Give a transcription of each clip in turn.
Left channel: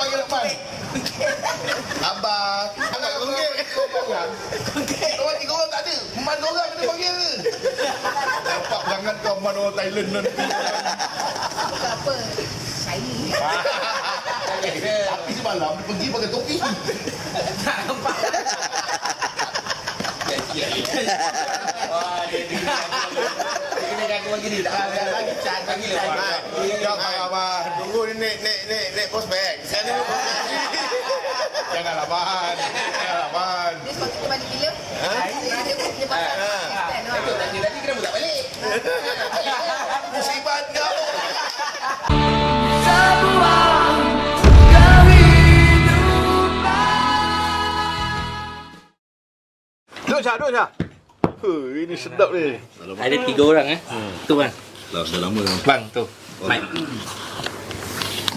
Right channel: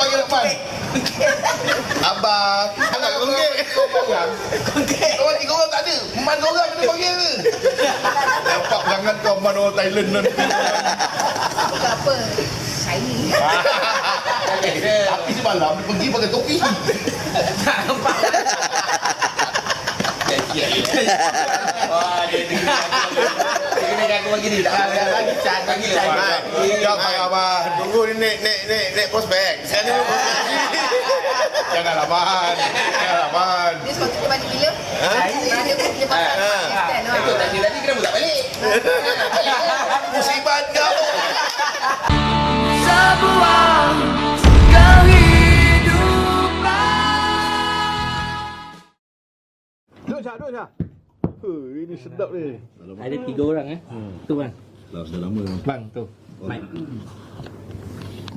panggil Rahman. Abang. Anak konggek. Orang 3 orang tak ada. Man orang kena panggil ke? Nampak perangan kau man orang Thailand nanti. Apa? Shiny. Tapi semalam dia pergi pakai topi. Tak nampak. Wah, dia kena aku bagi ni. Tak lagi cat bagi lah. Jangan payah abang. Tunggu ni naik prospek. Sekarang ni prospek. Janganlah man. Janganlah man. Dia sepatutnya balik bila? Dia pasal stand lah. Betul, tadi kenapa tak balik? Musibat kau. Sebuah kehidupan. Duduk Syah. Ini sedap ni. Ada 3 orang Tu bang. Dah lama. Bang tu. Baik.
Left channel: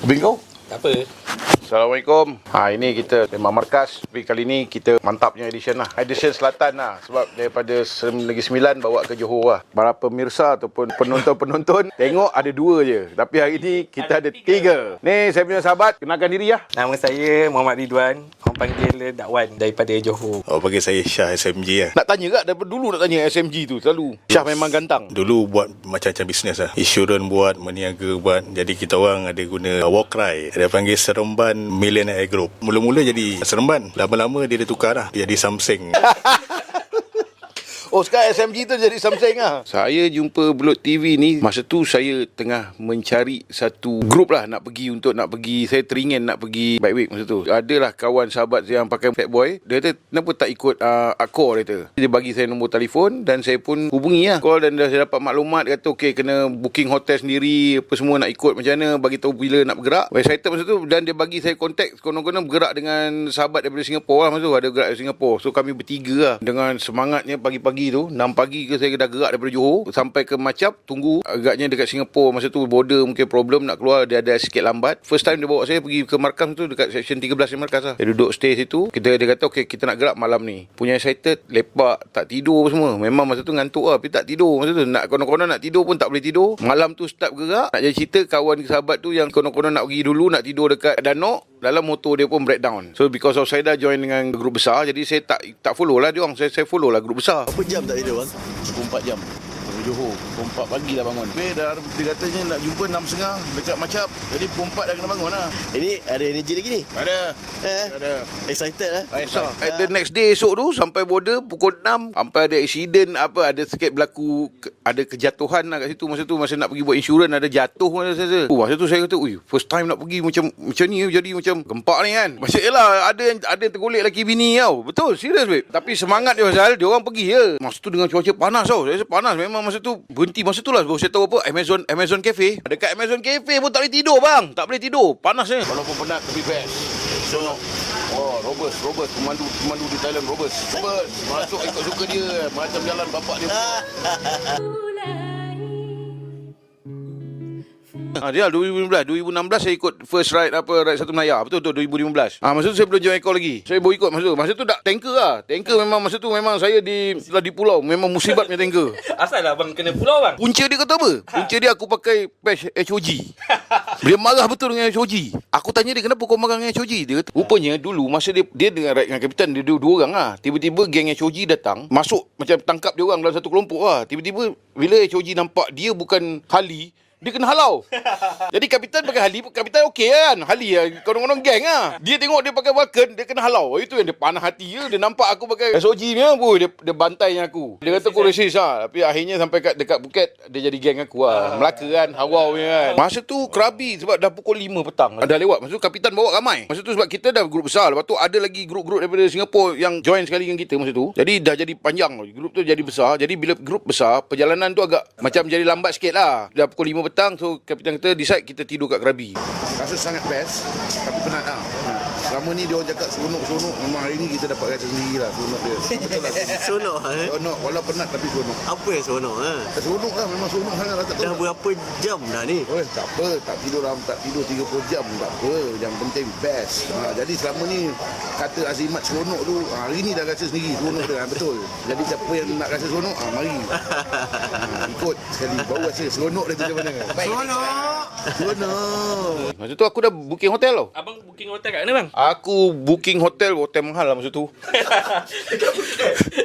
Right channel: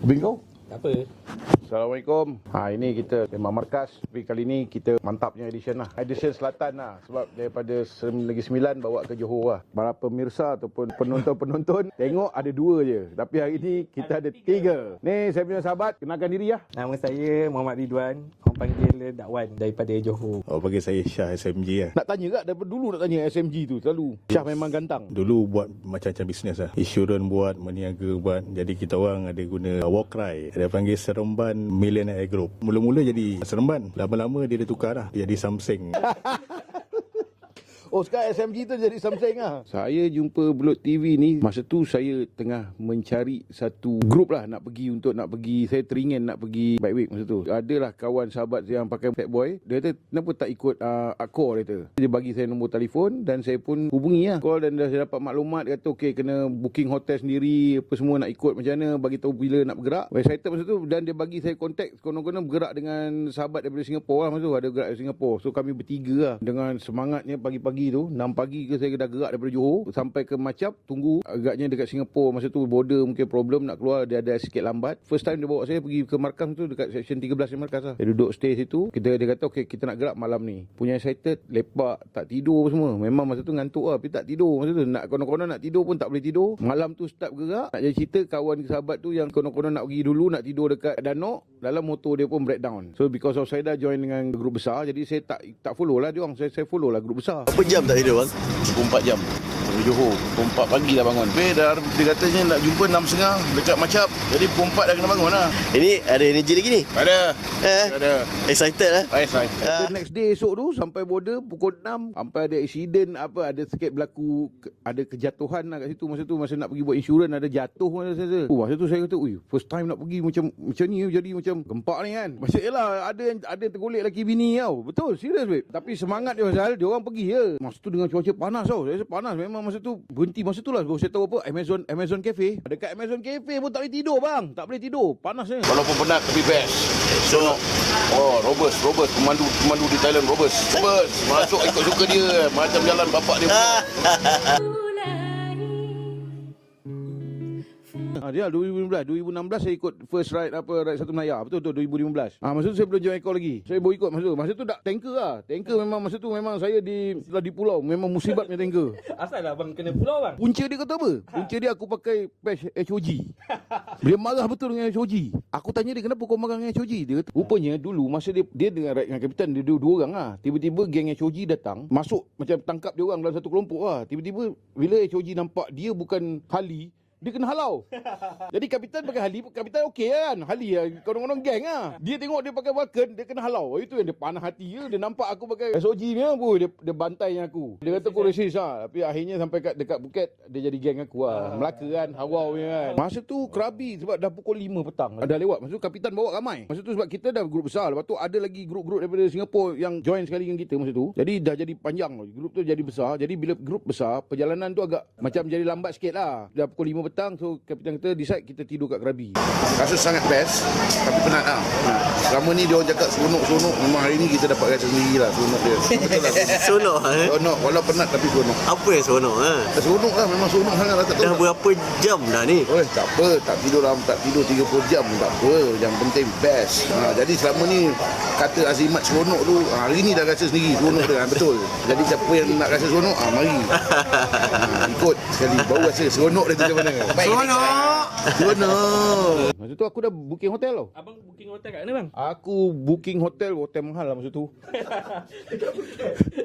Bingo. Tak apa. Assalamualaikum. Ini kita memang markas. Tapi kali ni kita mantapnya edition lah. Edition Selatan lah. Sebab daripada Negeri Sembilan bawa ke Johor lah. Para pemirsa ataupun penonton-penonton tengok ada 2 je. Tapi hari ni kita ada 3. Ni saya punya sahabat. Kenalkan diri lah. Nama saya Muhammad Ridwan. Orang panggil Dakwan daripada Johor. Oh, panggil saya Syah SMG lah. Nak tanya tak? Daripada dulu nak tanya SMG tu. Selalu. Syah memang gantang. Dulu buat macam-macam bisnes lah. Insurans buat, meniaga buat. Jadi kita orang ada guna Walkrai. Dia panggil Seremban Millionaire Group. Mula-mula jadi Seremban. Lama-lama dia tukar lah. Dia jadi Samsung. Oh, sekarang SMG tu jadi Samsung lah. Saya jumpa Bulut TV ni. Masa tu saya tengah mencari satu grup lah nak pergi. Saya teringin nak pergi Bike Week masa tu. Adalah kawan sahabat yang pakai Fat Boy. Dia kata, kenapa tak ikut Accor dia. Dia bagi saya nombor telefon dan saya pun hubungi lah. Call dan dah saya dapat maklumat. Dia kata, okay, kena booking hotel sendiri. Apa semua nak ikut macam mana. Bagi tahu bila nak bergerak. Excited masa tu. Dan dia bagi saya kontak. Konon-konon bergerak dengan sahabat daripada Singapura lah masa tu. Ada gerak dari Singapura. So kami bertiga lah. Dengan semangatnya pagi-pagi tu 6 pagi ke saya dah gerak daripada Johor sampai ke Macap, tunggu agaknya dekat Singapura masa tu border mungkin problem nak keluar, dia ada sikit lambat. First time dia bawa saya pergi ke markas tu dekat section 13 ni markas lah. Dia duduk stay situ. Dia kata okey kita nak gerak malam ni. Punya excited, lepak, tak tidur semua. Memang masa tu ngantuk lah tapi tak tidur masa tu. Nak konon-konon nak tidur pun tak boleh tidur. Malam tu start gerak. Nak jadi cerita kawan sahabat tu yang konon-konon nak pergi dulu nak tidur dekat Danok, dalam motor dia pun breakdown. So because of saya dah join dengan grup besar, jadi saya tak follow lah dia orang. Saya follow lah grup besar. Berapa jam tak tidur bang? 24 jam dari Johor. 24 pagi dah bangun. Dah dia katanya nak jumpa 6.30 dekat Macap. Jadi 24 dah kena bangun lah. Ini ada energi lagi ni? Ada. Ada. Excited lah. The next day esok tu sampai border pukul 6 sampai ada accident ada sikit berlaku, ada kejatuhan lah kat situ masa nak pergi buat insurans ada jatuh masa tu saya kata first time nak pergi macam ni jadi macam gempak ni kan. Macam yelah ada yang tergolek lelaki bini tau. Betul serius babe. Tapi semangat dia pasal dia orang pergi je. Masa tu dengan cuaca panas tau. Saya rasa panas memang masa tu. Berhenti masa tu lah baru saya tahu apa Amazon Cafe. Dekat Amazon Cafe pun tak boleh tidur bang. Tak boleh tidur. Panasnya. Walaupun penat tapi best. So Robust pemandu di Thailand Robust masuk ikut suka dia macam jalan bapak dia. Dia 2016 saya ikut first ride Satu Menaya. Betul 2015. Masa tu saya belum join Accor lagi. Saya baru ikut masa tu tak tanker lah. Tanker memang masa tu memang saya di pulau. Memang musibat punya tanker. Asal lah bang kena pulau bang? Punca dia kata apa? Punca dia aku pakai patch HOG. Dia marah betul dengan HOG. Aku tanya dia kenapa kau marah dengan HOG? Dia kata rupanya dulu masa dia dengan ride dengan kapitan dia 2 orang lah. Tiba-tiba geng HOG datang. Masuk macam tangkap dia orang dalam satu kelompok lah. Tiba-tiba bila HOG nampak dia bukan Harley, dia kena halau. Jadi kapitan pakai Harley, kapitan okey kan. Harley lah, konon-konon geng lah. Dia tengok dia pakai Vulcan, dia kena halau. Itu yang dia panah hati je. Dia nampak aku pakai SOG ni lah. Dia bantai aku. Dia kata aku racist lah. Tapi akhirnya sampai dekat Phuket, dia jadi geng aku lah. Melaka kan, Hawau ni kan. Masa tu Krabi sebab dah pukul 5 petang. Dah lewat. Masa tu kapitan bawa ramai. Masa tu sebab kita dah grup besar. Lepas tu ada lagi grup-grup daripada Singapura yang join sekali dengan kita masa tu. Jadi dah jadi panjang. Grup tu jadi besar. Jadi bila grup besar, perjalanan tu agak macam jadi lambat sikit lah. Dah pukul 5 petang. So kapitan kita decide kita tidur kat Krabi. Rasa sangat best tapi penat lah. Selama ni dia orang cakap seronok. Memang hari ni kita dapat rasa sendiri lah seronok dia. Betul lah. Seronok Seronok, walau penat tapi seronok. Apa yang seronok Seronok lah, memang seronok sangat lah. Tak tahu Dah berapa jam dah ni? tak apa, tak tidur 30 jam tak apa. Yang penting best. Jadi selama ni kata azimat seronok tu, hari ni dah rasa sendiri seronok dia. Betul. Jadi siapa yang nak rasa seronok, mari. Ikut sekali baru rasa seronok dia tu macam mana. Seronok. Masa tu aku dah booking hotel tau. Abang booking hotel kat mana bang? Aku booking hotel mahal lah masa tu.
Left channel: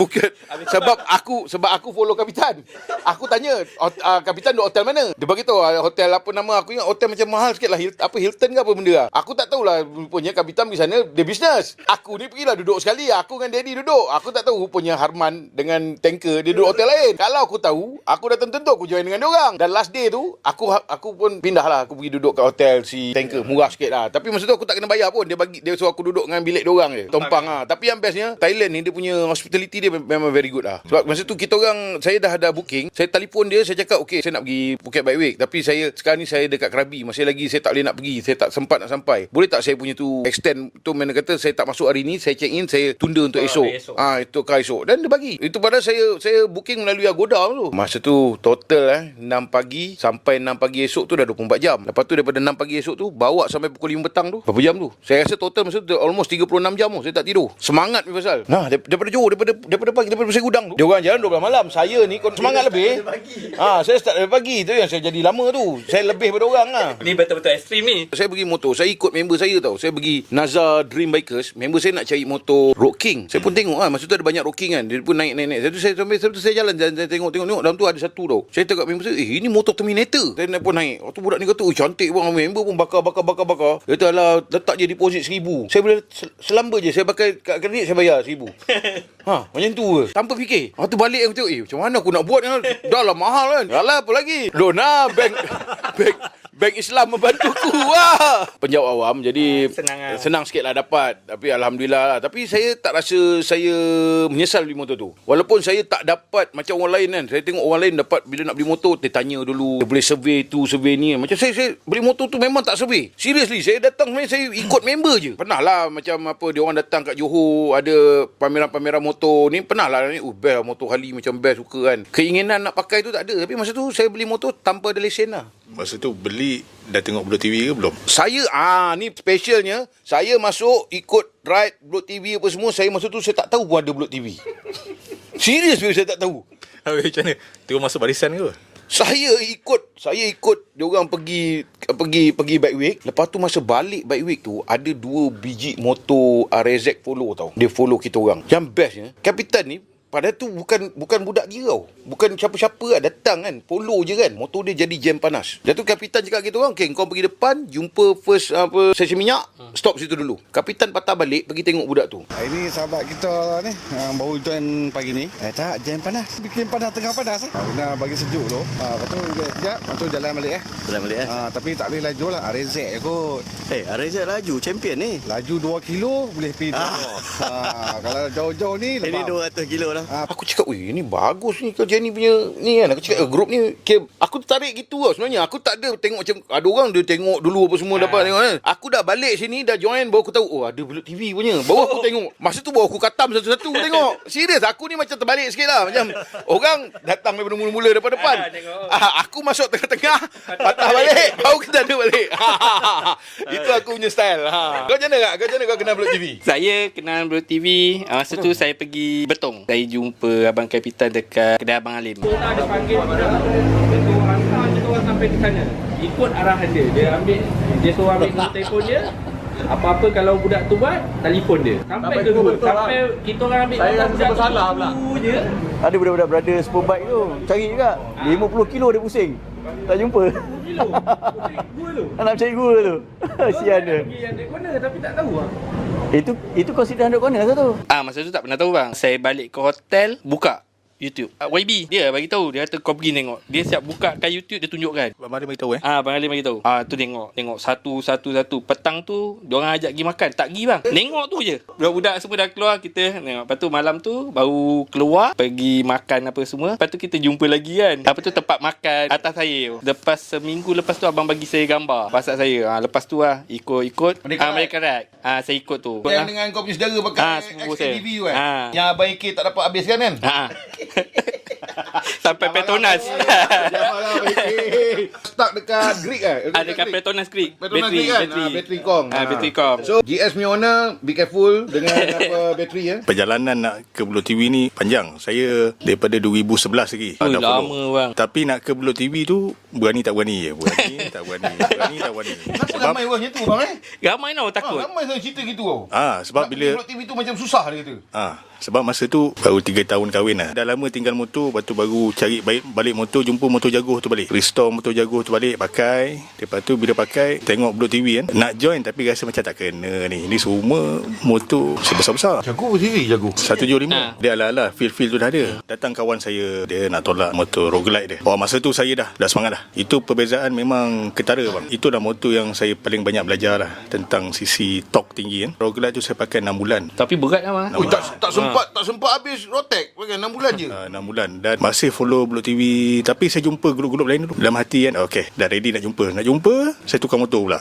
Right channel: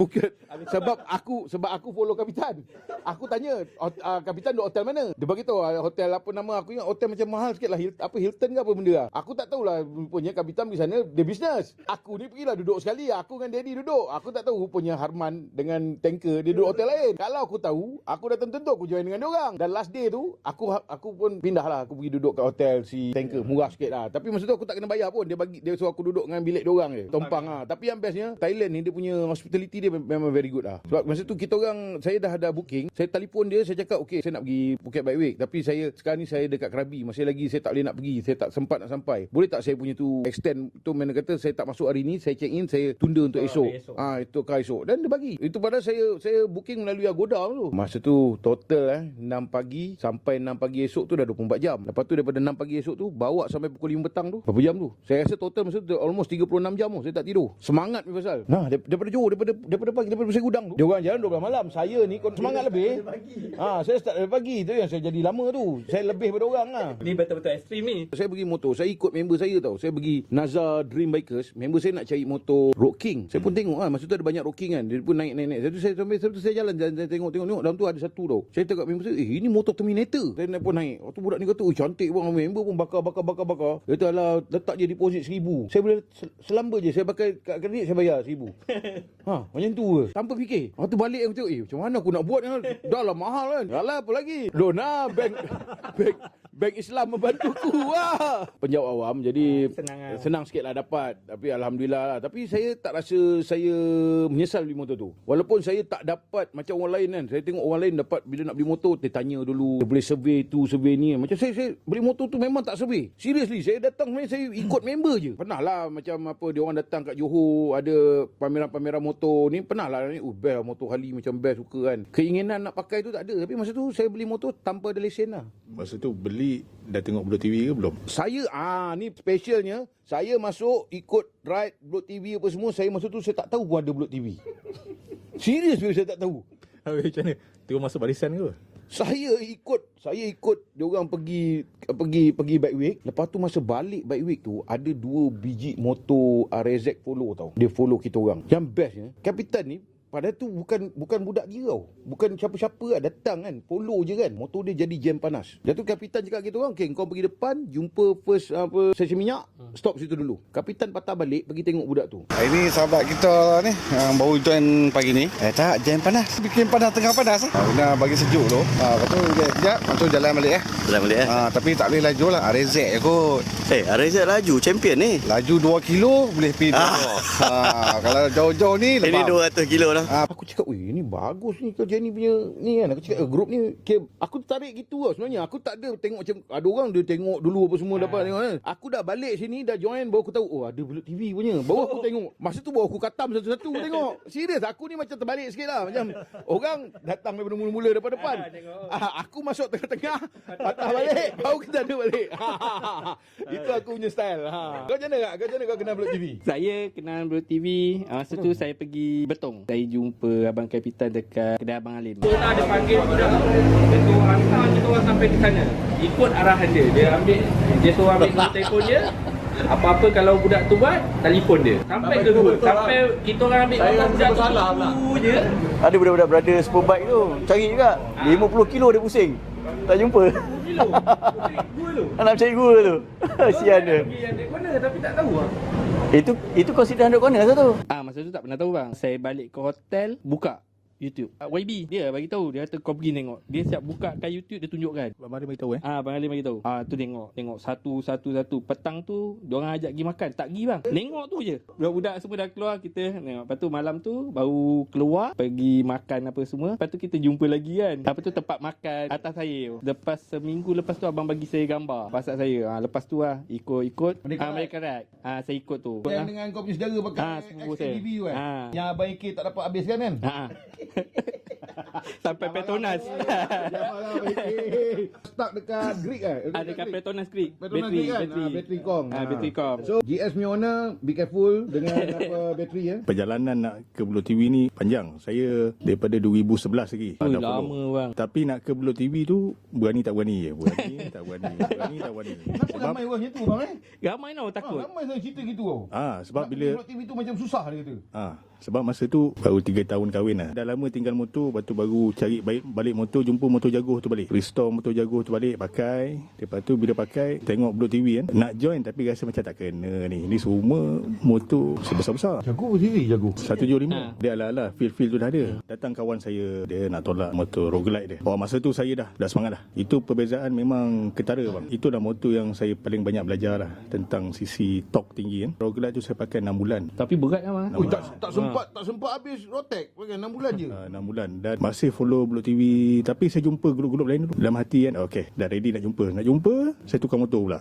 Bukan sebab aku follow kapitan. Aku tanya kapitan duduk hotel mana? Dia bagi tahu hotel apa nama, aku ingat hotel macam mahal sikit lah, Hilton ke apa benda lah. Aku tak tahulah, rupanya kapitan pergi sana dia bisnes. Aku ni pergilah duduk sekali, aku dengan Daddy duduk. Aku tak tahu rupanya Harman dengan tanker dia duduk hotel lain. Kalau aku tahu, aku dah tentu aku join dengan dia orang. Dan last day tu aku pun pindah lah, aku pergi duduk kat hotel si tanker, murah sikit lah. Tapi masa tu aku tak kena bayar pun. Dia suruh aku duduk dengan bilik dia orang je, tompang lah. Tapi yang bestnya Thailand ni dia punya hospitality dia memang very good lah. Sebab masa tu kita orang, saya dah ada booking, saya telefon dia, saya cakap okey saya nak pergi Phuket by week, tapi sekarang ni saya dekat Krabi, masih lagi saya tak boleh nak pergi, saya tak sempat nak sampai. Boleh tak saya punya tu extend tu, mana kata saya tak masuk hari ni, saya check in, saya tunda untuk esok. Itu kah esok. Dan dia bagi. Itu padahal saya booking melalui Agoda tu. Masa tu total 6 pagi sampai 6 pagi esok tu dah 24 jam. Lepas tu daripada 6 pagi esok tu bawa sampai pukul 5 petang tu. Berapa jam tu? Saya rasa total masa tu almost 36 jam tu saya tak tidur. Semangat ni pasal. Nah, daripada Johor, daripada pagi, daripada Pasir Gudang tu. Dia orang jalan 12 malam. Saya ni semangat lebih. Saya start dari pagi. Tu yang saya jadi lama tu. Saya lebih daripada orang lah. Ni betul-betul ekstrim ni. Saya pergi motor, saya ikut member saya tau. Saya pergi Nazar Dream Bikers. Member saya nak cari motor Road King. Saya pun tengok masa tu ada banyak Road King kan. Dia pun naik. Sampai saya jalan tengok. Dalam tu ada satu tau. Saya tengok member saya, ini motor Terminator. Saya pun naik. Waktu budak ni kata, cantik bang. Member pun bakar. Dia kata, alah, letak je deposit 1,000. Saya boleh selamba je. Saya pakai kad kredit, saya bayar 1,000. Macam tu ke? Tanpa fikir. Waktu balik aku tengok, macam mana aku nak buat ni? Dah lah mahal kan. Alah, apa lagi? Lona, bank Islam membantuku lah. Penjawab awam, jadi senang sikit lah dapat. Tapi Alhamdulillah lah. Tapi saya tak rasa saya menyesal beli motor tu. Walaupun saya tak dapat macam orang lain kan. Saya tengok orang lain dapat, bila nak beli motor, dia tanya dulu. Dia boleh survey tu, survey ni. Macam saya beli motor tu memang tak survey. Seriously, saya datang saya ikut member je. Pernah lah macam apa, dia orang datang kat Johor, ada pameran-pameran motor ni. Pernah lah ni, best motor Harley macam best, suka kan. Keinginan nak pakai tu tak ada. Tapi masa tu saya beli motor tanpa ada lesen lah. Masa tu beli dah tengok Blok TV ke belum? Saya ni specialnya, saya masuk ikut ride Blok TV apa semua, saya masa tu saya tak tahu pun ada Blok TV. Serius saya tak tahu. Habis macam mana? Tengok masuk barisan ke? Saya ikut dia orang pergi bike week. Lepas tu masa balik bike week tu ada 2 biji motor RZ follow tau. Dia follow kita orang. Yang bestnya, kapitan ni padahal tu bukan budak dia tau. Bukan siapa-siapa lah, datang kan. Follow je kan. Motor dia jadi jam panas. Lepas tu kapitan cakap kita orang, okey kau pergi depan, jumpa first stesen minyak, stop situ dulu. Kapitan patah balik, pergi tengok budak tu. Ini sahabat kita ni yang baru join pagi ni. Tak, jam panas. Bikin panas tengah panas. Kena bagi sejuk tu. Lepas tu sekejap, lepas tu jalan balik Jalan balik tapi tak boleh laju lah. RZ je kot. RZ laju, champion ni. Laju 2 kilo boleh pergi 2. Kalau jauh-jauh ni Ini lebam. 200 kilo lah. Aku cakap, ini bagus ni kerja ni punya ni kan. Aku cakap, grup ni aku tertarik gitu tau sebenarnya. Aku tak ada tengok macam ada orang dia tengok dulu apa semua dapat tengok kan. Aku dah balik sini, dah join, baru aku tahu ada Blok TV punya. Baru aku tengok. Masa tu baru aku katam satu-satu tengok. Serius, aku ni macam terbalik sikit lah. Macam orang datang daripada mula-mula depan. Aku masuk tengah-tengah, patah balik, baru kita ada balik. Itu aku punya style. Kau macam mana kau kenal Blok TV? Saya kenal Blok TV. Masa tu saya pergi Betong. Saya jumpa Abang Kapitan dekat kedai Abang Alim. Kita ada panggil budak tu. Dia suruh hantar kita orang sampai di sana. Ikut arahan dia. Dia suruh ambil nombor telefon dia. Apa-apa kalau budak tu buat, telefon dia. Sampai ke dua. Sampai kita orang ambil gambar budak tu je. Ada budak-budak brother Superbike tu. Cari juga. 50 kilo dia pusing. Tak jumpa. Nak cari gua tu. Sian dia. Yang corner tapi tak tahu lah. Itu consider 100 corner satu. Masa tu tak pernah tahu bang. Saya balik ke hotel, buka. YouTube. YB dia bagi tahu, dia kata kau pergi tengok. Dia siap buka kat YouTube, dia tunjukkan. Abang Mari beritahu Abang Ali bagi tahu. Tu tengok satu. Petang tu diorang ajak pergi makan, tak pergi bang. Tengok tu je. Budak-budak semua dah keluar, kita tengok. Lepas tu malam tu baru keluar pergi makan apa semua. Lepas tu kita jumpa lagi kan. Lepas tu tempat makan atas saya. Lepas seminggu lepas tu abang bagi saya gambar pasal saya. Lepas tu ikut American Ride. Saya ikut tu. Yang dengan kau punya saudara pakai sepupu saya. XKTV tu kan. Yang abang AK tak dapat habiskan kan. Sampai Petronas. Stuck dekat Greek Dekat Petronas Creek. Petronas Greek kan. Bateri kong. Bateri kong. So GS punya owner, be careful dengan bateri ya. Perjalanan nak ke Belut TV ni panjang. Saya daripada 2011 lagi. Dah lama follow. bang. Tapi nak ke Belut TV tu berani tak berani je. Berani tak berani. Kenapa ramai orang macam tu bang Ramai tau takut. Ramai saya cerita gitu tau. Sebab bila Belut TV tu macam susah dia kata. sebab masa tu baru 3 tahun kahwin lah. Dah lama tinggal motor, lepas tu baru cari balik motor, jumpa motor jaguh tu balik. Restore motor jaguh tu balik, pakai. Lepas tu bila pakai, tengok Belut TV kan. Nak join tapi rasa macam tak kena ni. Ni semua motor sebesar-besar. Jaguh sendiri jaguh. 175. Dia ala-ala feel tu dah ada. Datang kawan saya, dia nak tolak motor roguelite dia. Masa tu saya dah semangat dah. Itu perbezaan memang ketara bang. Itu dah motor yang saya paling banyak belajar lah tentang sisi torque tinggi kan. Roguelite tu saya pakai 6 bulan. Tapi berat lah bang. Tak sempat habis rotek. Pakai 6 bulan je. 6 bulan. Dan masih follow Belut TV. Tapi saya jumpa grup-grup lain dulu. Dalam hati kan, okay, dah ready nak jumpa. Saya tukar motor pula.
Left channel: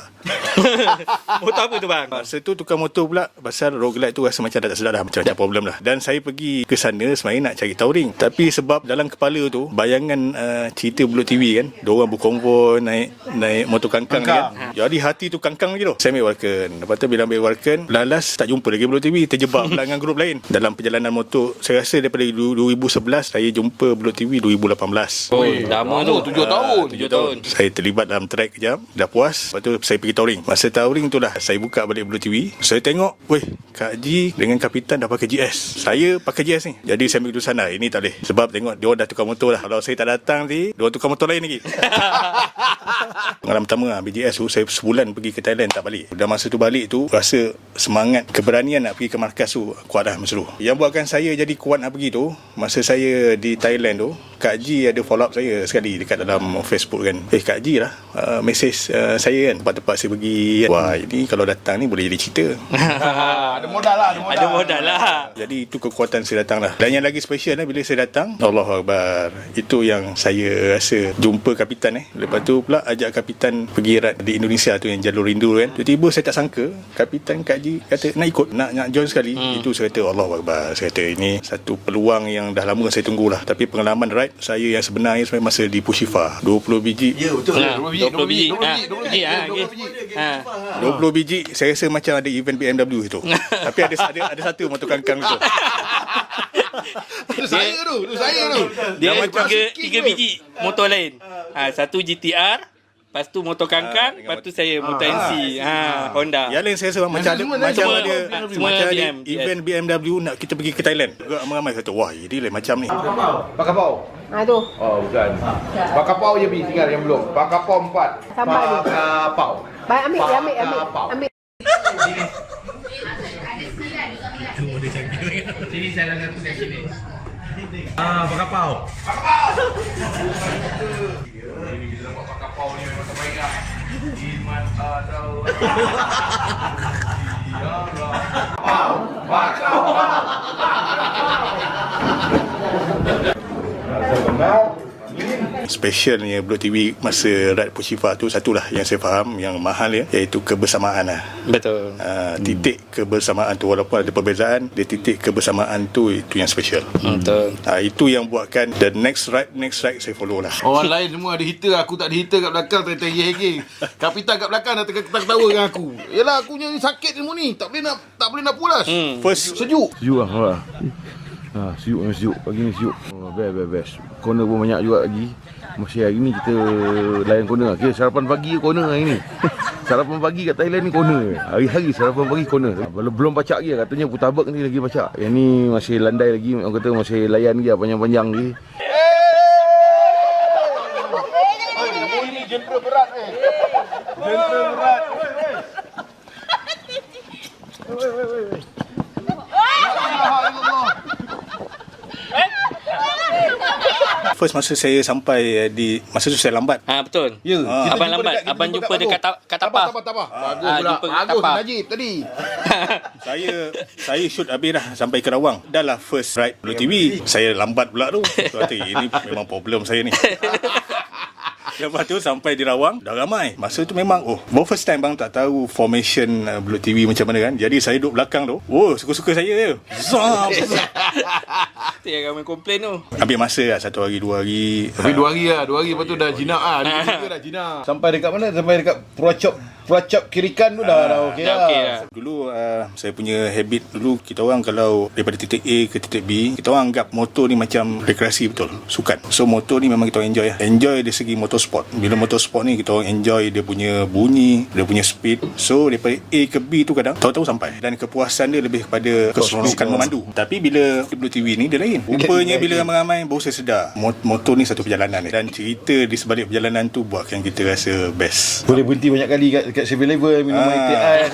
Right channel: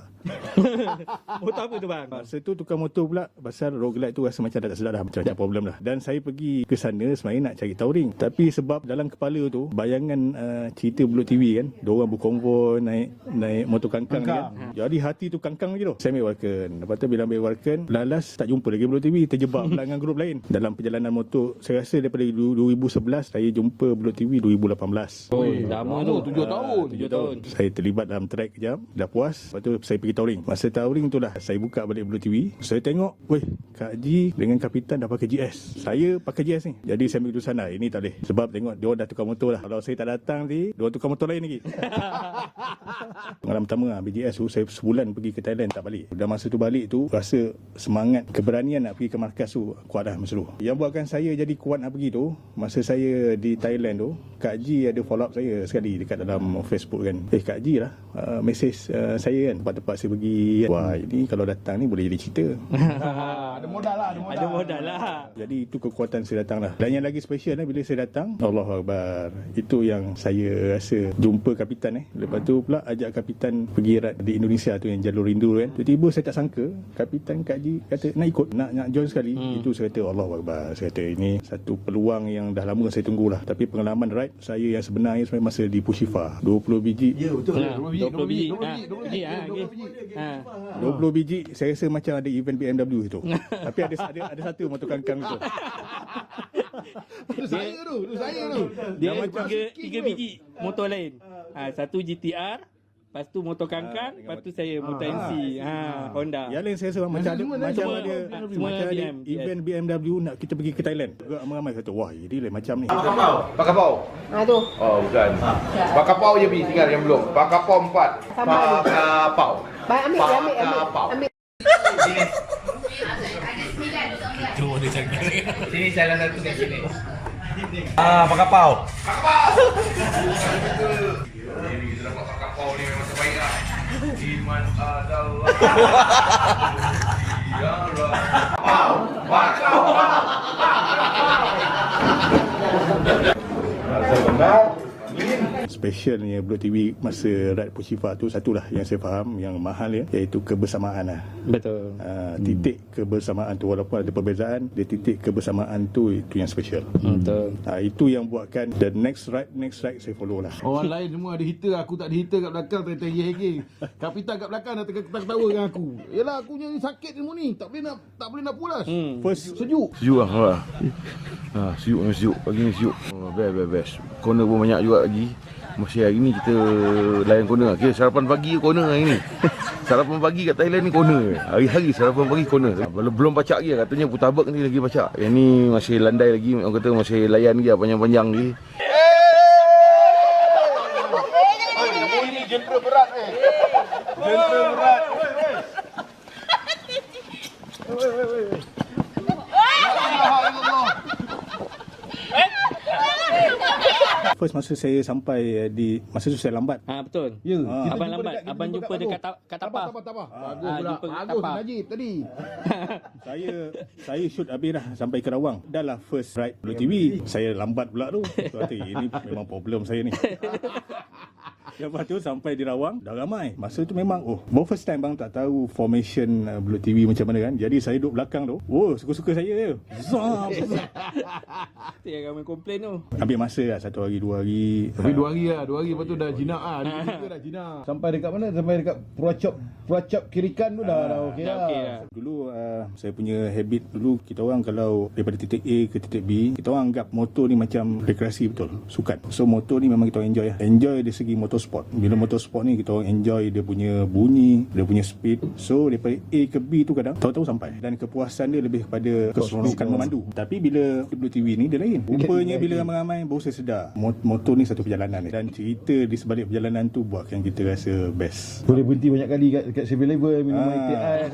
Motor apa tu bang? Masa tu tukar motor pula. Pasal roguelite tu rasa macam tak sedap dah. Macam problem lah. Dan saya pergi ke sana sebenarnya nak cari touring. Tapi sebab dalam kepala tu, bayangan cerita Belut TV kan. Diorang berkonvoi naik motor kangkang ni kan. Jadi hati tu kangkang lagi tu. Saya ambil Walken. Lepas tu bila ambil Walken, lalas tak jumpa lagi Belut TV. Terjebak pula dengan grup lain. Dalam perjalanan motor, saya rasa daripada 2011 saya jumpa Belut TV 2018. Lama tu. 7 tahun. 7 tahun. Saya terlibat dalam track kejap. Dah puas. Lepas tu saya pergi touring. Masa touring tu lah saya buka balik Belut TV. Saya tengok, weh, Kak Haji dengan Kapitan dah pakai GS. Saya pakai GS ni. Jadi saya ambil keputusan lah, ini tak boleh. Sebab tengok dia dah tukar motor dah. Kalau saya tak datang ni, dia tukar motor lain lagi. Pengalaman pertama lah, BGS tu saya sebulan pergi ke Thailand tak balik. Dan masa tu balik tu rasa semangat, keberanian nak pergi ke markas tu kuat dah masa tu. Yang buatkan saya jadi kuat nak pergi tu, masa saya di Thailand tu, Kak Haji ada follow up saya sekali dekat dalam Facebook kan. Kak Haji lah message saya kan, tempat-tempat saya pergi kan. Wah, ini kalau datang ni boleh jadi cerita. Ada modal lah. Jadi itu kekuatan saya datang lah. Dan yang lagi special bila saya datang, Allahu Akbar, itu yang saya rasa jumpa Kapitan Lepas tu pula ajak Kapitan pergi ride di Indonesia tu yang jalur rindu kan. Tiba-tiba saya tak sangka Kapitan Kak Haji kata nak ikut, nak join sekali. Itu saya kata Allahu Akbar. Saya kata ini satu peluang yang dah lama saya tunggulah. Tapi pengalaman ride saya yang sebenarnya masa di Pushifa 20 biji. Ya betul. 20 biji. 20 biji saya rasa macam ada event BMW itu. Tapi ada satu motor kangkang tu. Itu saya tu. Dia macam 3 biji motor lain. Satu GTR, lepas tu motor kangkang, lepas tu saya motor NC, Honda. Yang lain saya rasa macam ada event BMW nak kita pergi ke Thailand. Ramai kata, wah ini lain macam ni. Pakapau. Tu. Oh bukan. Pakapau je bi tinggal yang belum. Pakapau 4. Pakapau. Baik ambil. Sini salah satu kat sini. Pakapau. Kita dapat pakapau ni memang terbaik lah. Iman adalah ya Rabb. Specialnya Belut TV masa ride Pushifa tu satulah yang saya faham yang mahal iaitu kebersamaan lah. Betul. Titik kebersamaan tu walaupun ada perbezaan, dia titik kebersamaan tu itu yang special. Betul. Itu yang buatkan the next ride saya follow lah. Orang lain semua ada heater, aku tak ada heater kat belakang, tengah-tengah. Kapitan kat belakang dah ketawa dengan aku. Yalah aku ni sakit semua ni, tak boleh nak pulas. First Sejuk lah. Sejuk. Pagi ni sejuk. Best. Corner pun banyak juga lagi. Masih hari ni kita layan corner. Kira sarapan pagi corner hari ni. Sarapan pagi kat Thailand ni corner. Hari-hari sarapan pagi corner. Belum pacak lagi katanya Putabak ni lagi pacak. Yang ni masih landai lagi. Orang kata masih layan lagi panjang-panjang lagi. Ini genre berat Genre berat. First masa saya sampai masa tu saya lambat. Betul. Ya. Kita Abang jumpa lambat. kita Abang jumpa kat dekat Tapah. Tapah. Bagus Ah, pula. jumpa kat Bagus Tapah. Najib tadi. Saya shoot habis dah sampai Kerawang. Dah lah first ride Blue TV. Saya lambat pula tu. Tu hati, ini memang problem saya ni. Lepas tu sampai di Rawang dah ramai. Masa tu memang baru first time bang tak tahu formation Blue TV macam mana kan. Jadi saya duduk belakang tu. Suka-suka saya je. Zam. Tu yang ramai komplain tu. Ambil masa lah 1 hari 2 hari. Tapi 2 hari lah. 2 hari lepas tu dah jinak lah. 2 hari dah jinak. Sampai dekat mana? Sampai dekat Puracop Kirikan tu dah okey Dah lah. okey lah. Dulu saya punya habit dulu, kita orang kalau daripada titik A ke titik B, kita orang anggap motor ni macam rekreasi betul, sukan. So motor ni memang kita orang enjoy lah. Enjoy dari segi motorsport. Bila motorsport ni kita orang enjoy dia punya bunyi, dia punya speed. So daripada A ke B tu kadang tahu-tahu sampai. Dan kepuasan dia lebih kepada keseronokan memandu. Tapi bila Blue TV ni dia lain. Rupanya bila ramai-ramai baru saya sedar motor ni satu perjalanan ni. Dan cerita di sebalik perjalanan tu buatkan kita rasa best. Boleh berhenti banyak kali kat 7-Eleven minum air teh ais.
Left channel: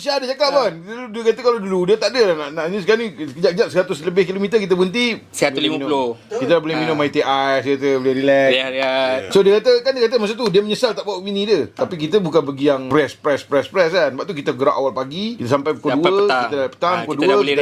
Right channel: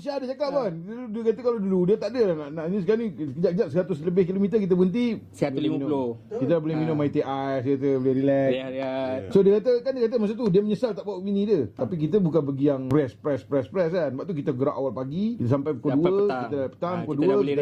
Syah ada cakap pun. Dia kata kalau dulu dia tak ada nak ni sekarang ni kejap-kejap 100 lebih kilometer kita berhenti 150. Kita boleh minum air teh ais, kita boleh relax. Rehat-rehat. So dia kata masa tu dia menyesal tak bawa bini dia. Tapi kita bukan pergi yang press kan. Sebab tu kita gerak awal pagi, kita sampai pukul 2, kita petang pukul 2 kita dah boleh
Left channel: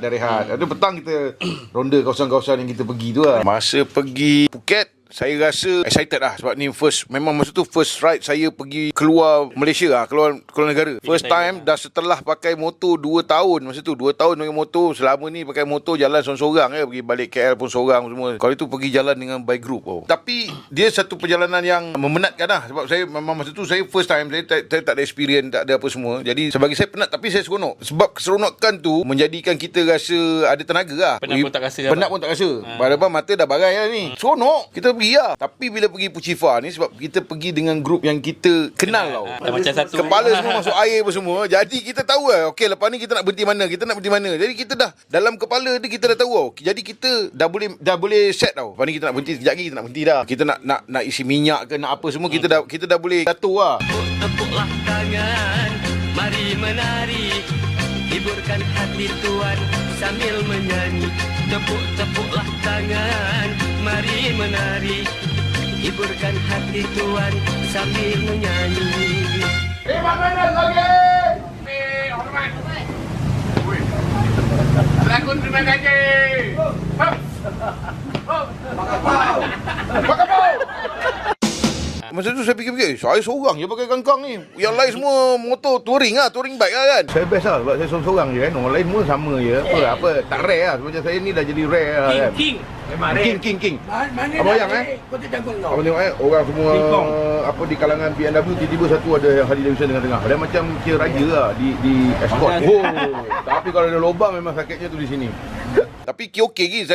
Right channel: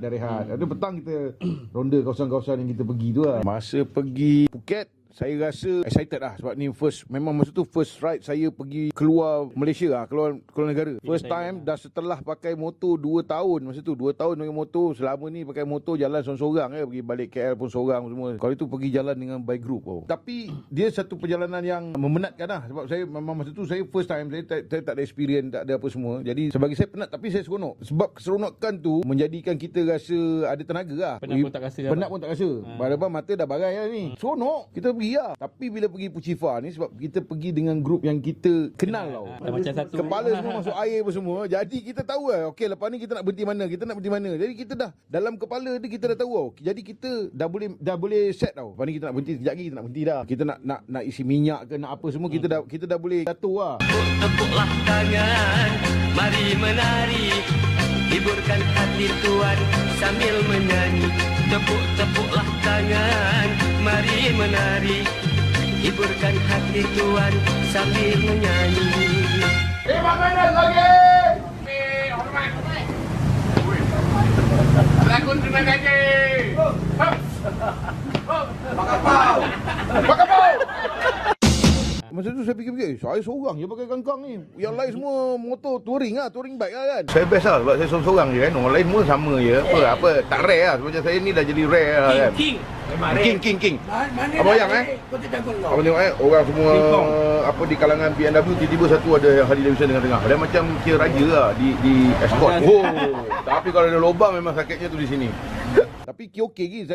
dah rehat. Ada petang kita ronda kawasan-kawasan yang kita pergi tu lah. Masa pergi Phuket saya rasa excited lah sebab ni memang masa tu first ride saya pergi keluar Malaysia lah, keluar negara. First time dah setelah pakai motor 2 tahun masa tu. 2 tahun pakai motor, selama ni pakai motor jalan sorang-sorang pergi balik KL pun sorang semua. Kalau itu pergi jalan dengan by group Tapi dia satu perjalanan yang memenatkan lah sebab saya memang masa tu saya first time, saya tak ada experience, tak ada apa semua. Jadi sebagi saya penat tapi saya seronok. Sebab keseronokan tu menjadikan kita rasa ada tenaga lah. Penat pun tak rasa. Penat pun tak rasa. Padahal mata dah barai lah ni. Seronok. Kita pergi lah. Tapi bila pergi Puchifa ni sebab kita pergi dengan grup yang kita kenal tau. Macam satu. Kepala semua masuk air apa semua. Jadi kita tahu lah okey lepas ni kita nak berhenti mana. Jadi kita dah dalam kepala dia kita dah tahu tau. Jadi kita dah boleh set tau. Lepas ni kita nak berhenti sekejap lagi, kita nak berhenti dah. Kita nak isi minyak ke nak apa semua kita dah boleh jatuh lah. Tepuklah tangan, mari menari, hiburkan hati tuan sambil menyanyi. Tepuklah tangan, mari menari, hiburkan hati tuan sambil menyanyi. Hormat. Lakon terima kasih. Masa tu saya fikir saya seorang je pakai kangkang ni. Yang lain semua motor touring bike lah kan. Saya best lah sebab saya seorang je kan. Orang lain semua sama je. Apa tak rare lah. Macam saya ni dah jadi rare lah kan. King. Abang yang Abang tengok orang semua apa di kalangan BMW tiba-tiba satu ada yang Harley Davidson tengah-tengah. Dia macam kira raja lah di escort. Tapi kalau ada lubang memang sakitnya tu di sini. Tapi okey lagi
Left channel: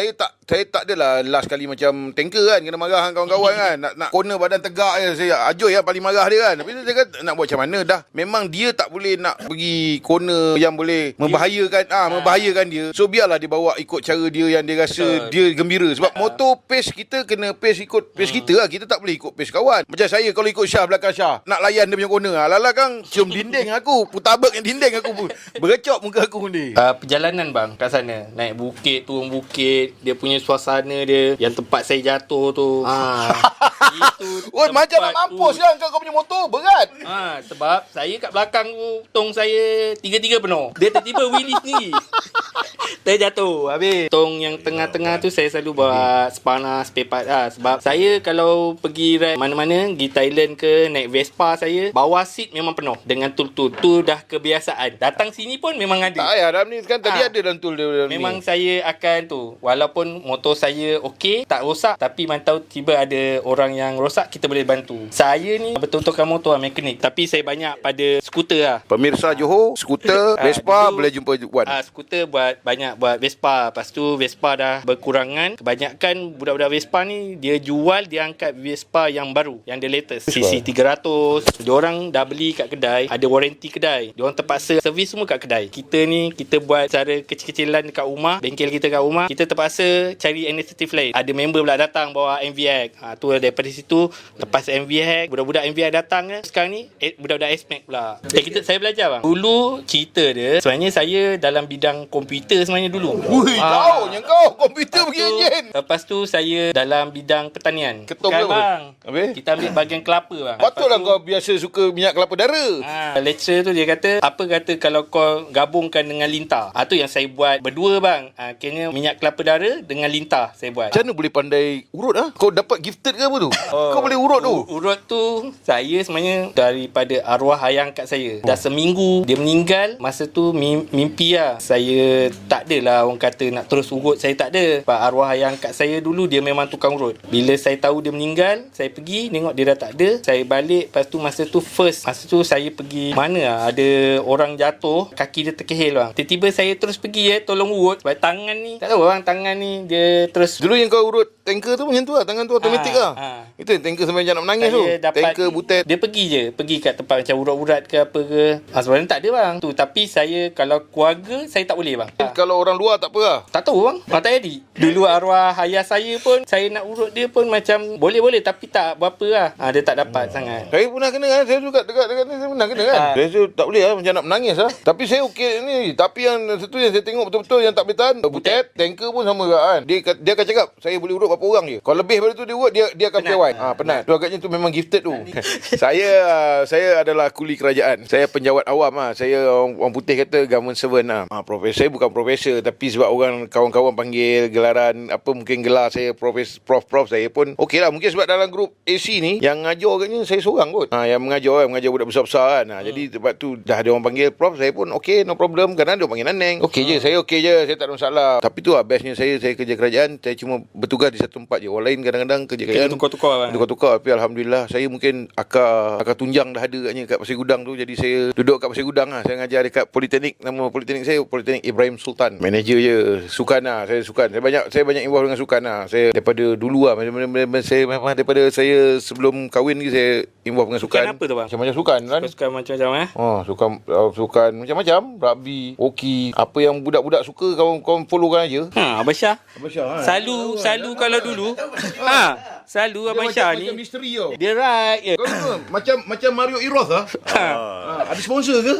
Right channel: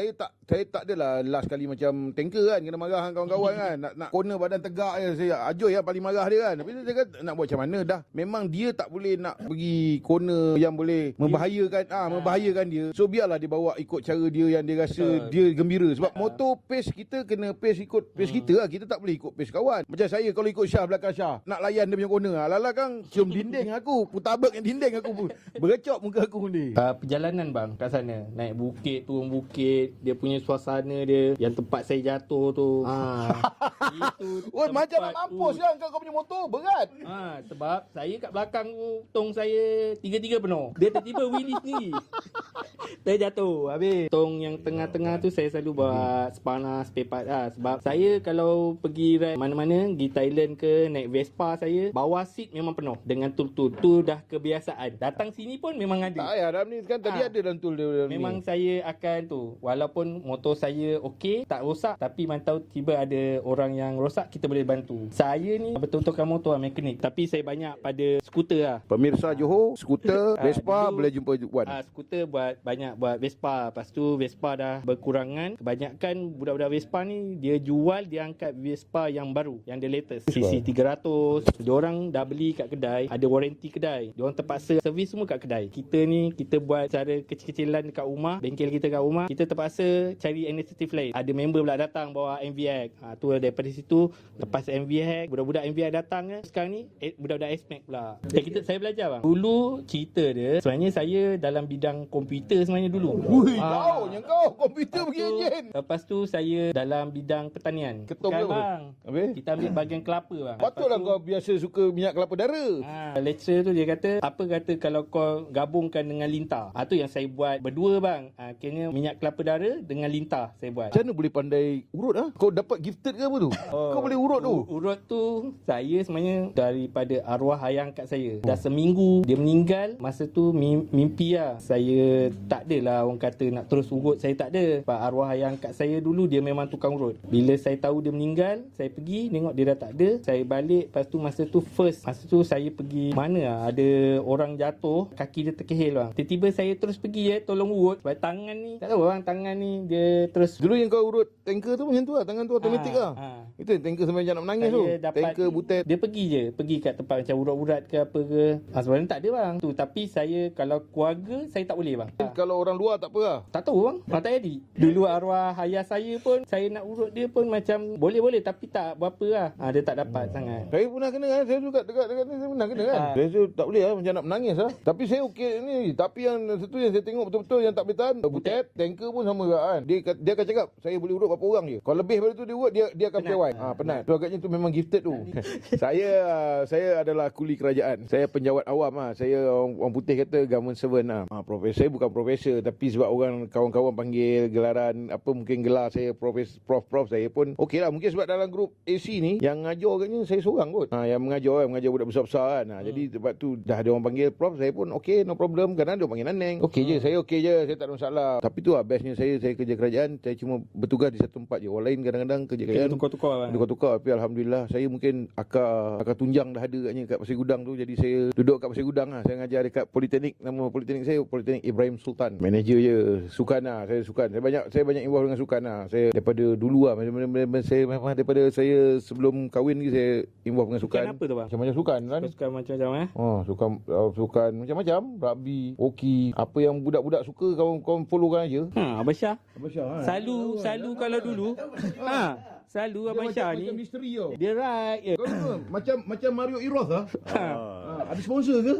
saya tak adalah last kali macam tanker kan kena marah dengan kawan-kawan kan nak corner badan tegak je saya Ajoy yang paling marah dia kan. Tapi saya kata nak buat macam mana dah memang dia tak boleh nak pergi corner yang boleh membahayakan dia. So biarlah dia bawa ikut cara dia yang dia rasa dia gembira sebab motor pace kita kena pace ikut pace kita lah. Kita tak boleh ikut pace kawan. Macam saya kalau ikut Syah belakang Syah nak layan dia punya corner lala kan cium dinding aku putabak yang dinding aku pun bergecok muka aku ni. Perjalanan bang kat sana naik bukit turun bukit, dia punya suasana dia yang tempat saya jatuh tu. Itu macam nak mampus kan kau punya motor berat. Sebab saya kat belakang tu tong saya 3 penuh. Dia tiba-tiba wheelie sendiri. Terjatuh. Habis tong yang tengah-tengah tu saya selalu bawa spana spare part lah. Sebab saya kalau pergi ride mana-mana, pergi Thailand ke naik Vespa saya, bawah seat memang penuh dengan tool-tool. Tu dah kebiasaan. Datang sini pun memang ada. Tak payah dalam ni kan tadi ada dalam tool dia. Memang saya akan tu. Walaupun motor saya okey, tak rosak, tapi mantau tiba ada orang yang rosak, kita boleh bantu. Saya ni betul-betul motor mekanik, tapi saya banyak pada skuter lah. Pemirsa Johor, skuter, Vespa boleh jumpa Wan. Skuter banyak buat Vespa. Lepas tu Vespa dah berkurangan. Kebanyakan budak-budak Vespa ni dia jual, dia angkat Vespa yang baru, yang the latest. CC 300. Diorang dah beli kat kedai, ada warranty kedai. Diorang terpaksa servis semua kat kedai. Kita ni kita buat cara kecil-kecilan dekat rumah. bengkel kita kat rumah, kita terpaksa cari inisiatif lain. Ada member pula datang bawa MVX. Tu daripada situ, lepas MVX, budak-budak MVX datang kan. Sekarang ni budak-budak SMAC pula. Saya belajar bang. Dulu cerita dia, sebenarnya saya dalam bidang komputer sebenarnya dulu. Ui, tahu yang kau komputer pergi enjin. Lepas tu saya dalam bidang pertanian. Ketum Sekarang ke apa? bang, Habis? kita ambil bahagian kelapa bang. Patutlah Lepas tu, kau biasa suka minyak kelapa dara. lecturer tu dia kata, apa kata kalau kau gabungkan dengan lintah. Tu yang saya buat berdua bang. Akhirnya minyak kelapa dara dengan lintah saya buat. Macam mana boleh pandai urut Kau dapat gifted ke apa tu? Kau boleh urut tu? Urut tu saya sebenarnya daripada arwah ayah angkat saya. Dah seminggu dia meninggal. Masa tu mimpi lah. Saya tak adalah orang kata nak terus urut. Saya tak ada. Sebab arwah ayah angkat saya dulu dia memang tukang urut. Bila saya tahu dia meninggal, saya pergi tengok dia dah tak ada. Saya balik. Lepas tu masa tu saya pergi mana lah, ada orang jatuh, kaki dia terkehil bang. Tiba-tiba saya terus pergi tolong urut. Sebab tangan ni, tak tahu bang, tangan ni dia terus. Dulu yang kau urut tanker tu macam tu lah. Tangan tu automatik lah. Itu yang tanker sampai macam nak menangis tu. Tanker butet. Dia pergi je. Pergi kat tempat macam urat-urat ke apa ke. Sebenarnya tak ada bang. Tapi saya kalau keluarga, saya tak boleh bang. Kalau orang luar tak apa lah. Tak tahu bang. Tak jadi. Dulu arwah ayah saya pun, saya nak urut dia pun macam boleh-boleh tapi tak berapa lah. Dia tak dapat sangat. Saya pernah kena kan. Saya juga dekat ni saya pernah kena kan. Saya tak boleh lah. Macam nak menangis lah. Tapi saya okey ni. Tapi yang satu yang saya tengok betul-betul yang tak boleh tahan. Butet. Tanker pun sama juga kan. Dia akan cakap, saya boleh urut berapa orang je. Kalau lebih daripada tu dia urut, dia akan piawai. Penat. Tu agaknya tu memang gifted tu. Saya adalah kuli kerajaan. Saya penjawat awam lah. Saya orang putih kata government servant lah. Profesor. Saya bukan profesor. Tapi sebab orang kawan-kawan panggil gelaran apa mungkin gelar saya prof saya pun okey lah. Mungkin sebab dalam grup AC ni yang ngajar agaknya saya seorang kot. Yang mengajar budak besar-besar kan. Jadi sebab tu dah ada orang panggil prof, saya pun okey, no problem. Kadang dia panggil Naneng. Okey je, saya okey je, saya tak ada masalah. Tapi tu lah bestnya saya kerja kerajaan, saya cuma bertugas di satu tempat je. Orang lain kadang-kadang kerja kerajaan tukar-tukar. Tapi alhamdulillah saya mungkin akar tunjang dah ada katnya kat Pasir Gudang tu. Jadi saya duduk kat Pasir Gudang lah. Saya ngajar dekat Politeknik. Nama Politeknik saya Politeknik Ibrahim Sultan. Manager je, sukan lah. Saya sukan. Saya banyak involve dengan sukan lah. Saya daripada dulu lah. Saya memang daripada saya sebelum kahwin ni saya involve dengan sukan. Sukan apa tu bang? Macam-macam sukan kan. Sukan macam-macam Sukan macam-macam. Rugby, hoki. Apa yang budak-budak suka kawan follow kan aja. Abang Syah. Selalu kalau dulu. Selalu Abang Syah ni. Macam misteri tau. Dia right je. Kau macam Mario Eros lah. Ada sponsor ke?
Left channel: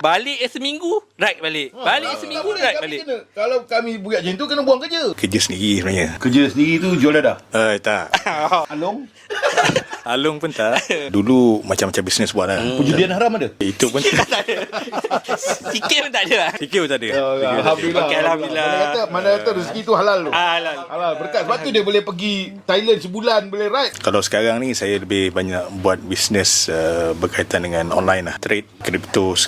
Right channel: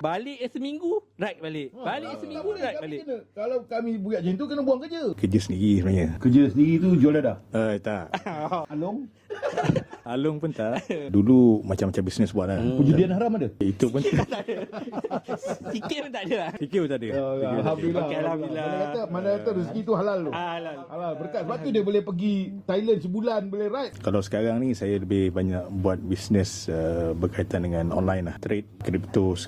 Balik seminggu, right balik. Seminggu, right balik. Kalau kami buat macam tu, kena buang kerja. Kerja sendiri sebenarnya. Kerja sendiri tu jual dadah? Tak. Along? Alung pun tak. Dulu macam-macam bisnes buat lah. Perjudian haram ada? Itu pun Sikit pun tak ada lah. Sikit pun tak ada. Alhamdulillah. Okay, Alhamdulillah. Mana kata rezeki tu halal tu. Halal. Berkat sebab tu dia boleh pergi Thailand sebulan, boleh ride. Kalau sekarang ni saya lebih banyak buat bisnes berkaitan dengan online lah. Trade, kripto.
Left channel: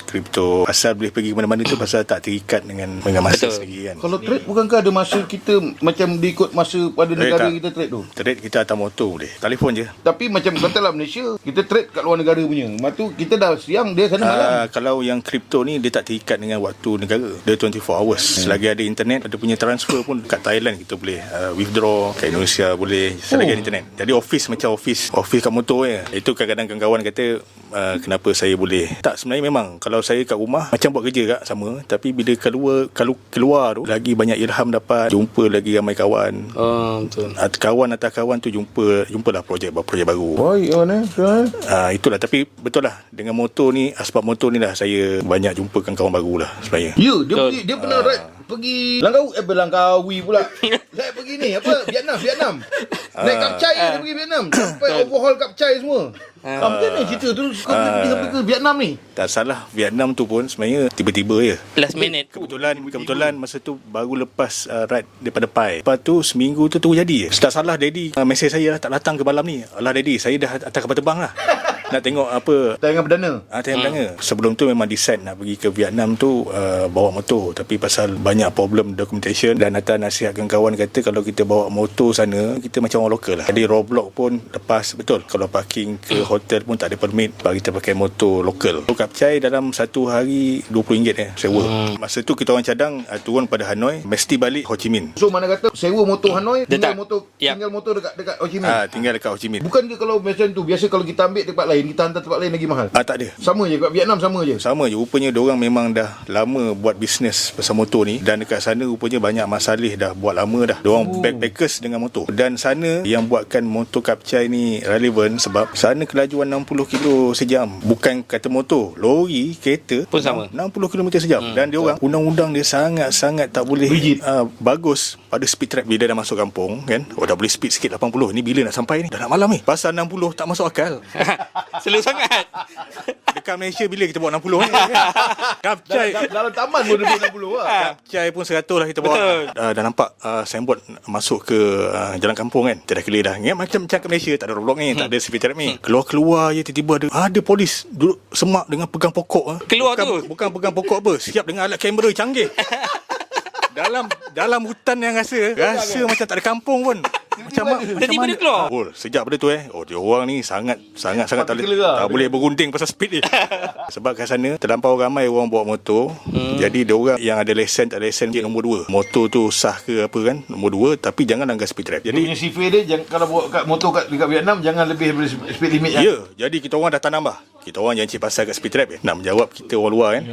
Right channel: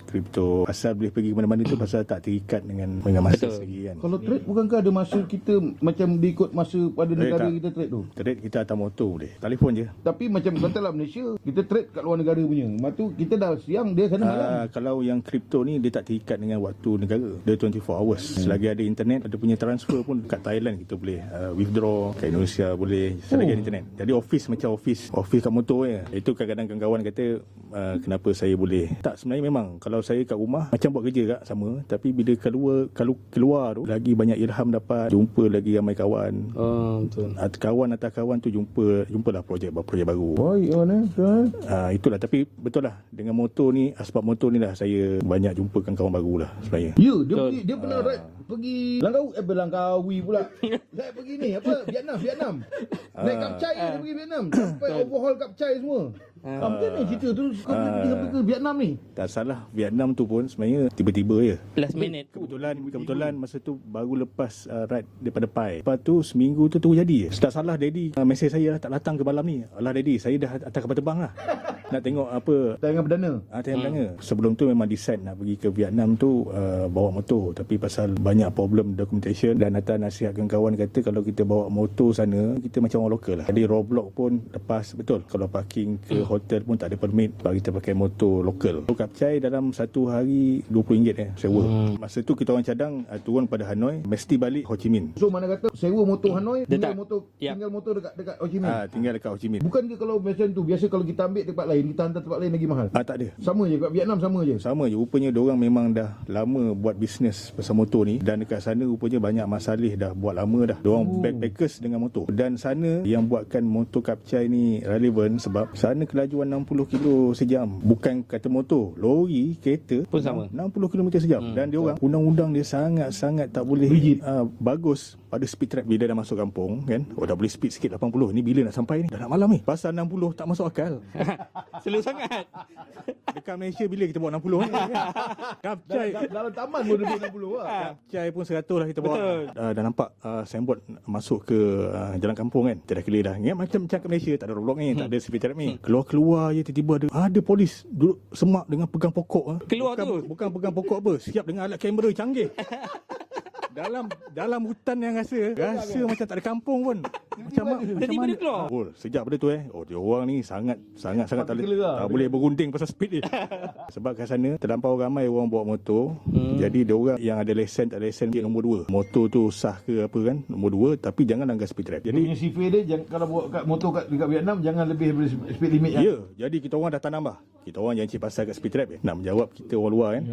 Pasal boleh pergi mana-mana tu pasal tak terikat dengan masa sendiri kan. Kalau trade bukankah ada masa kita macam diikut masa pada negara kita trade tu? Trade kita atas motor boleh. Telefon je. Tapi macam katalah Malaysia, kita trade kat luar negara punya. Lepas tu kita dah siang, dia sana malam. Kalau yang kripto ni dia tak terikat dengan waktu negara. Dia 24 hours. Selagi ada internet, ada punya transfer pun kat Thailand kita boleh withdraw, kat Indonesia boleh selagi ada internet. Jadi office macam office kat motor je. Itu kadang-kadang kawan kata kenapa saya boleh. Tak, sebenarnya memang kalau saya kat rumah macam buat kerja kat sama, tapi bila keluar tu lagi banyak ilham dapat, jumpa lagi ramai kawan. Betul. Kawan atas kawan tu jumpalah projek baru. Baik mana? Itulah, tapi betul lah dengan motor ni, asbab motor ni lah saya banyak jumpakan kawan baru lah sebenarnya. Ya, dia pernah pergi Langkawi pula. Saya pergi ni Vietnam. Naik kapcai dia pergi Vietnam. Sampai overhaul kapcai semua. Macam mana cerita tu kau pergi sampai ke Vietnam ni? Tak salah, Vietnam tu pun sebenarnya tiba-tiba je. Last minute. Kebetulan masa tu baru lepas ride daripada Pai. Lepas tu seminggu tu jadi je. Tak salah Daddy mesej saya tak datang ke malam ni. Alah Daddy, saya dah atas kapal terbang lah. Nak tengok apa tayangan perdana. Sebelum tu memang decide nak pergi ke Vietnam tu bawa motor, tapi pasal banyak problem documentation dan atas nasihatkan kawan kata kalau kita bawa motor sana kita macam orang lokal lah. Jadi roadblock pun lepas betul. Kalau parking ke hotel pun tak ada permit, bagi kita pakai motor lokal. So kapcai dalam satu hari RM20 sewa. Masa tu kita orang cadang turun pada Hanoi, mesti balik Ho Chi Minh. So mana kata sewa motor Hanoi, tinggal motor Yep. dekat Ho Chi Minh. Tinggal dekat Ho Chi Minh. Bukan ke kalau macam tu, biasa kalau kita ambil tempat lain lain, kita hantar tempat lain lagi mahal. Tak ada. Sama je kat Vietnam, sama je. Sama je. Rupanya diorang memang dah lama buat bisnes pasal motor ni. Dan dekat sana rupanya banyak masalih dah buat lama dah. Diorang backpackers dengan motor. Dan sana yang buatkan motor Kapcai ni relevan sebab sana kelajuan 60 kilo sejam. Bukan kata motor, lori, kereta Pun sama. 60 km sejam. Dan diorang undang-undang dia sangat-sangat tak boleh bagus pada speed trap. Bila dah masuk kampung kan, dah boleh speed sikit 80. Ni bila nak sampai ni? Dah nak malam ni. Pasal 60 tak masuk akal. Slow sangat. Dekat Malaysia bila kita bawa 60 ni kan? Kapcai Dalam taman pun dia 60 lah. Kapcai pun 100 lah kita bawa. Dah nampak signboard masuk ke jalan kampung kan. Kita dah clear dah. Ingat macam kat Malaysia tak ada roadblock ni, tak ada speed trap ni. Keluar-keluar je tiba-tiba ada polis duduk semak dengan pegang pokok. Keluar bukan pegang pokok apa, siap dengan alat kamera canggih. dalam hutan yang rasa macam tak ada kampung pun. Tiba-tiba dia keluar. Sejak pada tu dia orang ni sangat tak boleh berunding pasal speed dia. Sebab kat sana terlampau ramai orang bawa motor. Jadi dia orang yang ada lesen tak lesen dia nombor 2. Motor tu sah ke apa kan, nombor 2, tapi jangan langgar speed trap. Jadi punya sifir dia kalau bawa kat motor dekat Vietnam jangan lebih daripada speed limit. Jadi kita orang dah tanam kita orang jangan cik pasal kat speed trap nak menjawab kita orang luar kan.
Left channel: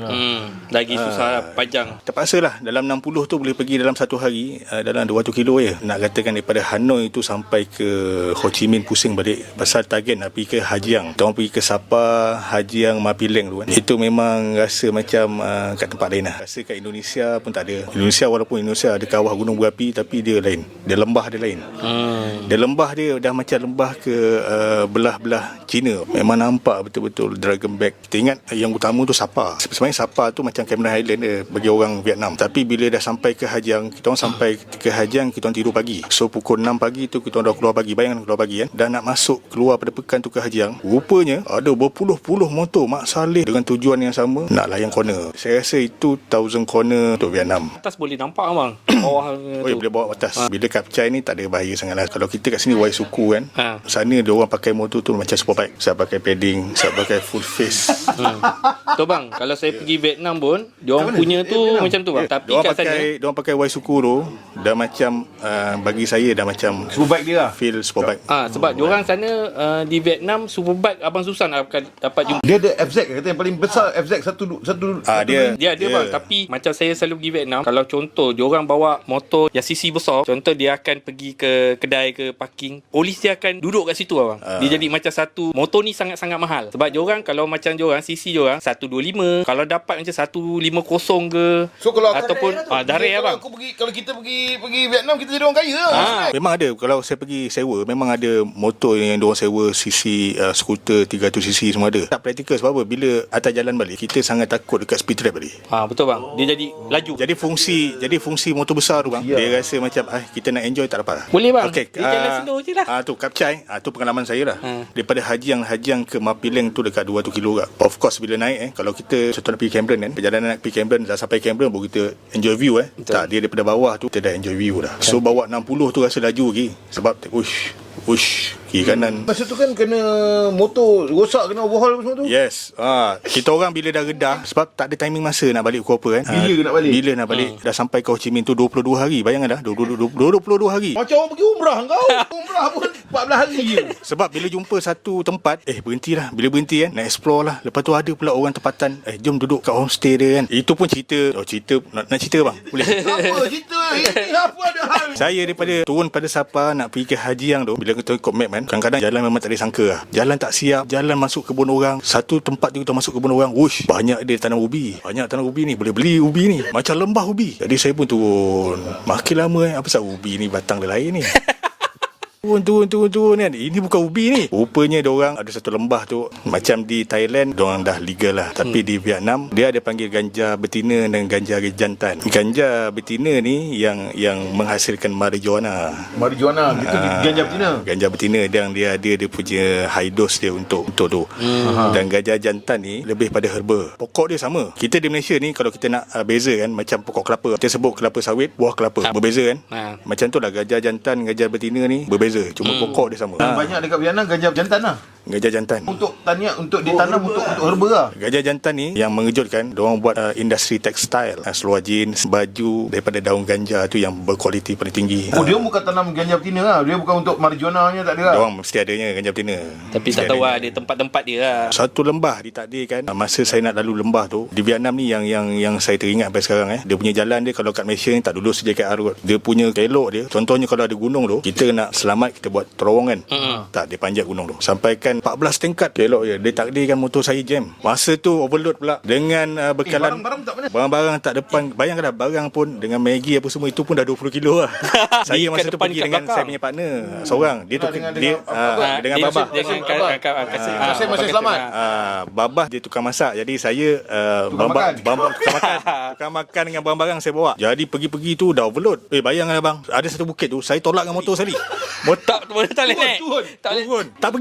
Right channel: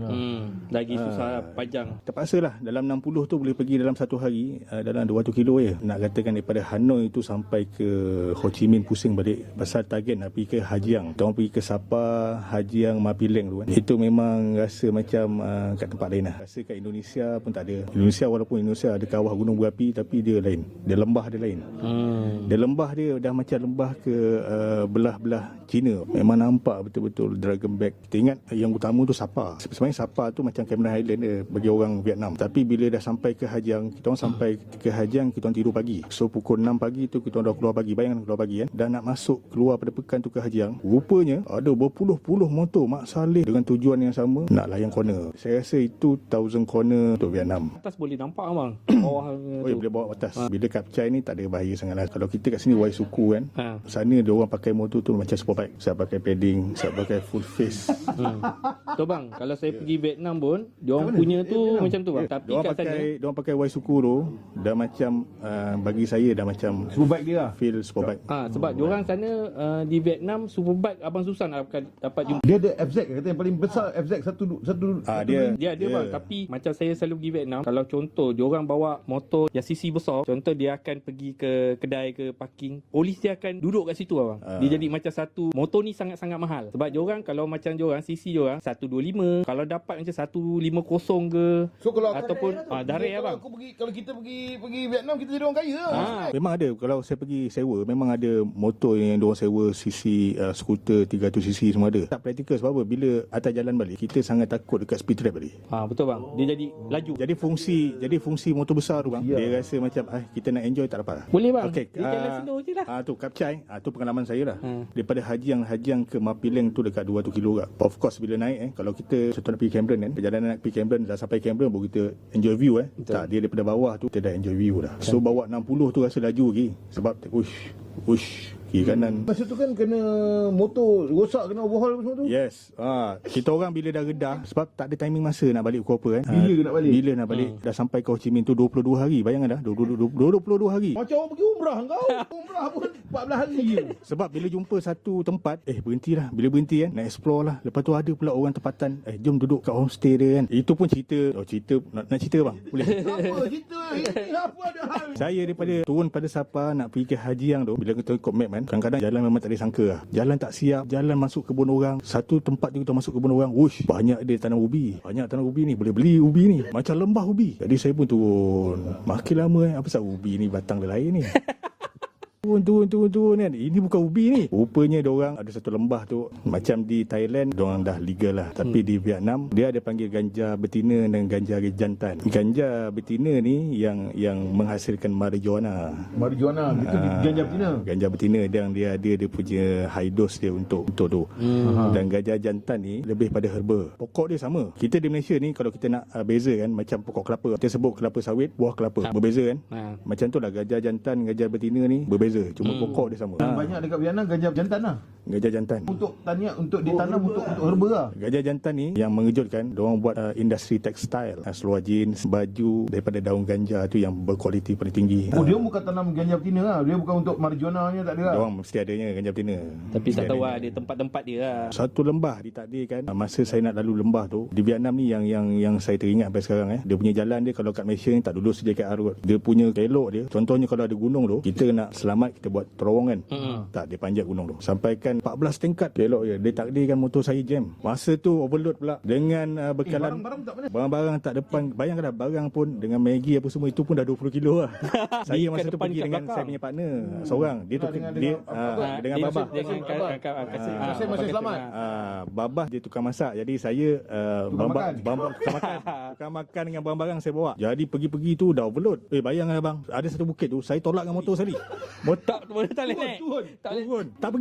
Lagi susah panjang. Terpaksalah dalam 60 tu boleh pergi dalam satu hari dalam 200 kilo je. Nak katakan daripada Hanoi tu sampai ke Ho Chi Minh pusing balik pasal target nak pergi ke Hajiang. Kita orang pergi ke Sapa, Hajiang, Mapileng tu kan. Itu memang rasa macam kat tempat lain lah. Rasa kat Indonesia pun tak ada. Indonesia walaupun Indonesia ada kawah gunung berapi tapi dia lain. Dia lembah dia lain. Dia lembah dia dah macam lembah ke belah-belah China. Memang nampak betul-betul Dragon Back. Kita ingat yang utama tu Sapa. Sebenarnya Sapa tu macam Cameron Highland dia bagi orang Vietnam. Tapi bila dah sampai ke Hajiang, kita orang sampai ke Hajiang, kita orang tidur pagi. So pukul 6 pagi tu kita orang dah keluar pagi. Bayangkan keluar pagi kan. Dan nak masuk keluar pada pekan tu ke Hajiang, rupanya ada berpuluh-puluh motor Mak Saleh dengan tujuan yang sama nak layan corner. Saya rasa itu 1000 corner untuk Vietnam. Atas boleh nampak abang. Bawah tu. Boleh bawa atas. Bila Kapcai ni tak ada bahaya sangat lah. Kalau kita kat sini Waisuku kan, sana dia orang pakai motor tu macam superbike. Saya pakai padding, saya pakai full face. Tu bang, kalau saya pergi Vietnam pun diorang punya tu macam tu bang. Tapi kat sana diorang pakai Waisuku tu dah macam bagi saya dah macam superbike dia lah. Feel superbike. Sebab diorang sana di Vietnam superbike abang susah nak dapat jumpa. Dia ada FZ kata yang paling besar, FZ satu dia bang. Tapi macam saya selalu pergi Vietnam, kalau contoh diorang bawa motor yang CC besar, contoh dia akan pergi ke kedai ke parking, polis dia akan duduk kat situ abang. Dia jadi macam satu motor ni sangat-sangat mahal. Sebab diorang kalau macam diorang CC diorang 125, kalau dapat macam 150 ke. So kalau ataupun dareh abang. Kalau kita pergi Vietnam, kita jadi orang kaya lah. Memang ada. Kalau saya pergi sewa, memang ada motor yang diorang sewa CC, skuter 300cc semua ada. Tak praktikal sebab apa? Bila atas jalan balik, kita sangat takut dekat speed trap tadi. Betul bang. Dia jadi laju. Jadi fungsi motor besar tu bang, dia rasa macam kita nak enjoy tak dapat. Boleh bang. Okay, dia jalan slow je lah. Tu Kapcai, tu pengalaman saya lah. Daripada Hajiang ke Mapileng tu dekat 200 kilo kat. Of course bila naik kalau kita contoh nak pergi Cameron kan, perjalanan nak pergi Cameron, dah sampai Cameron baru kita enjoy view tak, dia daripada bawah tu kita dah enjoy view dah. So bawa 60 tu rasa laju lagi sebab kiri kanan. Masa tu kan kena motor rosak, kena overhaul semua tu. Yes. Kita orang bila dah redah sebab tak ada timing masa nak balik pukul apa kan. Bila nak balik dah sampai ke Ho Chi Minh tu 22 hari. Bayangkan dah 22 hari. Macam orang pergi umrah kau. Umrah pun 14 hari je. Sebab bila jumpa satu tempat, berhentilah. Bila berhenti kan, nak explore lah. Lepas tu ada pula orang tempatan, jom duduk kat homestay dia kan. Itu pun cerita. Cerita nak cerita bang? Boleh? Apa cerita? Ini apa ada hal? Saya daripada turun pada Sapa nak pergi ke Hajiang tu, bila kita ikut map kan, kadang-kadang jalan memang tak disangka lah. Jalan tak siap, jalan masuk kebun orang. Satu tempat tu kita masuk kebun orang, banyak dia tanam ubi. Banyak tanam ubi ni, boleh beli ubi ni. Macam lembah ubi. Jadi saya pun turun. Makin lama apa sebab ubi ni batang dia lain ni. Turun kan. Ini bukan ubi ni. Rupanya diorang ada satu lembah tu, macam di Thailand diorang dah legal lah. Tapi di Vietnam dia ada panggil ganja betina dan ganja jantan. Ganja betina ni yang menghasilkan marijuana. Marijuana itu ganja betina. Ganja betina yang dia ada dia punya high dose dia untuk tu. Dan ganja jantan ni lebih pada herba. Pokok dia sama. Kita di Malaysia ni kalau kita nak beza kan, macam pokok kelapa. Kita sebut kelapa sawit, buah kelapa. Berbeza kan? Macam tu lah ganja jantan, ganja betina ni berbeza. berbeza. Cuma pokok dia sama. Banyak dekat Vietnam gajah jantan lah. Gajah jantan. Untuk taniak, untuk ditanam untuk herba lah. Gajah jantan ni yang mengejutkan, diorang buat industri tekstil, seluar jeans, baju daripada daun ganja tu yang berkualiti paling tinggi. Oh, dia bukan tanam ganja betina lah. Dia bukan untuk marijuana tak ada lah. Diorang mesti adanya ganja betina. Tapi tak tahu ada tempat-tempat dia lah. Satu lembah ditakdirkan, masa saya nak lalu lembah tu di Vietnam ni yang saya teringat sampai sekarang, dia punya jalan dia kalau kat Malaysia ni tak dulu sejakat arut. Dia punya kelok dia, contohnya kalau ada gunung tu, kita nak selamat kita buat terowongan. Tak, dia panjat gunung tu sampaikan 14 tingkat. Kelok je, dia takdirkan motor saya jam. Masa tu overload pula dengan bekalan barang-barang tak depan. Bayangkanlah, barang pun dengan Maggi apa semua itu pun dah 20 kilo lah. Saya masa tu pergi dengan saya punya partner seorang. Dia tu dengan babah. Saya masih selamat. Babah dia tukang masak. Jadi saya tukang makan dengan barang-barang saya bawa. Jadi pergi-pergi tu dah overload. Bayangkan abang, ada satu bukit tu saya tolak dengan motor sekali. Tak boleh naik. Turun. Tak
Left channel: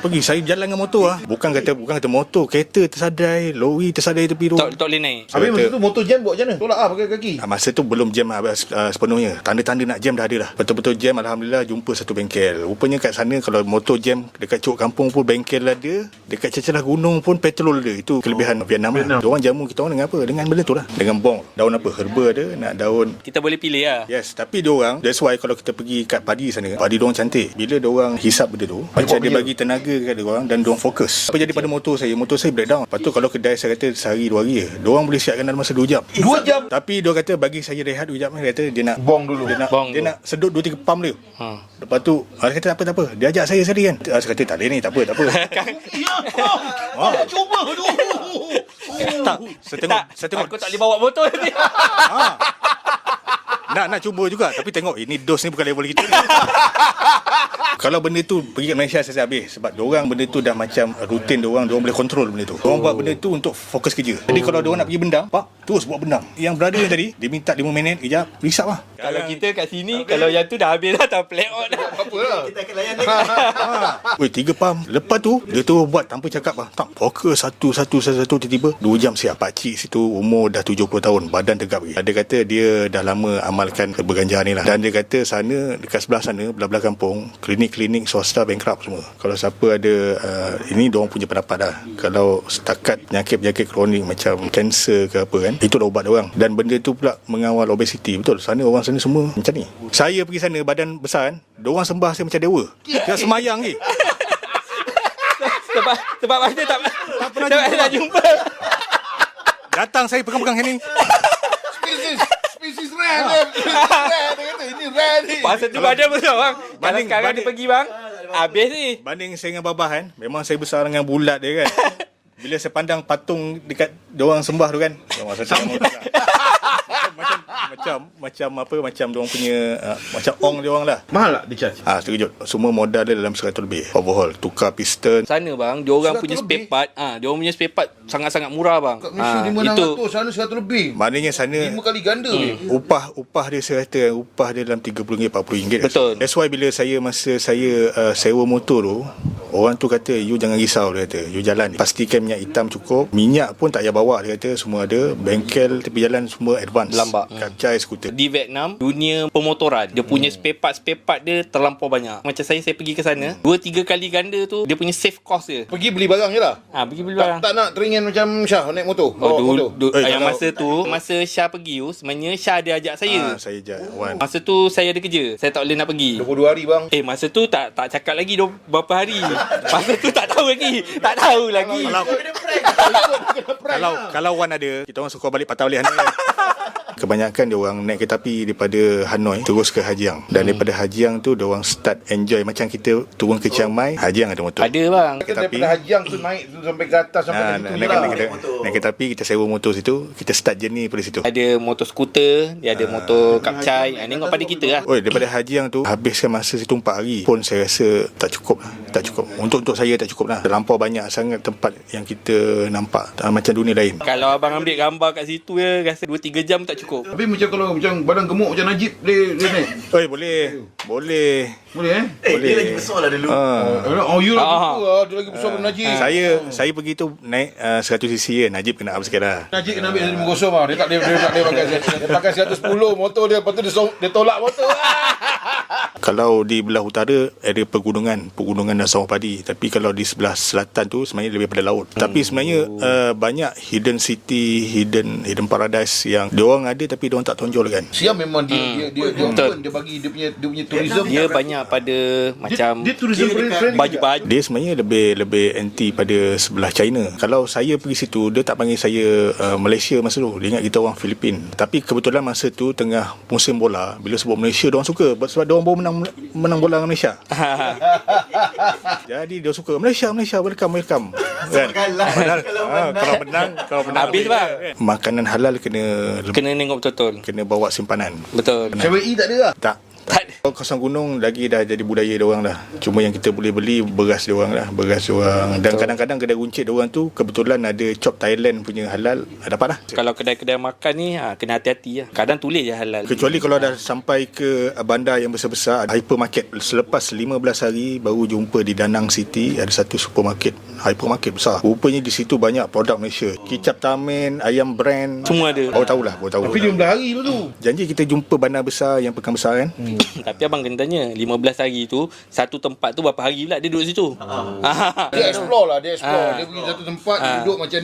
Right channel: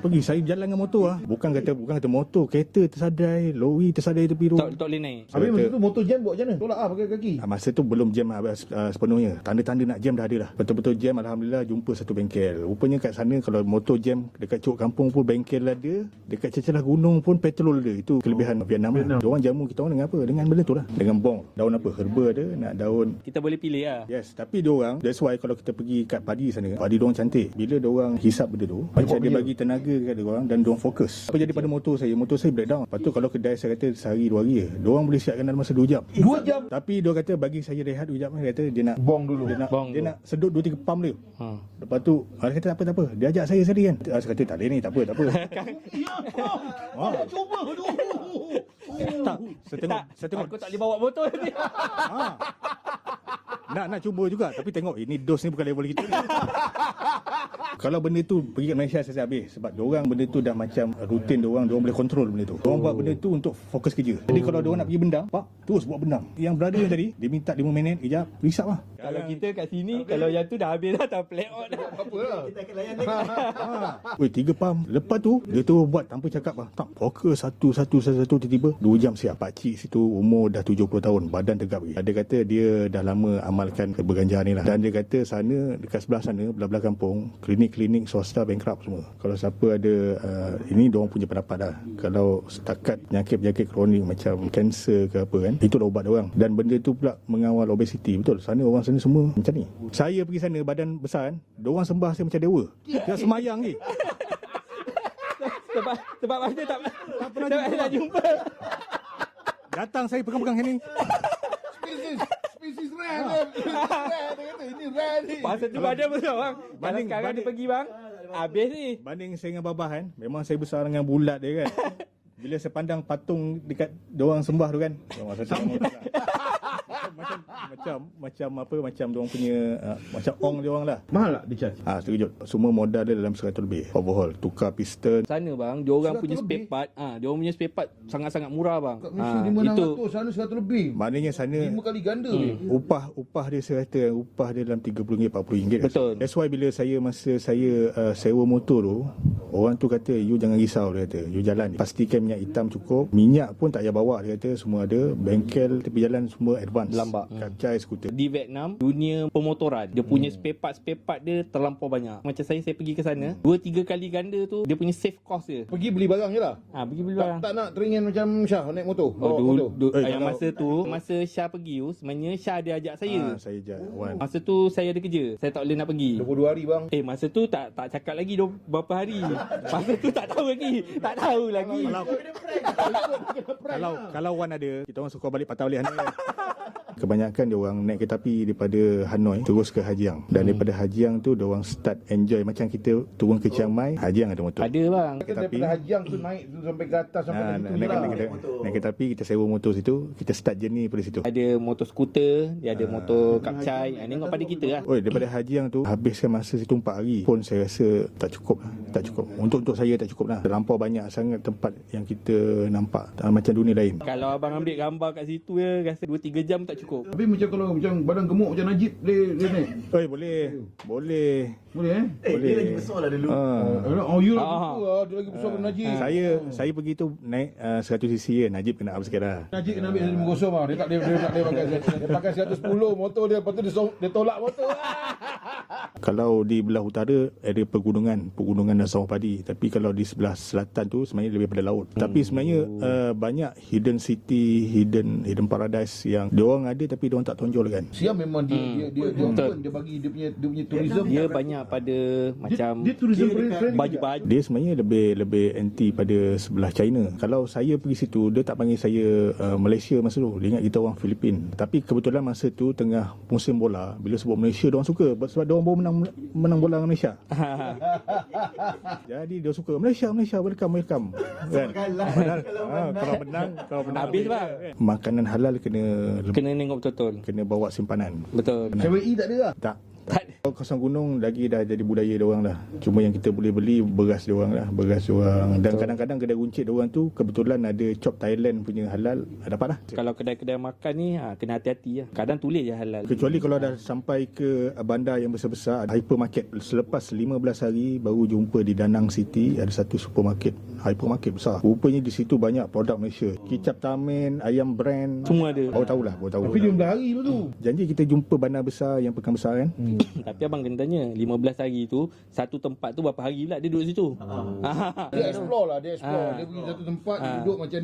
pergi. Saya jalan dengan motor lah. Bukan kata motor, kereta tersadai, lori tersadai tepi tu. Tak boleh naik. Habis masa tu motor jam buat macam mana? Tolak lah pakai kaki. Masa tu belum jam sepenuhnya. Tanda-tanda nak jam dah ada dah. Betul-betul jam, alhamdulillah jumpa satu bengkel. Rupanya kat sana kalau motor jam dekat Cuk Kampung pun bengkel ada, dekat celah gunung pun petrol ada. Itu kelebihan Vietnam. Diorang jamu kita orang dengan apa? Dengan benda tu lah. Dengan bong. Daun apa? Herba ada, nak daun. Kita boleh pilih lah. Yes, tapi diorang, that's why kalau kita pergi kat padi sana, padi diorang cantik. Bila diorang hisap benda tu, macam dia bagi tenaga kat diorang dan diorang fokus. Apa jadi pada motor saya breakdown. Lepas tu kalau kedai saya kata sehari 2 hari je, diorang boleh siapkan dalam masa 2 jam. 2 jam? Tapi diorang kata bagi saya rehat 2 jam. Dia kata dia nak bong dulu. Dia nak sedut 2-3 pump dia. Lepas tu dia kata tak apa. Dia ajak saya sekali kan. Saya kata tak boleh ni, tak apa. Cuba dulu. Saya tengok. Aku tak boleh bawa motor ni. Nak cuba juga. Tapi tengok ini dos ni bukan level kita ni. Kalau benda tu pergi ke Malaysia saya habis. Sebab diorang benda tu dah macam rutin diorang boleh kontrol benda tu. Diorang buat benda tu untuk fokus kerja. Jadi kalau diorang nak pergi bendam, terus buat bendam. Yang brother ni tadi, dia minta 5 minit, kejap, risap lah. Kalau kita kat sini, kalau yang tu dah habis dah, tak play out dah. Apa lah? Kita akan layan lagi. 3 pump. Lepas tu, dia tu buat tanpa cakap lah. Tak, fokus satu, tiba-tiba 2 jam siap. Pakcik situ umur dah 70 tahun, badan tegap lagi. Dia kata dia dah lama amalkan berganja ni lah. Dan dia kata sana, dekat sebelah sana, belah-belah kampung, klinik swasta bankrupt semua. Kalau siapa ada ini diorang punya pendapat dah. Kalau setakat penyakit-penyakit kronik macam kanser ke apa kan, itu dah ubat diorang. Dan benda tu pula mengawal obesiti. Betul, sana orang sana semua macam ni. Saya pergi sana badan besar kan, diorang sembah saya macam dewa. Dia semayang ni. Sebab masa tak pernah jumpa. Datang saya pegang-pegang ni. Species rare. Dia kata ini rare ni. Masa tu badan besar bang. Kalau sekarang dia pergi bang, habis ni. Banding saya dengan babah kan, memang saya besar dengan bulat dia kan. Bila saya pandang patung dekat diorang sembah tu kan, masa tu macam diorang punya macam ong diorang lah. Mahal tak dia charge? Terkejut. Semua modal dia dalam 100 lebih. Overhaul, tukar piston. Sana bang, diorang punya spare part, diorang punya spare part sangat-sangat murah bang. Kat Malaysia 500, sana 100 lebih. Maknanya sana 5 kali ganda. Upah dia saya kata upah dia dalam RM30-40. Betul. That's why bila masa saya sewa motor tu, orang tu kata you jangan risau, dia kata you jalan, pastikan minyak hitam cukup, minyak pun tak payah bawa, dia kata semua ada, bengkel tepi jalan semua advance, lambak. Kapcai skuter. Di Vietnam, dunia pemotoran, dia punya spare part dia terlampau banyak. Macam saya pergi ke sana, 2-3 kali ganda tu dia punya save cost dia. Pergi beli barang je lah. Pergi beli barang. Tak nak teringin macam Syah naik motor. Yang masa tu, masa Syah pergi tu, sebenarnya Syah ada ajak saya. Saya ajak Wan. Masa tu saya ada kerja, saya tak boleh nak pergi. 22 hari bang. Masa tu tak cakap lagi berapa hari. Masa tu tak tahu lagi. Kalau Wan ada, kita orang suka balik patah balik Hanoi. Kebanyakan dia orang naik kereta api daripada Hanoi terus ke Hajiang. Dan daripada Hajiang tu dia orang start enjoy macam kita turun ke Chiang Mai, Hajiang ada motor. Ada bang. Daripada Hajiang tu naik tu sampai ke atas sampai ke situ naik kereta api, kita sewa motor situ, kita start journey pada situ. Ada motor skuter, dia ada motor kapcai. Tengok pada kita lah. Daripada Hajiang tu habiskan masa situ 4 hari pun saya rasa tak cukup. Untuk saya tak cukup lah. Terlampau banyak sangat tempat yang kita nampak macam dunia lain. Kalau abang ambil gambar kat situ ya, rasa 2-3 jam tak cukup. Tapi macam kalau macam badan gemuk macam Najib boleh naik? Boleh. Boleh dia lagi besar lah dulu. You lagi dia lagi besar daripada Najib. Saya pergi tu naik 100cc je. Najib kena up sikit lah. Najib kena ambil 150 lah. Dia tak boleh pakai 110 motor dia. Lepas tu dia tolak motor. Kalau di belah utara area pegunungan dan sawah padi, tapi kalau di sebelah selatan tu sebenarnya lebih pada laut. Tapi sebenarnya banyak hidden city, hidden paradise yang diorang ada tapi diorang tak tonjol kan. Siam memang dia open, dia bagi dia punya tourism. Dia banyak pada macam Dia tourism friendly. baju-baju. Dia sebenarnya lebih anti pada sebelah China. Kalau saya pergi situ, dia tak panggil saya Malaysia masa tu. Dia ingat kita orang Filipin. Tapi kebetulan masa tu tengah musim bola, bila sebut Malaysia, diorang suka sebab diorang baru menang bola dengan Malaysia. Jadi dia suka Malaysia, welcome kan. Padahal kalau menang Habis bang. makanan halal kena Kena tengok betul-betul. kena bawa simpanan. Betul. CWE tak ada lah. Tak. Tak. Kawasan gunung lagi dah jadi budaya diorang dah. Cuma yang kita boleh beli beras diorang lah. Beras diorang. Dan kadang-kadang kedai runcit diorang tu kebetulan ada chop Thailand punya halal. Dapat lah. Kalau kedai-kedai makan ni kena hati-hati lah. Kadang tulis je halal. Kecuali kalau dah sampai ke bandar yang besar-besar, hypermarket. Selepas 15 hari baru jumpa di Danang City ada satu supermarket, hypermarket besar. Rupanya di situ banyak produk Malaysia. Kicap Tamin, ayam brand. Semua ada. Baru tahulah. Tapi 15 hari tu. Janji kita jumpa bandar besar yang pekan besar kan. Tapi abang kena tanya 15 hari tu satu tempat tu berapa hari pula dia duduk situ. Dia explore lah, dia pergi satu tempat, dia duduk macam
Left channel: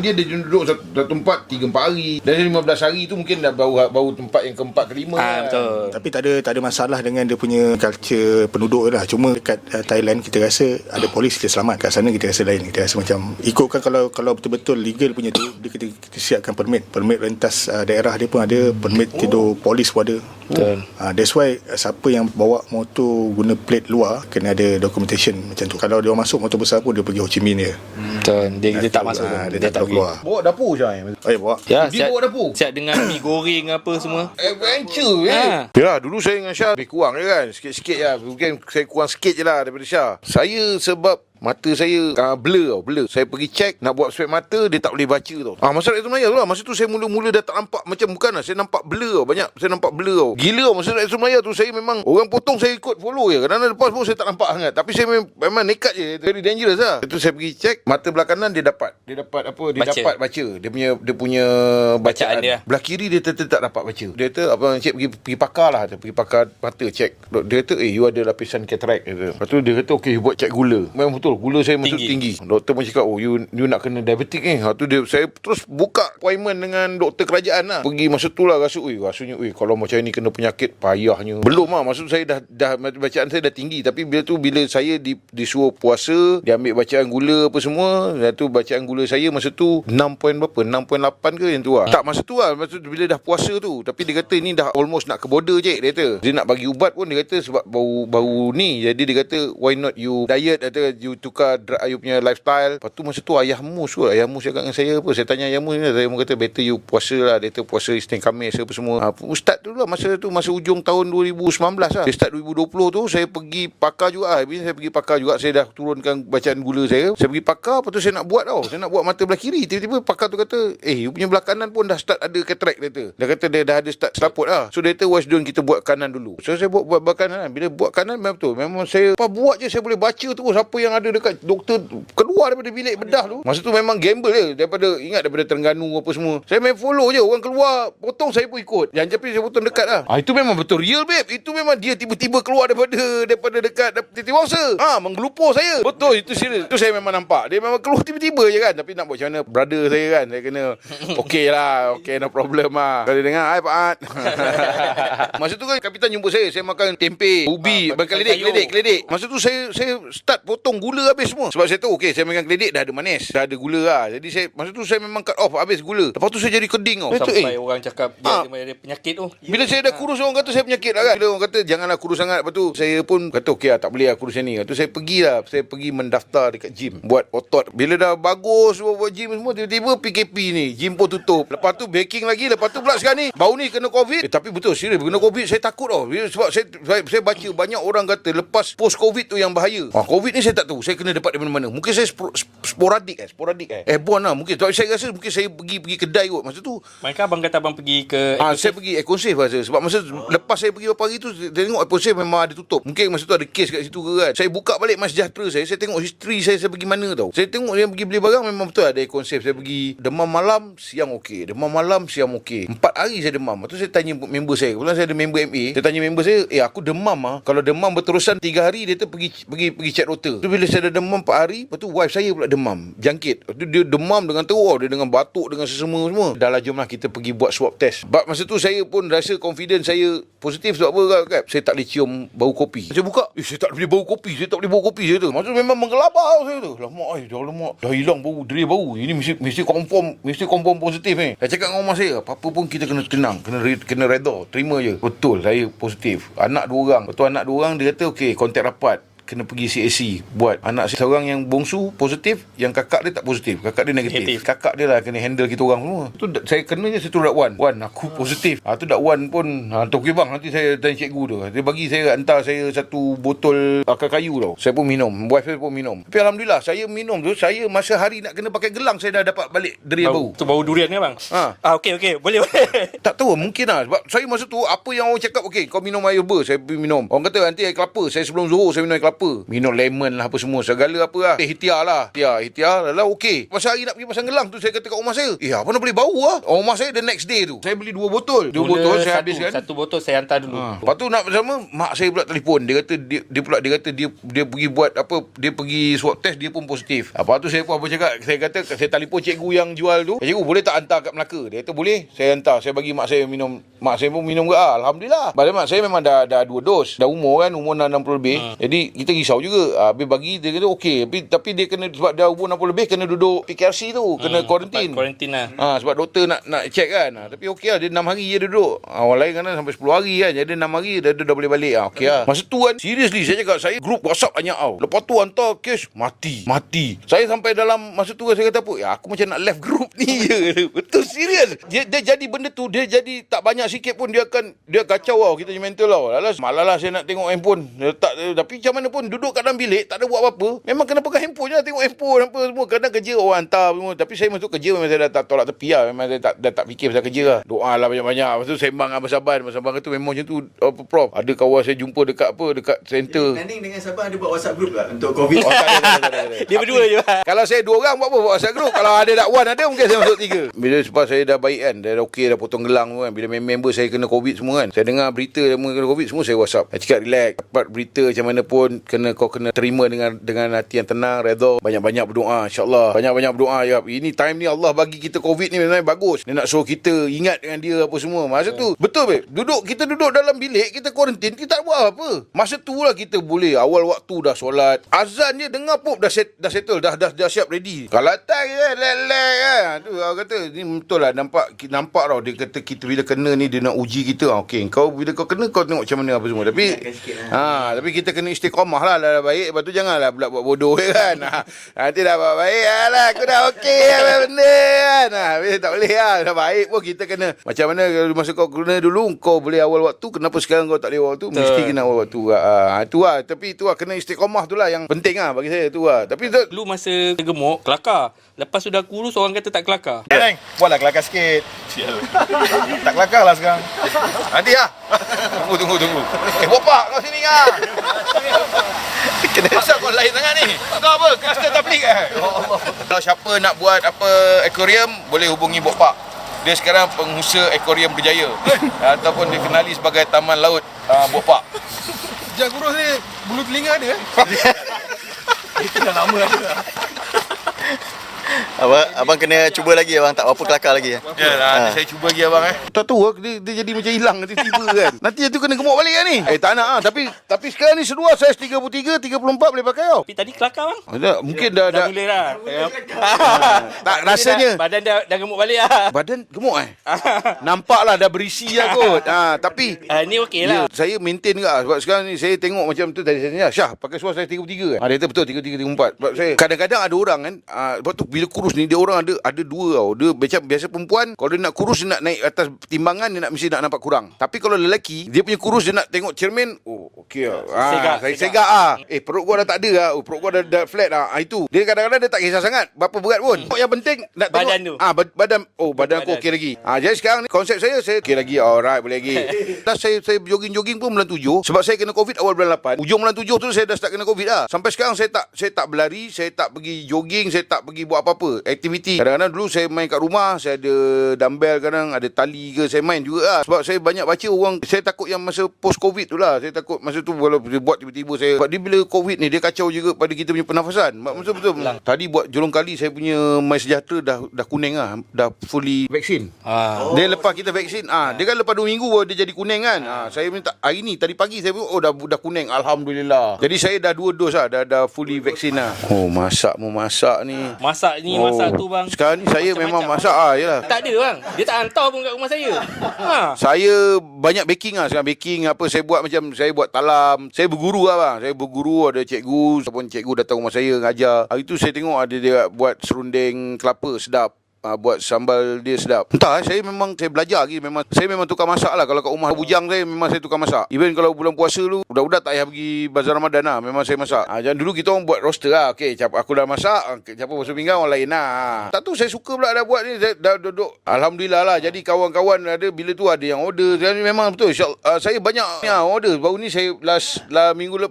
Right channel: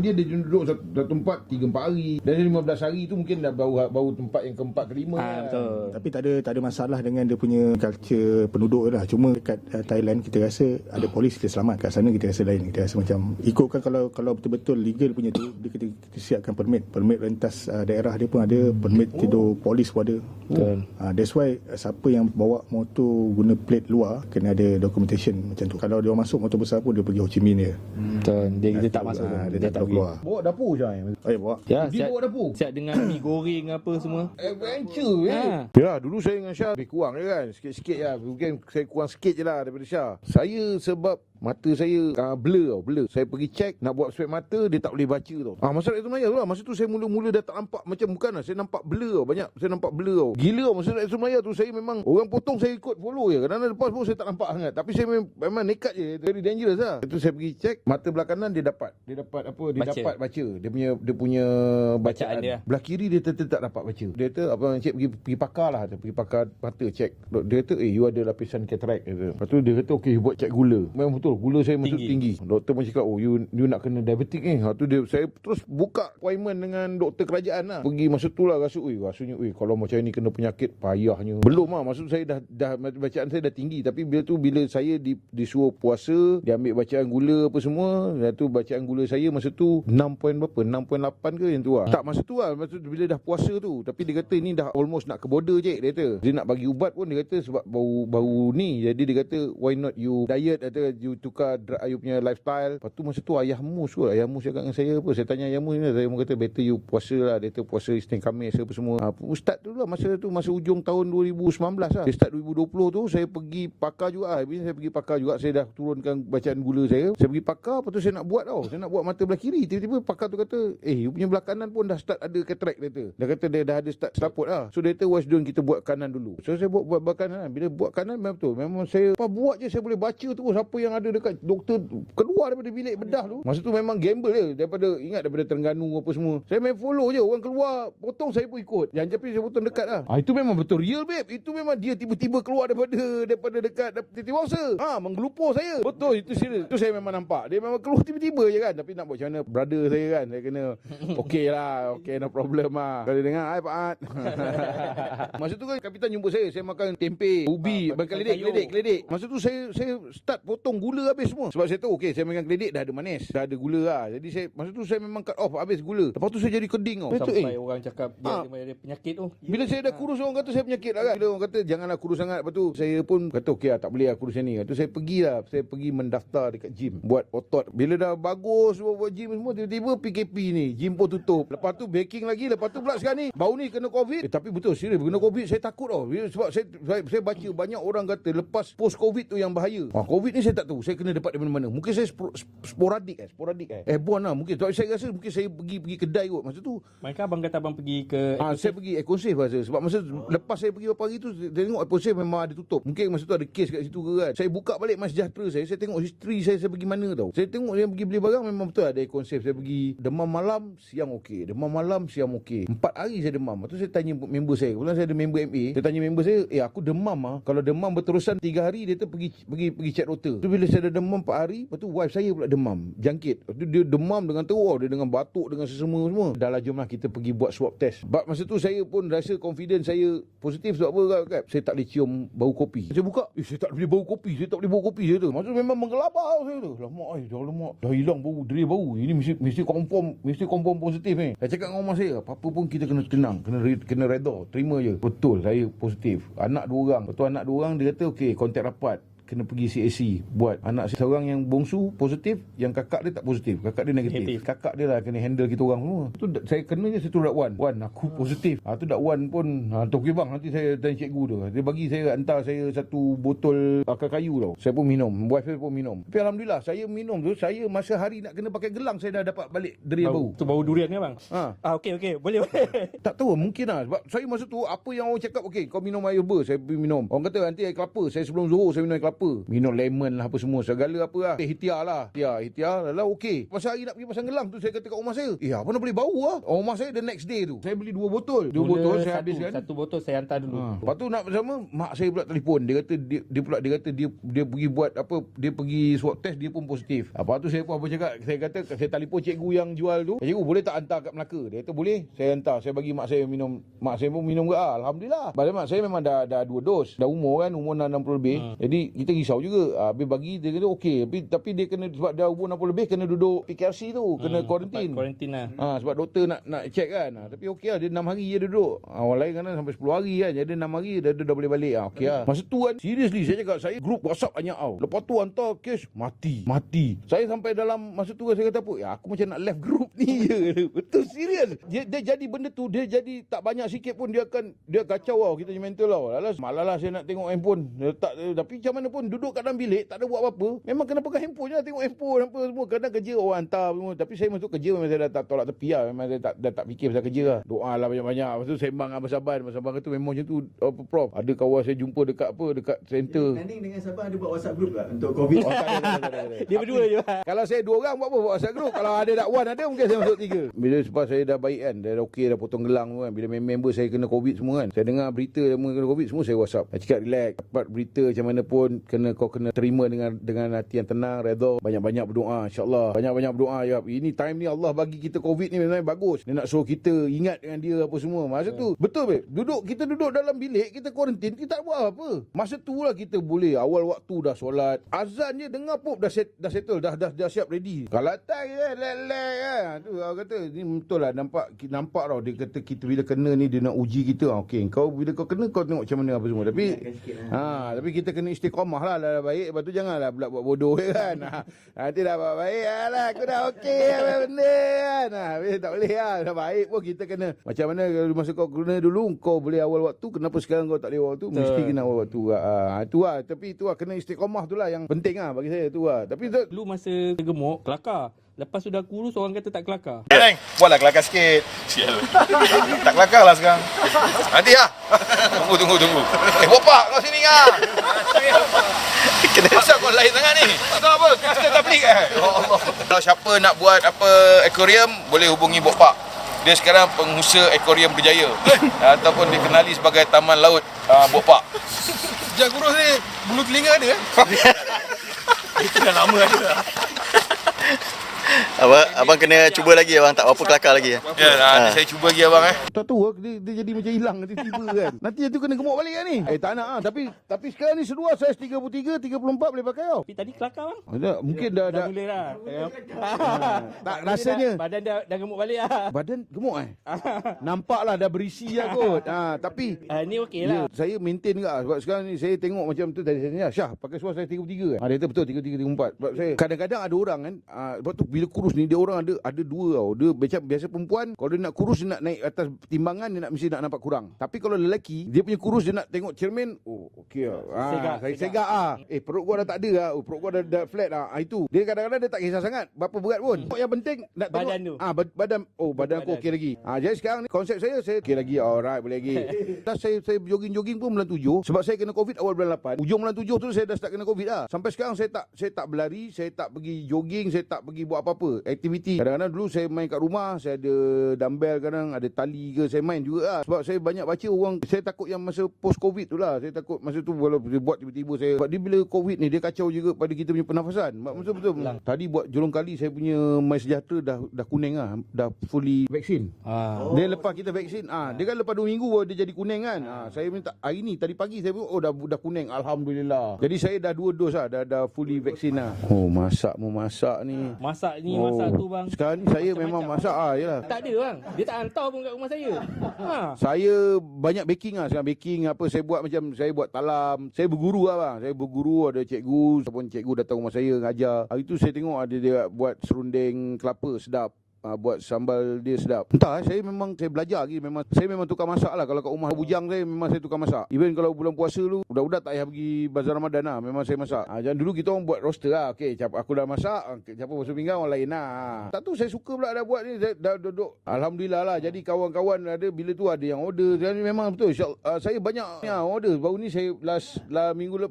dia duduk satu tempat 3-4 hari. Dan 15 hari tu mungkin dah baru tempat yang keempat kelima. Betul. Tapi tak ada masalah dengan dia punya culture penduduk lah. Cuma dekat Thailand kita rasa ada polis, kita selamat. Kat sana kita rasa lain. Kita rasa macam ikutkan kalau betul-betul legal punya tu, dia kita siapkan permit rentas daerah dia pun ada, permit tidur polis pun ada. Betul. That's why siapa yang bawa motor guna plate luar kena ada documentation macam tu. Kalau dia masuk motor besar pun dia pergi Ho Chi Minh dia. Betul. Dia tak masuk. Dia tak keluar. Bawa dapur je. Bawa. Ya, Dia bawa dapur. siap dengan mi goreng apa semua. Adventure Ya, dulu saya dengan Syah lebih kurang je kan. Sikit-sikit je. Mungkin saya kurang sikit je lah daripada Syah. Saya sebab mata saya blur. Saya pergi check nak buat spek mata, dia tak boleh baca tau. Masa Rakyat Melayu tu lah. Masa tu saya mula-mula dah tak nampak macam bukan lah. Saya nampak blur tau. Banyak saya nampak blur tau. Gila tau. Masa Rakyat Melayu tu saya memang orang potong saya ikut follow je. Kadang-kadang lepas pun saya tak nampak sangat. Tapi saya memang nekat je. Very dangerous lah. Itu saya pergi check mata belah kanan dia dapat apa? Dia Baca. dapat baca. Dia punya Bacaan dia. Belah kiri dia tetap tak dapat baca. Dia kata apa, cik pergi pakar lah. Dia pergi pakar mata check. Dia kata you ada lapisan katarak. Lepas tu dia kata okay, you buat check gula. Memang betul gula saya masuk tinggi. Doktor pun cakap you nak kena diabetik ni. Tu saya terus buka appointment dengan doktor kerajaan lah. Pergi masa tu lah rasanya kalau macam ni kena penyakit payahnya. Belum lah. Maksud saya dah bacaan saya dah tinggi. Tapi bila saya disuruh puasa, dia ambil bacaan gula apa semua. Dan tu bacaan gula saya masa tu 6.8 ke yang tu lah. Tak masa tu lah. Masa tu bila dah puasa tu. Tapi dia kata ni dah almost nak ke border je. Dia kata dia nak bagi ubat pun dia kata sebab bau ni. Jadi dia kata why not you diet, kata you tukar you punya lifestyle. Lepas tu masa tu Ayah Mus cakap dengan saya apa. Saya tanya Ayah Mus ni, saya kata better you puasa lah. Dia kata puasa Isnin Khamis apa semua. Ustaz tu lah masa ujung tahun 2019 lah. Dia start 2020 tu saya pergi pakar juga. Saya dah turunkan bacaan gula saya. Saya pergi pakar, lepas tu saya nak buat tau. Saya nak buat mata belah kiri. Tiba-tiba pakar tu kata you punya belah kanan pun dah start ada katarak. Dia kata dia dah ada start selaput lah. So dia kata why don't kita buat kanan dulu. So saya buat belah kanan. Bila buat kanan memang betul. Memang saya buat je saya boleh baca terus apa yang ada dekat doktor keluar daripada bilik bedah tu. Masa tu memang gamble je daripada Terengganu apa semua. Saya main follow je orang keluar potong saya pun ikut. Yang tapi saya potong dekat lah. Itu memang betul real babe. Itu memang dia tiba-tiba keluar daripada dekat titik wangsa. Menggelupur saya. Betul itu serius. Itu saya memang nampak. Dia memang keluar tiba-tiba je kan. Tapi nak buat macam mana brother saya kan. Saya kena okey lah. Okey no problem lah. Kalau dia dengar hai Pak Ad. Masa tu kan kapitan jumpa saya makan tempe, ubi, keledek. Masa tu saya start potong gula habis semua. Sebab saya tahu okey saya makan keledek dah ada manis, dah ada gula lah. Jadi masa tu saya memang cut off habis gula. Lepas tu saya jadi keding tau. Sampai orang cakap dia ada penyakit tu. Bila saya dah kurus orang kata saya penyakit lah kan. Bila orang kata janganlah kurus sangat. Lepas tu saya pun kata okey lah tak boleh lah kurus ni. Lepas tu saya pergi mendaftar dekat gym buat otot. Bila dah bagus buat gym semua, tiba-tiba PKP ni gym pun tutup. Lepas tu baking lagi. Lepas tu pula sekarang ni baru ni kena COVID. Tapi betul serius kena COVID saya takut tau. Sebab saya baca banyak orang kata lepas post COVID tu yang bahaya. COVID ni saya tak tahu. saya kena dapat dari mana-mana. Mungkin saya sporadik airborne lah mungkin. Tapi saya rasa mungkin saya pergi kedai kot masa tu. Maka abang kata abang pergi ke Saya pergi Ecosave rasa. Sebab masa lepas saya pergi beberapa hari tu, saya tengok Ecosave memang ada tutup. Mungkin masa tu ada kes kat situ ke kan. Saya buka balik MySejahtera saya tengok history saya pergi mana tau. Saya tengok saya pergi beli barang memang betul ada Ecosave. Saya pergi demam malam, siang okey. Demam malam, siang okey. 4 hari saya demam. Lepas tu saya tanya member saya. Kebetulan saya ada member MA. Saya tanya member saya, aku demam kalau demam berterusan 3 hari, dia tu pergi check doktor. Tu bila saya dah demam 4 hari, lepas tu wife saya pula demam, jangkit. Lepas tu dia demam dengan teruk, dia dengan batuk, dengan sesama semua. Dah lah, jomlah kita pergi buat swab test. Sebab masa tu saya pun rasa confident saya positif. Sebab apa Kak? Saya tak boleh cium bau kopi. Saya buka, saya tak boleh bau kopi. Saya tak boleh bau kopi saya tu. Masa tu memang menggelabah saya tu. Lama, dah hilang bau, deri bau. Ini mesti confirm positif ni. Saya cakap dengan rumah saya, apa-apa pun kita kena tenang, kena redha, terima je. Betul, saya positif. Anak 2 orang. Betul, anak 2 orang dia kata okey, kontak rapat. Kena pergi CAC buat. Anak saya seorang yang bongsu positif, yang kakak dia tak positif, kakak dia negatif. Kakak dia lah kena handle kita orang semua. Tu saya kena je satu dak Wan aku positif. Tu dak Wan pun tu okey bang, nanti saya tanya cikgu tu. Dia bagi saya, hantar saya satu botol akar kayu tau. Saya pun minum, wife saya pun minum. Tapi alhamdulillah saya minum tu, saya masa hari nak kena pakai gelang saya dah dapat balik deria bau. Tu bau durian ke bang? Okey boleh. Tak tahu, mungkin lah. Sebab saya masa tu, apa yang orang cakap, okey kau minum air herba, saya pergi minum. Orang kata nanti air kelapa, saya sebelum zuhur saya minum air kelapa. Minum lemon lah, apa semua, segala apa lah. Ihtiar lah. Ihtiar lah, okey. Pasal hari nak pergi pasang gelang tu, saya kata kat rumah saya, apa nak boleh bau lah. Rumah saya the next day tu, saya beli 2 botol. 2 botol saya habiskan. Satu botol saya hantar dulu. Lepas tu nak bersama, mak saya pula telefon. Dia kata dia pergi buat apa, dia pergi swab test, dia pun positif. Lepas tu saya pun apa cakap, saya telefon cikgu yang jual tu. Cikgu boleh tak hantar kat Melaka? Dia kata boleh, saya hantar. Saya bagi mak saya minum. Mak saya pun minum ke. Alhamdulillah. Padahal mak saya memang dah 2 dos. Dah umur 60 lebih. Jadi kita risau juga. Habis bagi dia kata okey. Tapi dia kena, sebab dah umur 60 lebih, kena duduk PKRC tu. Kena kuarantin. Sebab doktor nak check kan. Tapi okey lah. Dia 6 hari je duduk. Orang lain kan sampai 10 hari kan. Jadi 6 hari dia dah boleh balik. Okey lah. Masa tu kan, seriously saya cakap, saya grup WhatsApp banyak tau. Lepas tu hantar kes, mati. Saya sampai dalam masa tu saya kata apa, aku macam nak left group ni je. Betul, serius. Dia jadi benda tu, dia jadi tak banyak sikit pun dia kacau tau. Kita punya mental tau. Malah lah saya nak tengok handphone. Tapi macam mana pun duduk kat dalam bilik, tak ada buat apa-apa. Memang kena pegang handphone je, tengok handphone apa semua. Kadang kerja orang hantar semua. Tapi saya masuk kerja memang saya dah tolak tepi lah. Memang saya dah tak fikir pasal kerja lah. Doa lah banyak-banyak. Lepas tu sembang dengan Saban. Saban kata memang macam tu apa Prof. Ada kawan saya jumpa dekat center. Naning dengan Saban ada buat WhatsApp group tak untuk COVID? Tak ada. Dia berdua je. Kalau saya 2 orang buat apa? Buat WhatsApp group. Kalau ada dakwan ada, mungkin saya masuk 3. Bila sebab saya dah baik kan, dah okey, dah potong gelang kan. Bila member saya kena COVID semua kan, saya dengar berita dia kena COVID semua, saya WhatsApp. Saya cakap relax, dapat berita macam mana pun kau kena terima dengan hati yang tenang, redha. Banyak-banyak berdoa, insya-Allah. Banyak-banyak berdoa ya. Ini time ni Allah bagi kita COVID ni memang bagus. Dia nak suruh kita ingat dengan dia apa semua. Masa tu betul babe. Kita duduk dalam bilik, kita kuarantin, kita tak buat apa. Masa tu lah kita boleh awal waktu dah solat. Azan je dengar pop dah settle, dah siap ready. Kalau tak lelek kan. Tu orang kata ni betul lah, nampak tau dia kata kita bila kena ni dia nak uji kita. Okey, bila kau kena kau tengok macam mana apa semua. Tapi tapi kita kena istiqamah lah, dah baik. Lepas tu janganlah pula buat bodoh kan. Nanti dah buat baik lah, aku dah okey apa benda kan. Bila tak boleh lah, dah baik pun kita kena macam mana masa kau kena dulu kau boleh awal waktu, kenapa sekarang kau tak boleh awal waktu? Mesti kena awal waktu. Itu lah, tapi itu lah kena istiqamah tu lah yang penting lah bagi saya tu lah. Tapi dulu masa gemuk kelakar, lepas sudah kurus orang kata tak kelakar. Neng, buatlah kelakar sikit. Tak kelakar lah sekarang. Nanti lah. Tunggu. Bapak kau sini lah. Asal kau lain sangat ni? Tak apa, kita dah beli kan? Ya Allah. Kalau siapa nak buat apa aquarium, boleh hubungi Bapak. Dia sekarang pengusaha akuarium berjaya. Ataupun dikenali sebagai Taman Laut Bapak. Sejak kurus ni, bulu telinga ada Itu dah lama ada. Abang kena cuba lagi abang, tak apa kelakar lagi. Ya, nanti saya cuba lagi abang tak tahu lah, dia jadi macam hilang tiba-tiba kan. Nanti tu kena gemuk balik kan ni. Tak nak tapi sekarang ni seluar saiz 33, 34 boleh pakai tau. Tapi tadi kelakar bang. Mungkin dah boleh lah. Tak rasanya. Badan dah gemuk balik lah. Badan gemuk nampak lah dah berisi lah kot. Tapi ni okey lah. Saya maintain ke sebab sekarang ni saya tengok macam tu tadi saya Syah pakai seluar saiz 33 kan. Dia kata betul 33, 34. Sebab saya kadang-kadang ada orang kan, lepas tu bila bila kurus ni dia orang ada dua tau. Dia macam biasa perempuan kalau dia nak kurus, dia nak naik atas timbangan, dia mesti nak nampak kurang. Tapi kalau lelaki dia punya kurus, dia nak tengok cermin, oh okey lah. Saya segak perut gua dah tak ada lah. Perut gua dah flat lah. Itu dia kadang-kadang dia tak kisah sangat berapa berat pun. Yang penting nak tengok badan tu. Badan aku okey lagi. Jadi sekarang ni konsep saya okey lagi. Alright, boleh lagi. Dah saya jogging pun bulan 7 sebab saya kena COVID awal bulan 8. Ujung bulan 7 tu saya dah start kena COVID dah. Sampai sekarang saya tak berlari, saya tak pergi jogging, saya tak pergi buat apa-apa aktiviti. Kadang-kadang dulu saya main kat rumah, saya ada dumbbell, kadang ada tali ke, saya main juga lah. Sebab saya banyak baca orang, saya takut yang masa post COVID tu lah. Saya takut masa tu kalau dia buat tiba-tiba saya, sebab dia bila COVID ni dia kacau juga pada kita punya pernafasan. Betul-betul. Tadi buat jolong kali saya punya My Sejahtera dah kuning lah, dah fully vaksin. Dia lepas kita vaksin, dia kan lepas 2 minggu dia jadi kuning kan. Saya minta hari ni tadi pagi saya dah kuning, alhamdulillah. Jadi saya dah 2 dos lah, dah fully vaksin lah. Masak ni. Masak tu bang. Sekarang ni saya memang masak yalah. Tak ada bang. Dia tak hantar pun kat rumah saya. Saya banyak baking lah. Sekarang baking apa saya buat, macam saya buat talam. Saya berguru lah bang. Saya berguru, ada cikgu ataupun cikgu datang rumah saya ngajar. Hari tu saya tengok ada dia buat serunding kelapa sedap. Buat sambal dia sedap. Entah saya belajar lagi. Saya memang tukar masak lah. Kalau kat rumah bujang saya memang saya tukar masak. Even kalau bulan puasa tu budak-budak tak payah pergi bazar Ramadan lah, memang saya masak. Jangan dulu kita orang buat roster lah. Okey, aku dah masak, siapa basuh pinggan orang lain lah. Tak tahu saya suka pula dah buat ni. Saya dah duduk, alhamdulillah lah. Jadi kawan-kawan ada, bila tu ada yang order. Jadi memang betul saya banyak order. Baru ni saya last minggu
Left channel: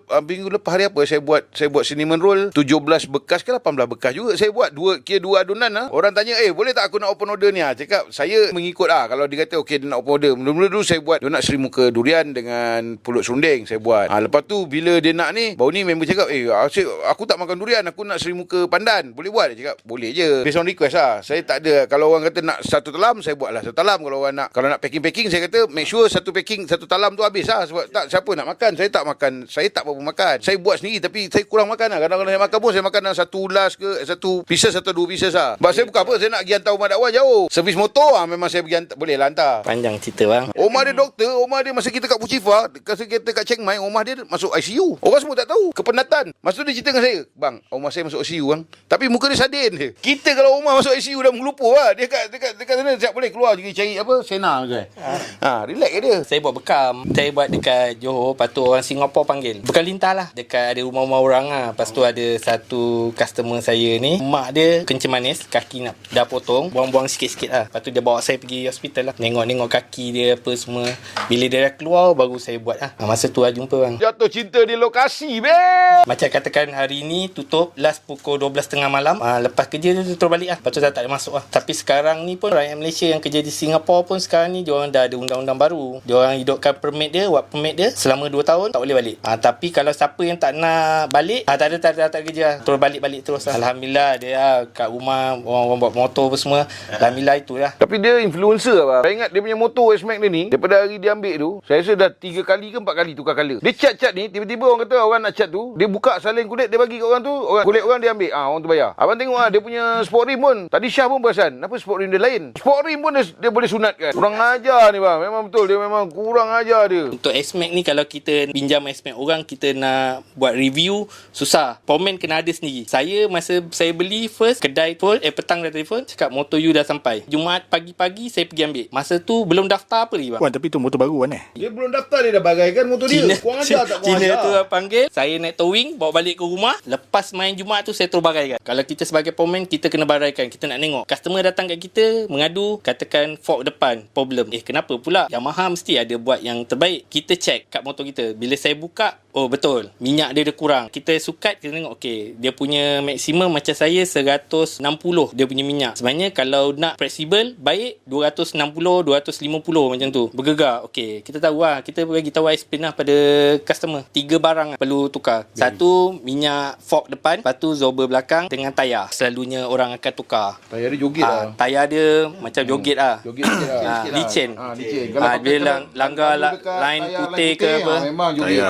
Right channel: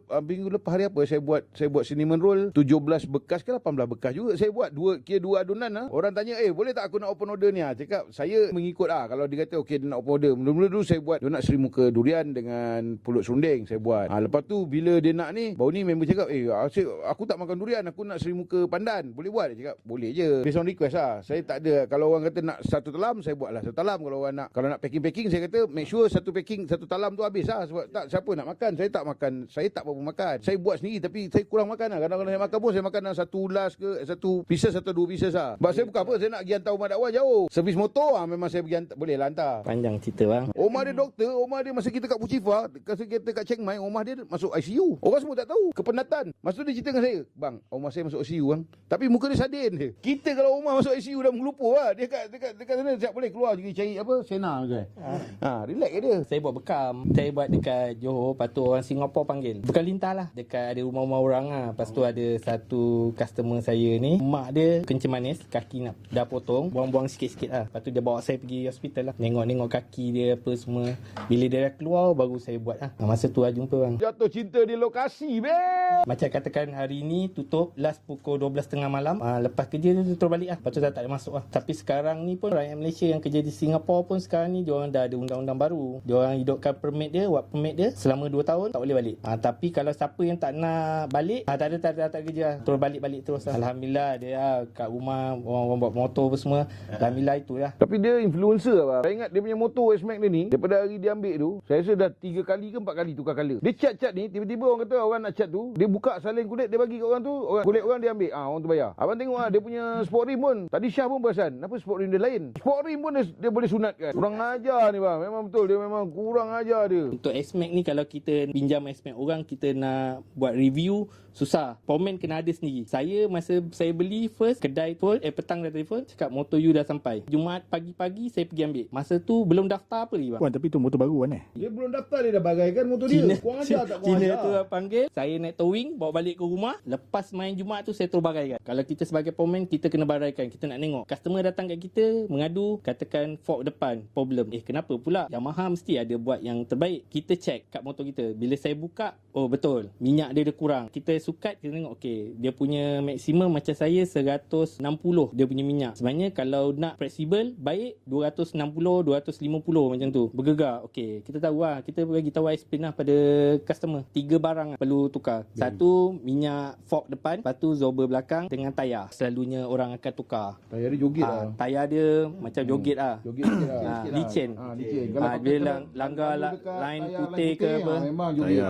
lepas hari apa saya buat cinnamon roll 17 bekas ke 18 bekas juga saya buat. Dua adunan lah. Orang tanya boleh tak aku nak open order ni? Cakap saya mengikut kalau dia kata okey dia nak open order. Mula-mula dulu saya buat donat seri muka durian dengan pulut serunding saya buat. Lepas tu bila dia nak ni, baru ni member cakap aku tak makan durian, aku nak seri muka pandan, boleh buat? Dia cakap boleh je, based on request lah. Saya tak ada, kalau orang kata nak satu talam saya buat lah satu talam. Kalau nak packing saya kata make sure satu talam tu habis lah. Sebab tak, siapa nak makan? Saya tak makan, saya tak apa makan. Saya buat sendiri tapi saya kurang makan lah. Kadang-kadang saya makan pun saya makan dalam satu ulas ke, satu pieces atau 2 pieces lah. Sebab saya bukan apa, saya nak pergi hantar rumah dakwah jauh. Servis motor memang saya pergi hantar, boleh lah hantar. Panjang cerita bang. Omah dia doktor, omah dia masa kita kat Puchifa, masa kita kat Chiang Mai, omah dia masuk ICU. Orang semua tak tahu, kepenatan. Masa tu dia cerita dengan saya, bang, omah saya masuk ICU bang. Tapi muka dia sadin je. Kita kalau omah masuk ICU dah mengelupur lah. Dia dekat sana siap boleh keluar juga cari apa, sena ke. Relax je dia. Saya buat bekam. Saya buat dekat Johor, lepas tu orang Singapura panggil. Bekam lintas lah. Dekat ada rumah-rumah orang lah. Lepas tu ada satu customer saya ni, mak dia kencing manis, kaki dah potong, buang-buang sikit-sikit lah. Lepas tu dia bawa saya pergi hospital lah. Tengok kaki dia apa semua. Bila dia dah keluar, baru saya buat lah. Masa tu lah jumpa bang. Jatuh cinta di lokasi, beb. Macam katakan hari ni tutup last pukul 12.30 malam. Lepas kerja tu terus balik lah. Lepas tu dah tak ada masuk lah. Tapi sekarang ni pun rakyat Malaysia yang kerja di Singapura pun sekarang ni diorang dah ada undang-undang baru. Diorang hidupkan permit dia, work permit dia selama 2 tahun tak boleh balik. Tapi kalau siapa yang tak nak balik, tak ada kerja lah. Terus balik terus lah. Alhamdulillah dia kat rumah orang buat motor apa semua. Alhamdulillah itulah. Tapi dia influencer apa? Saya ingat dia punya motor S-Max dia ni, daripada hari dia ambil tu, saya rasa dah 3 kali ke 4 kali tukar color. Dia cat ni, tiba-tiba orang kata orang nak cat tu, dia buka salin kulit, dia bagi kat orang tu, kulit orang dia ambil. Orang tu bayar. Abang tengok dia punya sport rim pun. Tadi Syah pun perasan, kenapa sport rim dia lain? Sport rim pun dia boleh sunatkan. Kurang ajar ni bang. Memang betul, dia memang kurang ajar dia. Untuk S-Max ni kalau kita pinjam S-Max orang, kita nak buat review susah. Pomen kena ada sendiri. Masa saya beli first, kedai pun petang dah telefon, cakap motor you dah sampai. Jumaat pagi-pagi saya pergi ambil. Masa tu belum daftar apa lagi bang. Wan, tapi tu motor baru kan Dia belum daftar, dia dah bagaikan motor dia. Kurang ajar tak kurang Cina ajar. tu panggil, saya naik towing, bawa balik ke rumah. Lepas main Jumaat tu saya terus baraikan. Kalau kita sebagai pomen, kita kena baraikan. Kita nak tengok. Customer datang kat kita, mengadu, katakan fork depan, problem. Kenapa pula? Yamaha mesti ada buat yang terbaik. Kita check kat motor kita. Bila saya buka, oh betul, minyak dia kurang. Kita sukat, kita tengok, okey, dia punya maksimum macam saya 160 dia punya minyak. Sebenarnya kalau nak fleksibel, baik 260, 250 macam tu. Bergegar. Okey, kita tahu lah. Kita bagi tahu explain lah pada customer. 3 barang perlu tukar. Satu, minyak fork depan. Lepas tu zober belakang dengan tayar. Selalunya orang akan tukar. Tayar dia joget lah. Tayar dia macam joget lah. Joget sikit lah. Licin. Licin. Dia langgar line putih ke apa. Memang joget.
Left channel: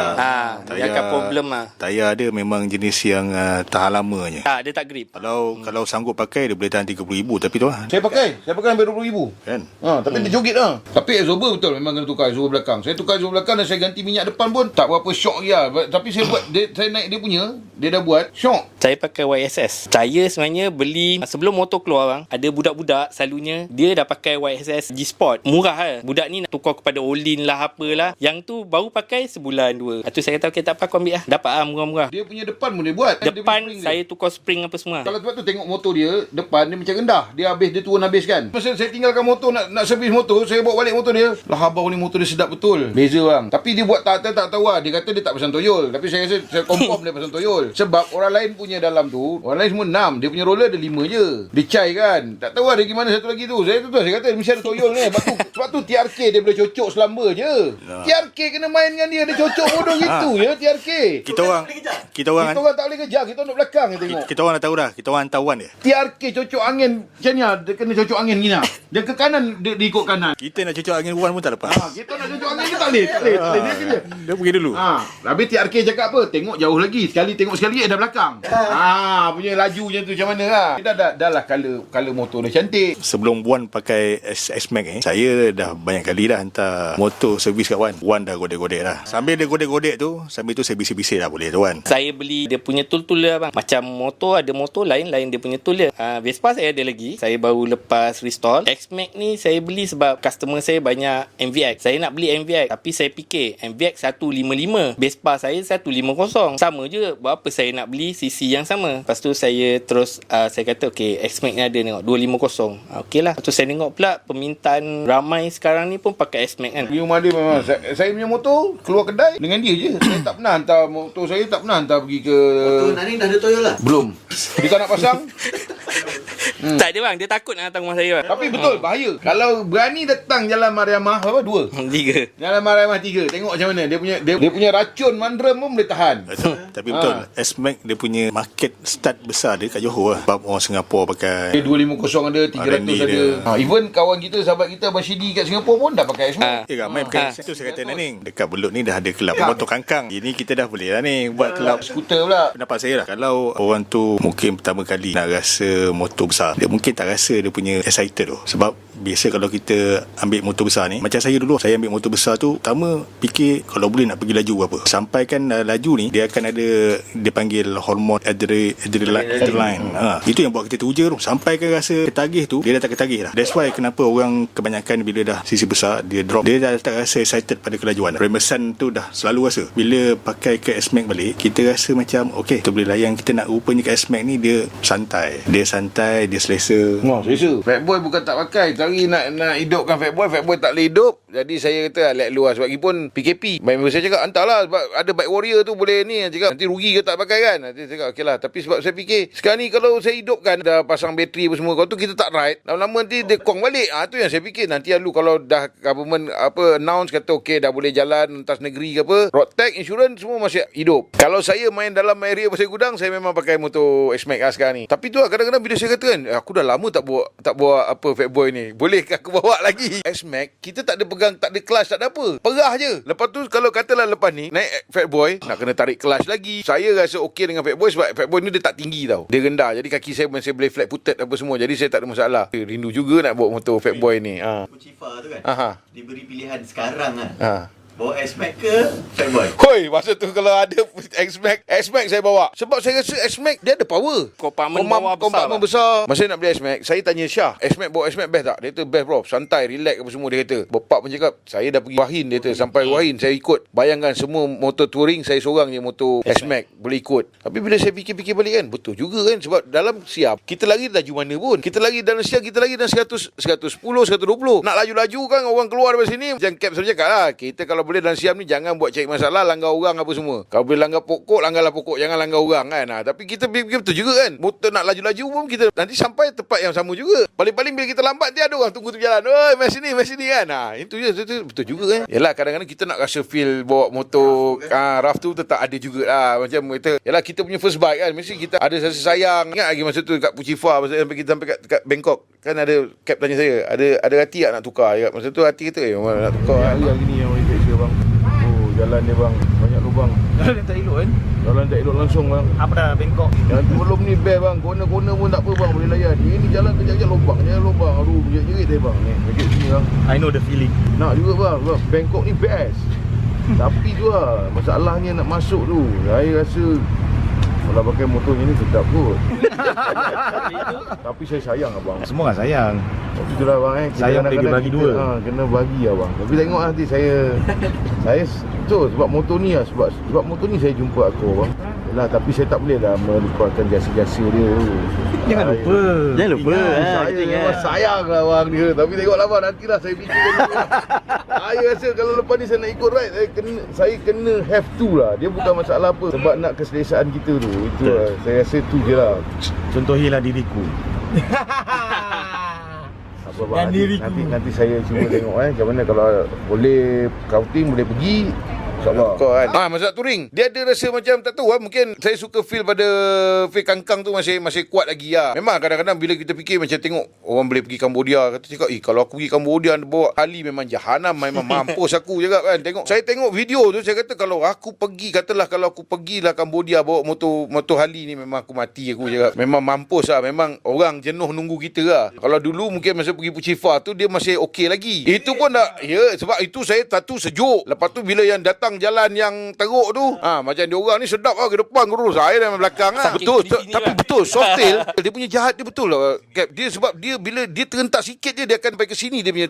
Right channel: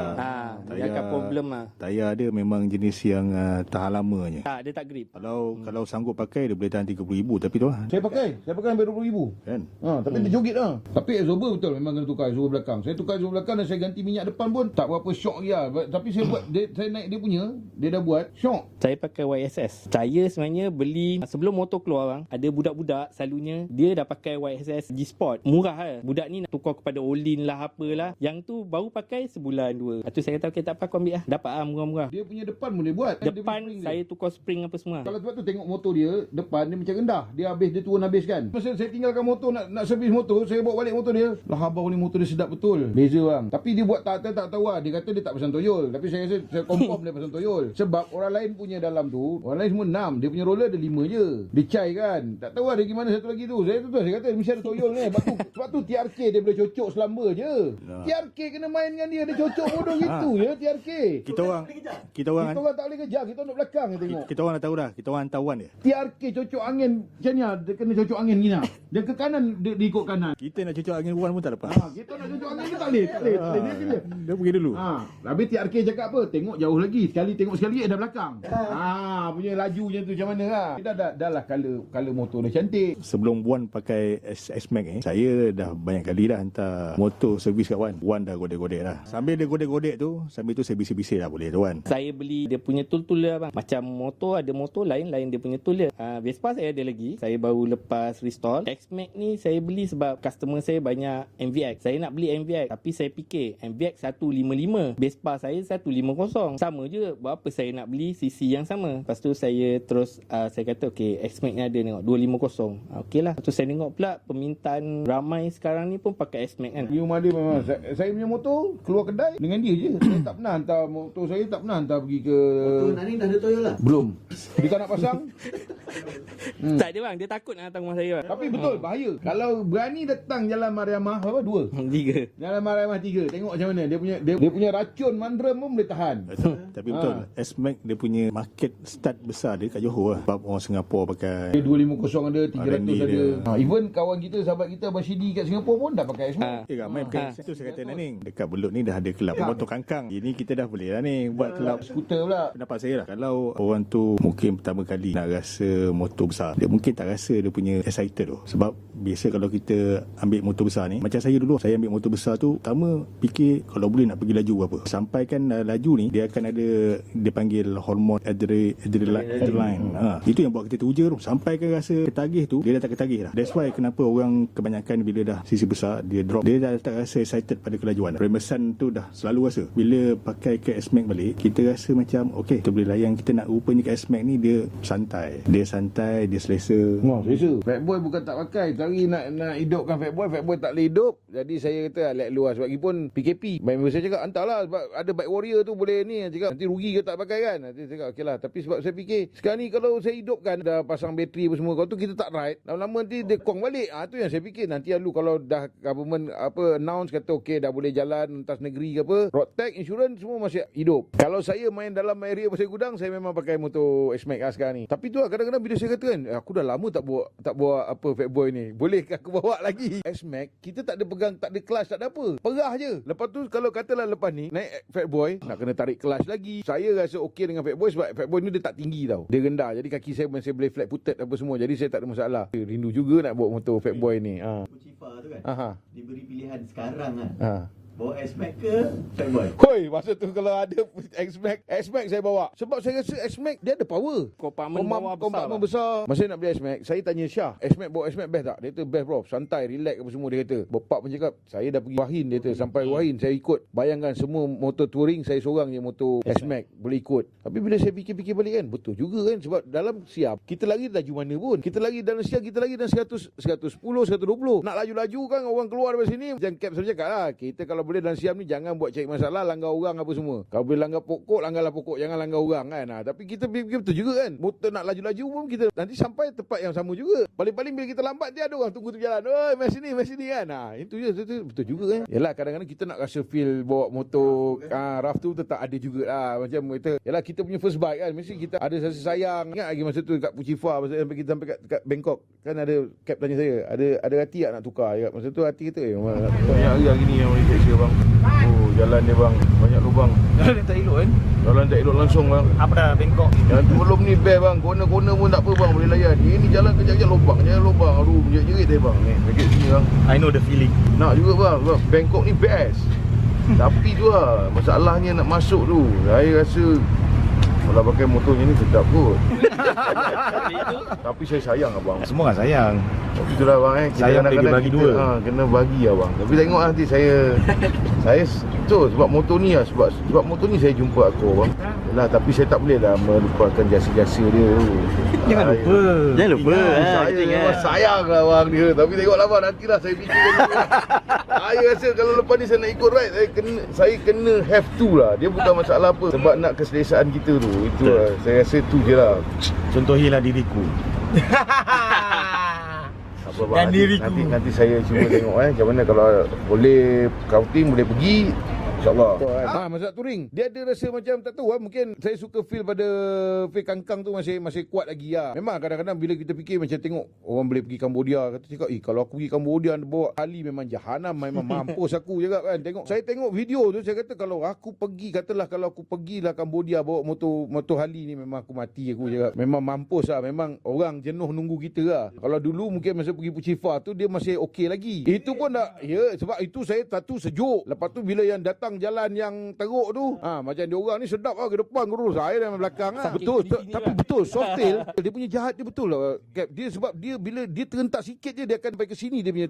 Dia akan problem lah. Tayar dia memang jenis yang tahan lamanya. Tak, dia tak grip. Kalau sanggup pakai dia boleh tahan 30,000 tapi tu lah. Saya pakai sampai 20,000. Kan? Tapi dia joget lah. Tapi absorber betul memang kena tukar absorber belakang. Saya tukar absorber belakang dan saya ganti minyak depan pun tak berapa syok dia. Tapi saya buat saya naik dia punya, dia dah buat syok. Saya pakai YSS. Saya sebenarnya beli sebelum motor keluar bang, ada budak-budak selalunya dia dah pakai YSS G-Sport. Murah lah. Budak ni nak tukar kepada Olin lah apalah. Yang tu baru pakai sebulan 2. Itu saya kata okay, tak apa aku ambil lah. Dapat lah murah-murah. Dia punya depan pun dia buat. Depan dia saya tukar spring apa semua. Kalau sebab tu tengok motor dia, depan dia macam rendah. Dia turun habis kan. Masa saya tinggalkan motor nak servis motor, saya bawa balik motor dia. Lah abang ni motor dia sedap betul. Beza bang. Tapi dia buat tak tahu lah. Dia kata dia tak pasang toyol. Tapi saya rasa saya confirm dia pasang toyol. Sebab orang lain punya dalam tu, orang lain semua 6. Dia punya roller ada 5 je. Dia cai kan. Tak tahu lah dia gimana satu lagi tu. Saya kata mesti ada toyol ni. Sebab tu TRK dia boleh cocok selamba je. TRK kena main dengan dia. Dia cocok bodoh gitu je TRK. Kita orang tak boleh kejar. Kita duduk belakang je tengok. Kita orang dah tahu dah. Kita orang hantawan dia. TRK cocok angin macam ni. Dia kena cocok angin gini. Dia ke kanan, dia ikut kanan. Kita nak cocok angin luar pun tak lepas. Kita nak cocok angin ke tak boleh. Dia pergi dulu. Habis TRK cakap apa? Tengok jauh lagi. Tengok sekali dah belakang. Punya laju macam tu macam mana lah. Dah lah color motor dia cantik. Sebelum Wan pakai S-Max ni, saya dah banyak kali dah hantar motor servis kat Wan. Wan dah godek-godek dah. Sambil dia godek-godek tu, sambil tu saya bisik-bisik dah boleh tu Wan. Saya beli dia punya tool lah bang. Macam motor ada motor lain dia punya tool dia. Vespa saya ada lagi. Saya baru lepas restore. X-Max ni saya beli sebab customer saya banyak MVX. Saya nak beli MVX tapi saya fikir MVX 155. Vespa saya 150. Sama je. Buat apa saya nak beli CC yang sama. Lepas tu saya terus saya kata okay, X-Max ni ada tengok 250. Okey lah. Lepas tu saya tengok pula permintaan ramai sekarang ni pun pakai S-Max kan. Di rumah dia memang saya punya motor keluar kedai dengan dia je. Saya tak pernah hantar motor saya, tak pernah hantar pergi ke Motor Naning dah ada toyol lah? Belum. Dia tak nak pasang. Tak ada bang. Dia takut nak datang rumah saya bang. Tapi betul bahaya. Kalau berani datang Jalan Mariamah 2. 3. Jalan Mariamah 3. Tengok macam mana dia punya racun mandram pun boleh tahan. Tapi betul S-Max dia punya market start besar dia kat Johor lah. Sebab orang Singapura pakai Dia 250 ada, 300 R&D ada. dia. Even kawan kita, sahabat kita Abang Syidi kat Singapura pun dah pakai S-Max. ramai pakai S-Max tu saya kata Naning. Dekat Belut ni dah ada kelab motor kangkang. Ini kita dah boleh lah ni buat kelab Skuter pula. Pendapat saya lah, kalau orang tu mungkin pertama kali nak rasa motor besar, dia mungkin tak rasa dia punya excited tu. Sebab biasa kalau kita ambil motor besar ni, macam saya dulu, saya ambil motor besar tu, pertama fikir kalau boleh nak pergi laju berapa. Sampaikan laju ni, dia akan ada, dia panggil hormon adrenaline. Itu yang buat kita teruja tu. Sampaikan rasa ketagih tu, dia dah tak ketagih dah. That's why kenapa orang kebanyakan bila dah sisi besar, dia drop, dia dah tak rasa excited pada kelajuan. Remesan tu dah selalu rasa. Bila pakai ke S-Max balik, kita rasa macam okay, kita boleh layan. Kita nak rupanya ke S-Max ni dia santai, dia selesa. Selesa. Fatboy bukan tak pakai, cari nak hidupkan Fatboy tak boleh hidup. Jadi saya kata let luar. Sebab pun PKP, member saya cakap hantarlah, sebab ada bike warrior tu boleh ni. Cakap nanti rugi ke tak pakai kan. Nanti saya cakap okey lah. Tapi sebab saya fikir sekarang ni kalau saya hidupkan, dah pasang bateri apa semua, kalau tu kita tak ride, lama-lama nanti dia kong balik. Tu yang saya fikir. Nanti lalu kalau dah government announce kata okey dah boleh jalan lintas negeri ke apa, road tax, insurans semua masih hidup. Kalau saya main dalam area pasir gudang, saya memang pakai motor S-Max sekarang ni. Tapi tu lah, kadang-kadang bila saya kata kan, aku dah lama tak bawa apa Fatboy ni, bolehkah aku bawa lagi S-Max? Kita tak ada pegang, tak ada clutch, tak ada apa, perah je. Lepas tu kalau katalah lepas ni naik Fatboy, nak kena tarik clutch lagi. Saya rasa okey dengan Fatboy sebab Fatboy ni dia tak tinggi tau, dia rendah, jadi kaki saya masih boleh flat footed apa semua, jadi saya tak ada masalah. Rindu juga nak bawa motor Fatboy ni. Pucifa tu kan, diberi pilihan sekarang bawa S-Max ke Fatboy? Hoi, masa tu kalau ada S-Max saya bawa. Sebab saya rasa S-Max dia ada power. Kompartmen besar. Masa nak beli S-Max, saya tanya Syah, S-Max bawa S-Max best tak? Dia kata best bro, santai, relax apa semua dia kata. Bapak pun cakap, saya dah pergi Wahin, dia kata sampai Wahin saya ikut. Bayangkan semua motor touring saya seorang je motor S-Max boleh ikut. Tapi bila saya fikir-fikir balik kan, betul juga kan, sebab dalam siap kita lagi laju mana pun. Kita lagi dalam siap, kita lagi dalam 100, 110, 120. Nak laju-laju kan orang keluar dari sini. Macam Cap selalu cakap lah, kita kalau boleh dalam siam ni jangan buat cari masalah, langgar orang apa semua. Kalau boleh langgar pokok, langgarlah pokok, jangan langgar orang kan. Tapi kita fikir betul juga kan, motor nak laju-laju pun kita nanti sampai tempat yang sama juga. Paling-paling bila kita lambat, dia ada orang tunggu tu jalan, oi mai sini kan. Itu je, itu betul juga kan. Yalah, kadang-kadang kita nak rasa feel bawa motor rough tu tetap ada jugalah. Macam kita, yalah kita punya first bike kan, mesti kita ada rasa sayang. Ingat lagi masa tu kat Puchifa, masa kita sampai kat Bangkok kan, ada Cap tanya saya, ada hati tak nak tukar? Masa tu hati kata nak tukar. Hari gini yang boleh cek bang. jalan dia bang. Banyak lubang. Jalan tak elok kan? Jalan tak elok langsung bang. Apa dah bengkok? Yang belum ni best bang. Corner-corner pun tak apa bang, boleh layan. Ini jalan kejap-kejap lubang. Jangan lubang. Aduh, jerit-jerit dia bang. Ni, dekat sini bang. I know the feeling. Nak juga bang, sebab Bangkok ni best. Tapi tu lah, masalahnya nak masuk tu. Saya rasa kalau pakai motornya ni sedap kot. Tapi saya sayang abang. Semua orang sayang. Tapi tu lah bang kita Sayang boleh kadang-kadang dibagi kita, dua. kena bagi abang. Tapi tengok nanti saya tu sebab motor ni lah, sebab motor ni saya jumpa aku abang. Yalah, tapi saya tak boleh lah melupakan jasa-jasa dia tu. Jangan lupa. Jangan lupa. Saya memang sayang lah bang dia. Tapi tengoklah bang, nantilah saya fikirkan dulu. Saya rasa kalau lepas ni saya nak ikut ride, saya kena have to lah. Dia bukan masalah apa, sebab nak keselesaan kita tu. Itu lah, saya rasa tu je lah. Contohilah diriku. Apa bang, nanti saya cuba tengok macam mana kalau boleh scouting, boleh pergi, InsyaAllah. Masa touring dia ada rasa macam tak tahu lah, mungkin saya suka feel pada feel kangkang tu masih kuat lagi lah. Memang kadang-kadang bila kita fikir macam tengok orang boleh pergi Cambodia, kata cakap kalau aku pergi Cambodia bawa Harley memang jahanam, memang mampus aku cakap kan. Saya tengok video tu, saya kata kalau aku pergilah Cambodia bawa motor Harley ni memang aku mati aku cakap. Memang mampus lah, memang orang jenuh nunggu kita lah. Kalau dulu mungkin masa pergi Puchifa tu dia masih okey lagi. Itu pun tak, ya sebab itu saya satu sejuk. Lepas tu bila yang datang jalan yang teruk tu, macam dia orang ni sedap lah, ke depan kurus, saya dalam belakang lah. Betul, tapi betul Softail dia punya jahat dia betul lah Cap. Dia sebab dia bila dia terentak sikit je dia akan sampai ke sini dia punya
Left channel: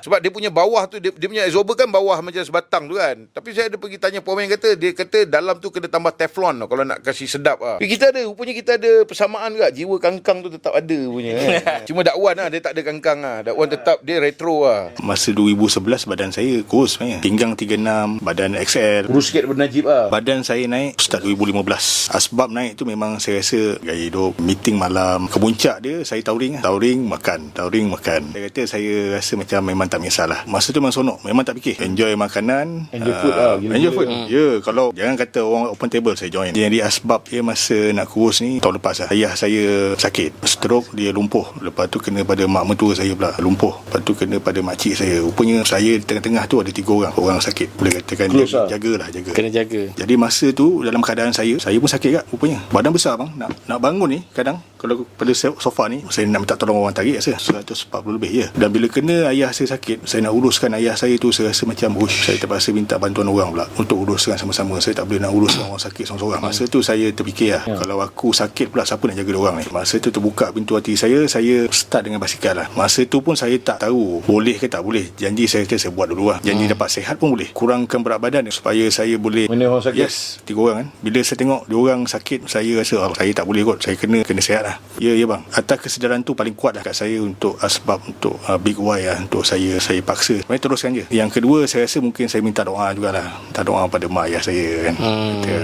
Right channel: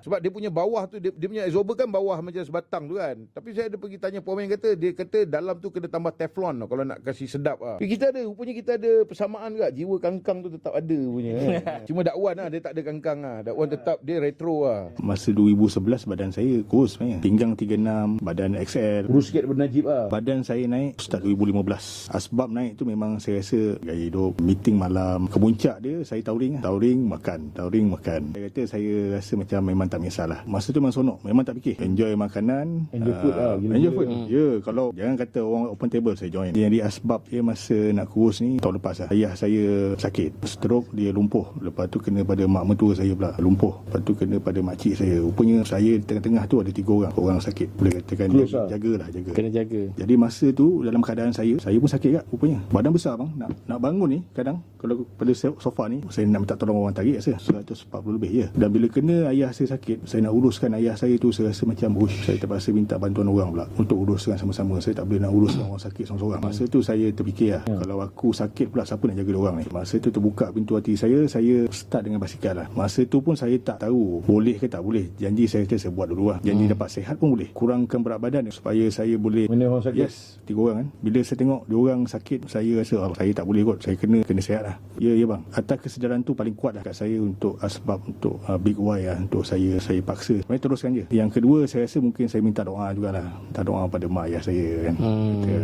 sebab dia punya bawah tu dia punya absorber kan bawah macam sebatang tu kan. Tapi saya ada pergi tanya pomen, dia kata dalam tu kena tambah teflon kalau nak kasih sedap lah. Rupanya kita ada persamaan juga, jiwa kangkang tu tetap ada punya kan. Cuma Dakwan lah dia tak ada kangkang lah. Dakwan tetap dia retro lah. Masa 2011 badan saya kurus sebenarnya. Pinggang 36, badan XL. Kurus sikit daripada Najib lah. Badan saya naik start 2015. Asbab naik tu memang saya rasa gaya hidup, meeting malam. Kemuncak dia saya touring makan. Saya kata saya rasa macam memang tak kisahlah. Masa tu memang sonok, memang tak fikir. Enjoy makanan, enjoy food lah. Enjoy food. Ya, kalau jangan kata orang open table saya join. Jadi asbab dia masa nak kurus ni tahun lepas lah. Ayah saya sakit, stroke, dia lumpuh. Lepas tu kena pada mak mentua saya pula lumpuh. Lepas tu kena pada makcik saya. Rupanya saya di tengah-tengah tu ada 3 orang sakit. Boleh katakan jaga. Kena jaga. Jadi masa tu dalam keadaan saya pun sakit kat rupanya. Badan besar bang. Nak bangun ni kadang kalau pada sofa ni saya nak minta tolong orang tarik rasa 140 lebih je. Dan bila kena ayah saya sakit, saya nak uruskan ayah saya tu, saya rasa macam saya terpaksa minta bantuan orang pula untuk uruskan sama-sama. Saya tak boleh nak uruskan orang sakit seorang-seorang. Masa tu saya terfikir lah, kalau aku sakit pula siapa nak jaga orang ni. Masa tu terbuka pintu hati saya start dengan basikal lah. Masa tu pun saya tak tahu boleh ke tak boleh. Janji saya kata saya buat dulu lah. Janji dapat sihat pun boleh, kurangkan berat badan supaya saya boleh mana orang sakit. Yes, 3 orang kan. Bila saya tengok dia orang sakit, saya rasa saya tak boleh kot. Saya kena sihat lah. Ya bang. Atas kesedaran tu paling kuat lah kat saya untuk asbab untuk Big Y lah, untuk saya paksa. Saya teruskan je. Yang kedua saya rasa mungkin saya minta doa jugalah. Minta doa pada mak ayah saya kan.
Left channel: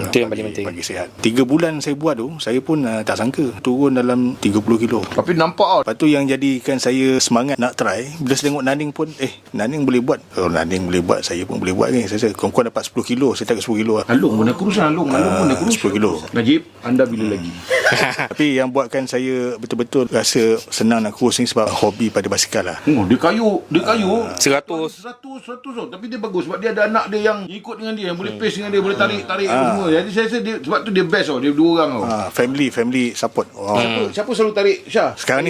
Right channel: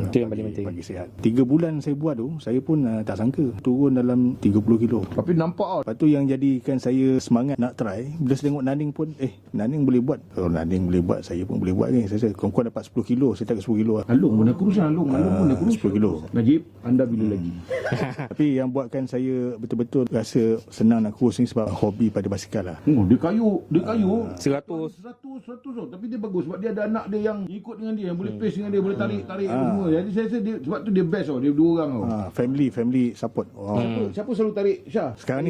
Itu yang paling penting. Bagi sihat. 3 bulan saya buat tu, saya pun tak sangka turun dalam 30 kilo. Tapi nampak tau. Lepas tu yang jadikan saya semangat nak try, bila saya tengok Naning pun Naning boleh buat. Kalau Naning boleh buat, saya pun boleh buat ni. Saya kurang dapat 10 kilo. Saya tak 10 kilo lah. Alung pun dah kurus lah. Alung pun dah kurus 10 kilo. Najib, anda bila lagi? Tapi yang buatkan saya betul-betul rasa senang nak kurus ni sebab hobi pada basikal lah. Dia kayu 100. Tapi dia bagus sebab dia ada anak dia yang ikut dengan dia, yang boleh pace dengan dia, boleh tarik semua. Jadi saya rasa dia, sebab tu dia best tau. Dia 2 orang tau. Family support. Siapa selalu tarik Syah? Sekarang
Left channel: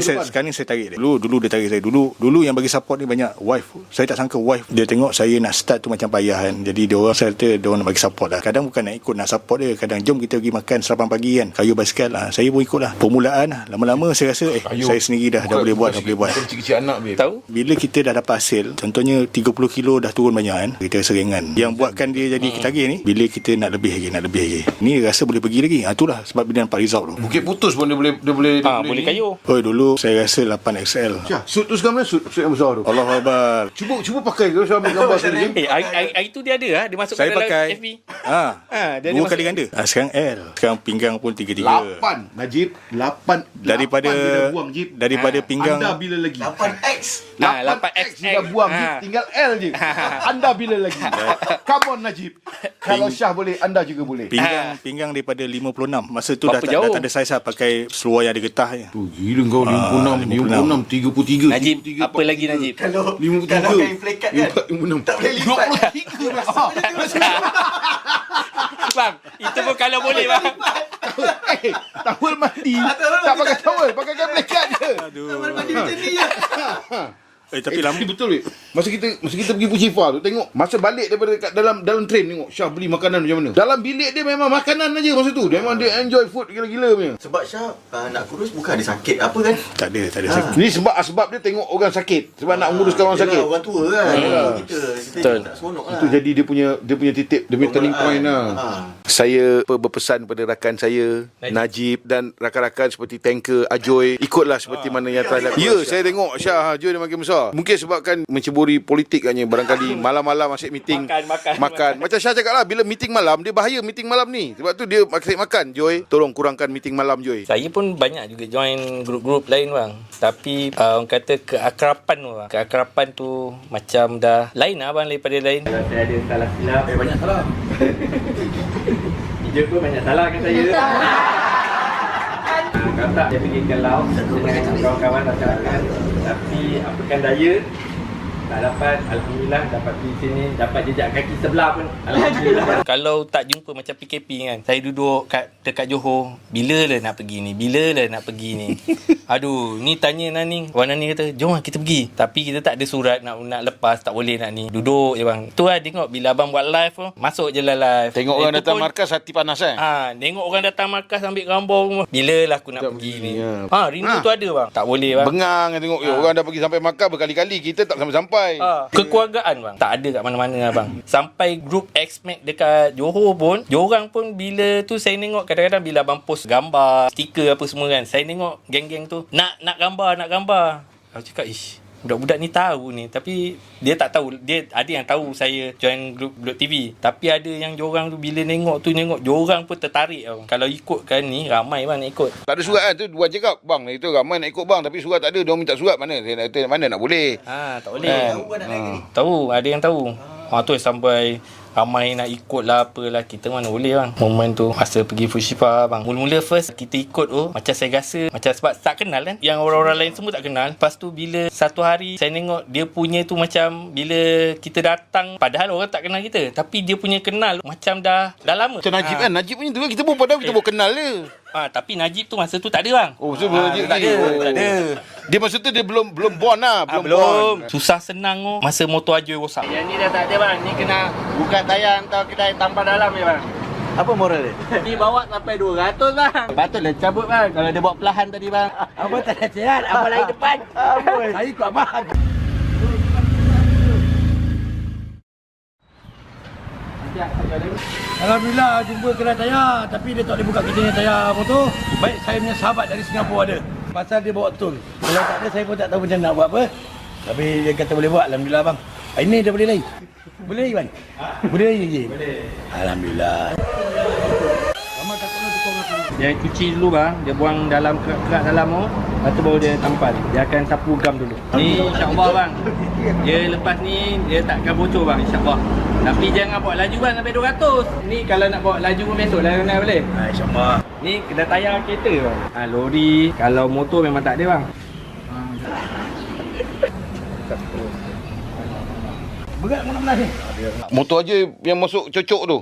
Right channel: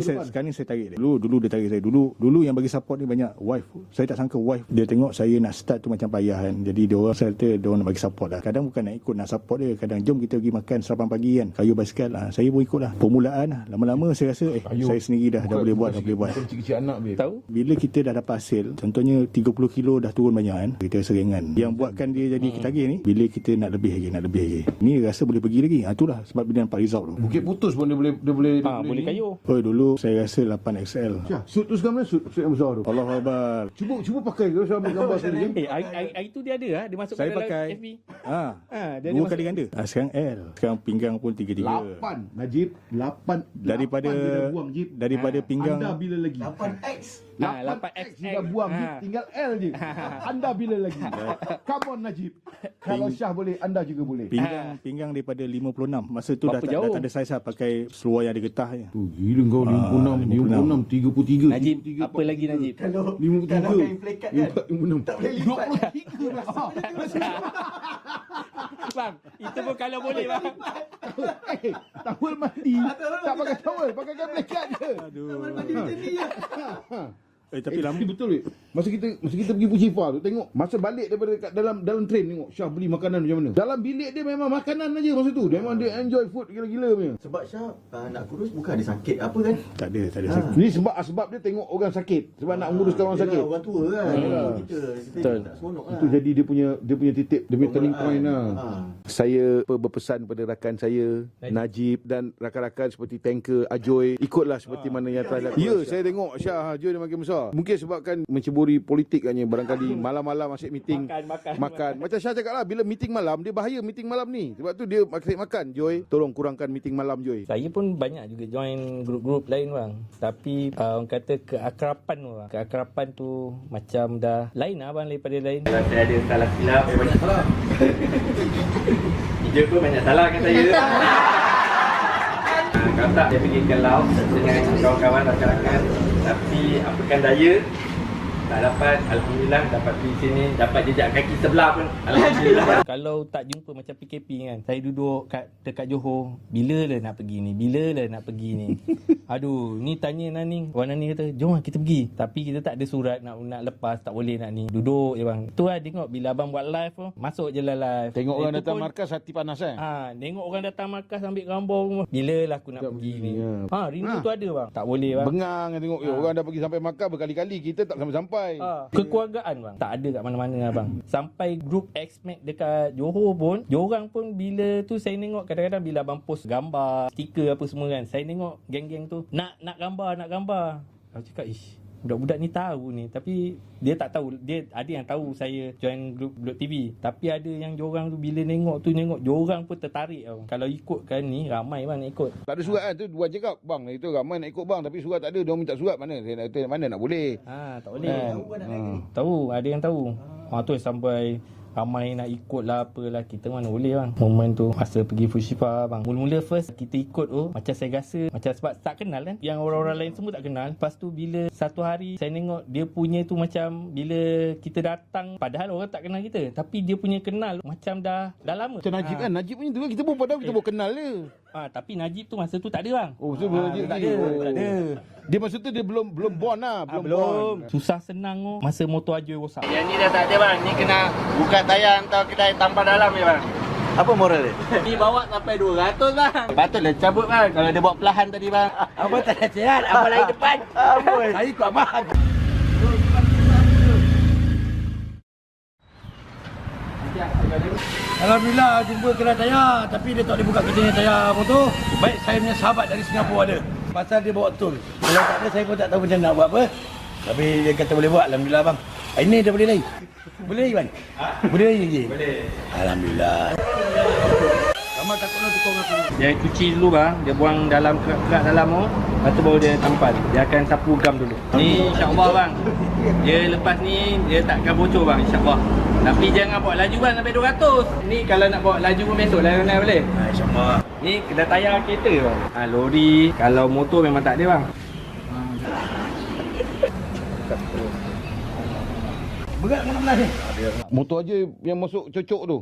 ni saya tarik dia. Dulu dia tarik saya. Dulu yang bagi support ni banyak wife. Saya tak sangka wife dia tengok saya nak start tu macam payah kan. Jadi dia orang, saya kata dia orang nak bagi support lah. Kadang bukan nak ikut, nak support dia. Kadang jom kita pergi makan sarapan pagi kan, kayu basikal lah. Saya pun ikut lah. Permulaan lah. Lama-lama saya rasa saya sendiri dah boleh buat. Kecil-kecil anak babe. Tahu? Bila kita dah dapat hasil, contohnya 30 kilo dah turun banyak kan, kita rasa ringan. Yang buatkan dia jadi ketagih ni, bila kita nak lebih lagi. Ni rasa boleh pergi lagi. Itulah sebab bila nampak result tu. Bukit Putus pun dia boleh boleh kayu. Dulu saya rasa 8XL. Syah, suit tu sekarang mana suit yang besar tu? Allah Akbar. Cuba pakai ke saya ambil gambar sekali. Hari tu dia ada dia masuk Saya dalam pakai FB. dia 2 kali ganda. Sekarang L. Sekarang pinggang pun 33. 8 Najib 8 daripada pinggang. Anda bila lagi? 8X 8X sudah buang Jib, tinggal L je. Anda bila lagi? Come on Najib. Kalau Syah boleh, anda juga boleh. Pinggang daripada 56. Masa tu dah tak ada saiz lah, pakai seluar yang ada getah je. Gila kau 56 33. Najib, apa lagi Najib? Kalau 53. kain flekat kan 56. tak boleh lipat. 23. Bang, itu pun kalau boleh bang. Towel mandi. Tak pakai towel, pakai kain cat je. Towel mandi macam ni je. Tapi lama. Betul weh. Masa kita pergi Puchifa tu tengok, masa balik daripada kat dalam train tengok Syah beli makanan macam mana. Dalam bilik dia memang makanan aja masa tu. Dia memang dia enjoy food gila-gila punya. Sebab Syah nak kurus bukan ada sakit apa kan? Tak ada sakit. Ni sebab dia tengok orang sakit. Sebab nak menguruskan orang sakit. Orang tua kan. Kita tak seronok lah. Itu jadi dia punya titik, dia punya turning point lah. Saya berpesan kepada rakan saya Najib dan rakan-rakan seperti Tanker, Ajoy, ikutlah seperti mana yang telah dilakukan. Ya, saya tengok Syah Ajoy dia makin besar. Mungkin sebabkan menceburi politik katnya. Barangkali malam-malam asyik meeting. Makan. Macam Syah cakap lah, bila meeting malam, dia bahaya meeting malam ni. Sebab tu dia asyik makan. Joy, tolong kurangkan meeting malam, Joy. Saya pun banyak juga join grup-grup lain bang. Tapi orang kata keakrapan tu bang. Keakrapan tu macam dah lain lah bang daripada lain. Kalau saya ada salah silap, saya banyak salah. Hijau pun banyak salah kan saya. Kalau tak, dia pergi ke laut dengan kawan-kawan rakan-rakan. Tapi apakan daya, tak dapat, alhamdulillah dapat pergi sini, dapat jejak kaki sebelah pun, alhamdulillah. Kalau tak jumpa macam PKP kan, saya duduk dekat Johor, bila lah nak pergi ni, aduh, ni tanya Nani, Wan Nani kata jom lah kita pergi, tapi kita tak ada surat nak lepas, tak boleh nak ni, duduk je bang. Tu lah tengok bila abang buat live tu, masuk je lah live. Tengok orang datang markas hati panas tengok orang datang markas ambil gambar semua, bila lah aku nak pergi ni. Rindu tu ada bang, tak boleh bang. Bengang tengok orang dah pergi sampai markas berkali-kali, kita tak sampai-sampai. Kekeluargaan bang tak ada kat mana-mana abang. Sampai grup X-Mac dekat Johor pun, diorang pun bila tu saya tengok kadang-kadang bila abang post gambar, stiker apa semua kan, saya tengok geng-geng tu nak gambar. Aku cakap budak-budak ni tahu ni, tapi dia tak tahu, dia ada yang tahu saya join grup Blok TV, tapi ada yang diorang tu bila tengok diorang pun tertarik bang. Kalau ikutkan ni ramai bang nak ikut. Tak ada surat kan tu, Wan cakap bang itu ramai nak ikut bang, tapi surat tak ada. Diorang minta surat mana, saya nak kata mana nak boleh. Tak boleh. Tahu ada yang tahu. Tu sampai ramai nak ikut lah apalah, kita mana boleh bang. Momen tu masa pergi Fujifa bang, mula-mula first kita ikut macam saya rasa macam sebab tak kenal kan, yang orang-orang lain semua tak kenal. Lepas tu bila satu hari saya tengok dia punya tu macam bila kita datang, padahal orang tak kenal kita, tapi dia punya kenal macam dah lama. Macam Najib kan, Najib punya tu kan kita pun padahal kita pun kenal dia. Tapi Najib tu masa tu tak ada bang. Najib tak ada. Dia masa tu dia belum born lah, belum. Susah senang masa motor Ajoy rosak. Yang ni dah tak ada bang, ni kena buka tayar atau kedai tanpa dalam ni bang. Apa moral dia? Ni bawa sampai 200 bang. Patutlah cabut bang kalau dia bawa perlahan tadi bang. Abang tak ada sihat, abang lagi depan. Saya ikut abang. Alhamdulillah jumpa kedai tayar, tapi dia tak boleh buka kita punya tayar motor. Baik saya punya sahabat dari Singapura ada. Pasal dia bawa tol. Kalau tak ada saya pun tak tahu macam nak buat apa. Tapi dia kata boleh buat, alhamdulillah bang. Ini dah boleh lagi. Boleh lagi bang? Boleh lagi? Boleh. Alhamdulillah. Lama takut nak tukar aku. Dia cuci dulu bang, dia buang dalam kerak dalam tu, lepas tu baru dia tampal. Dia akan sapu gam dulu. Ni insya-Allah bang. Dia lepas ni dia takkan bocor bang insya-Allah. Tapi jangan bawa laju bang sampai 200. Ni kalau nak bawa laju pun besoklah naik boleh. InsyaAllah. Ni kena tayar kereta bang. Lori, kalau motor memang tak ada bang. Berat mana belah ni? Motor aja yang masuk cocok tu.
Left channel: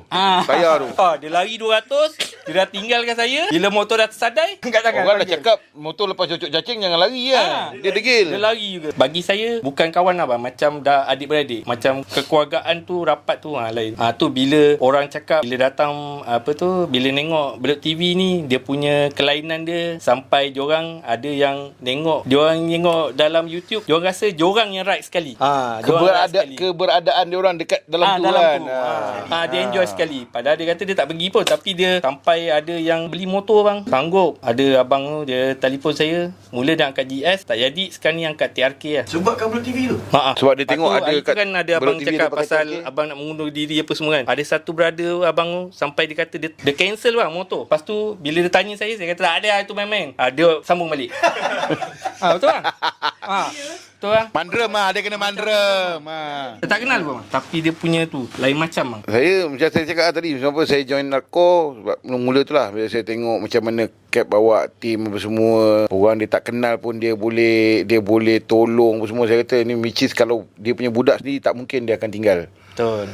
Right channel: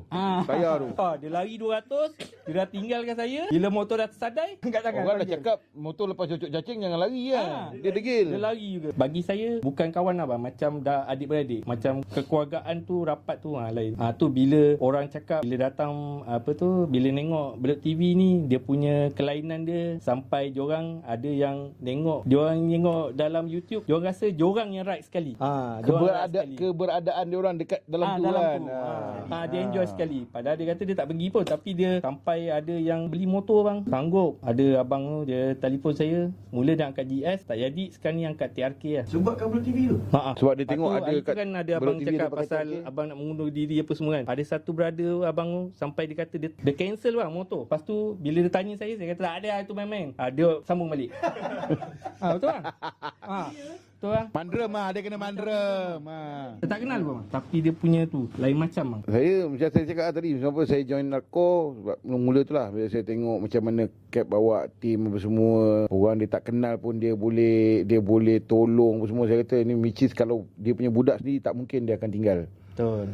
Tayar tu. Dia lari 200, dia dah tinggalkan saya. Bila motor dah tersadai, angkat tangan. Orang dah cakap motor lepas cocok cacing jangan lari lah. Dia degil. Dia lari juga. Bagi saya bukan kawan abang, macam dah adik-beradik. Macam kekeluargaan tu rapat tu lain. Tu bila orang cakap, bila datang bila nengok Blok TV ni, dia punya kelainan dia sampai diorang ada yang diorang tengok dalam YouTube, diorang rasa diorang yang right sekali. Keberadaan dia orang dekat dalam tu kan. Dia enjoy sekali. Padahal dia kata dia tak pergi pun, tapi dia sampai ada yang beli motor bang. Sanggup. Ada abang tu dia telefon saya, mula dia angkat GS, tak jadi, sekarang ni angkat TRK lah. Sebab kat Blok TV tu? Sebab dia tengok ada kat kan ada abang cakap pasal abang nak mengundur diri apa semua kan. Ada satu brother abang tu sampai dia kata dia cancel bang motor. Lepas tu bila dia tanya saya kata tak ada, itu main-main. Dia sambung balik. Betul bang? Betul bang? Mandrem dia kena mandrem. Dia tak kenal bang, tapi dia punya tu lain macam bang. Saya macam saya cakap tadi, sebab saya join narko sebab mula tu lah bila saya tengok macam mana Cap bawa tim apa semua. Orang dia tak kenal pun dia boleh tolong apa semua. Saya kata ni which is kalau dia punya budak sendiri tak mungkin dia akan tinggal. Betul.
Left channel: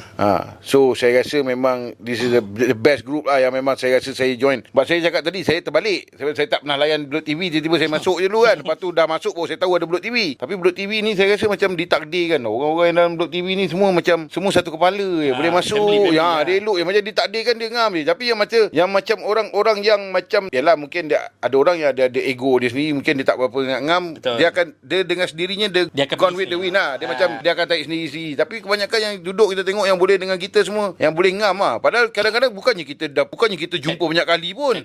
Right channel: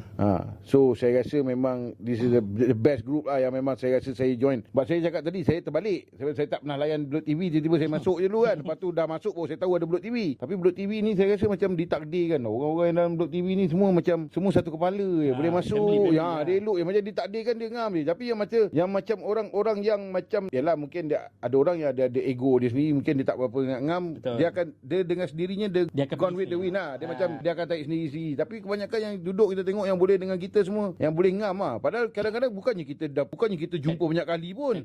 So saya rasa memang this is the best group lah yang memang saya rasa saya join. Sebab saya cakap tadi saya terbalik. Saya tak pernah layan Bulut TV, tiba-tiba saya masuk je dulu kan. Lepas tu dah masuk baru saya tahu ada Bulut TV. Tapi Bulut TV ni saya rasa macam ditakdirkan. Orang-orang yang dalam Bulut TV ni semua macam semua satu kepala je. Boleh masuk. Ya, dia elok je. Macam ditakdirkan dia ngam je. Tapi yang macam orang-orang yang macam yalah mungkin dia ada orang yang ada ego dia sendiri, mungkin dia tak berapa ngam. Dia dengan sendirinya dia gone with the wind lah. Dia macam dia akan tarik sendiri. Tapi kebanyakan yang duduk kita tengok yang boleh dengan kita semua, yang boleh ngam lah. Padahal kadang-kadang bukannya kita jumpa banyak kali pun.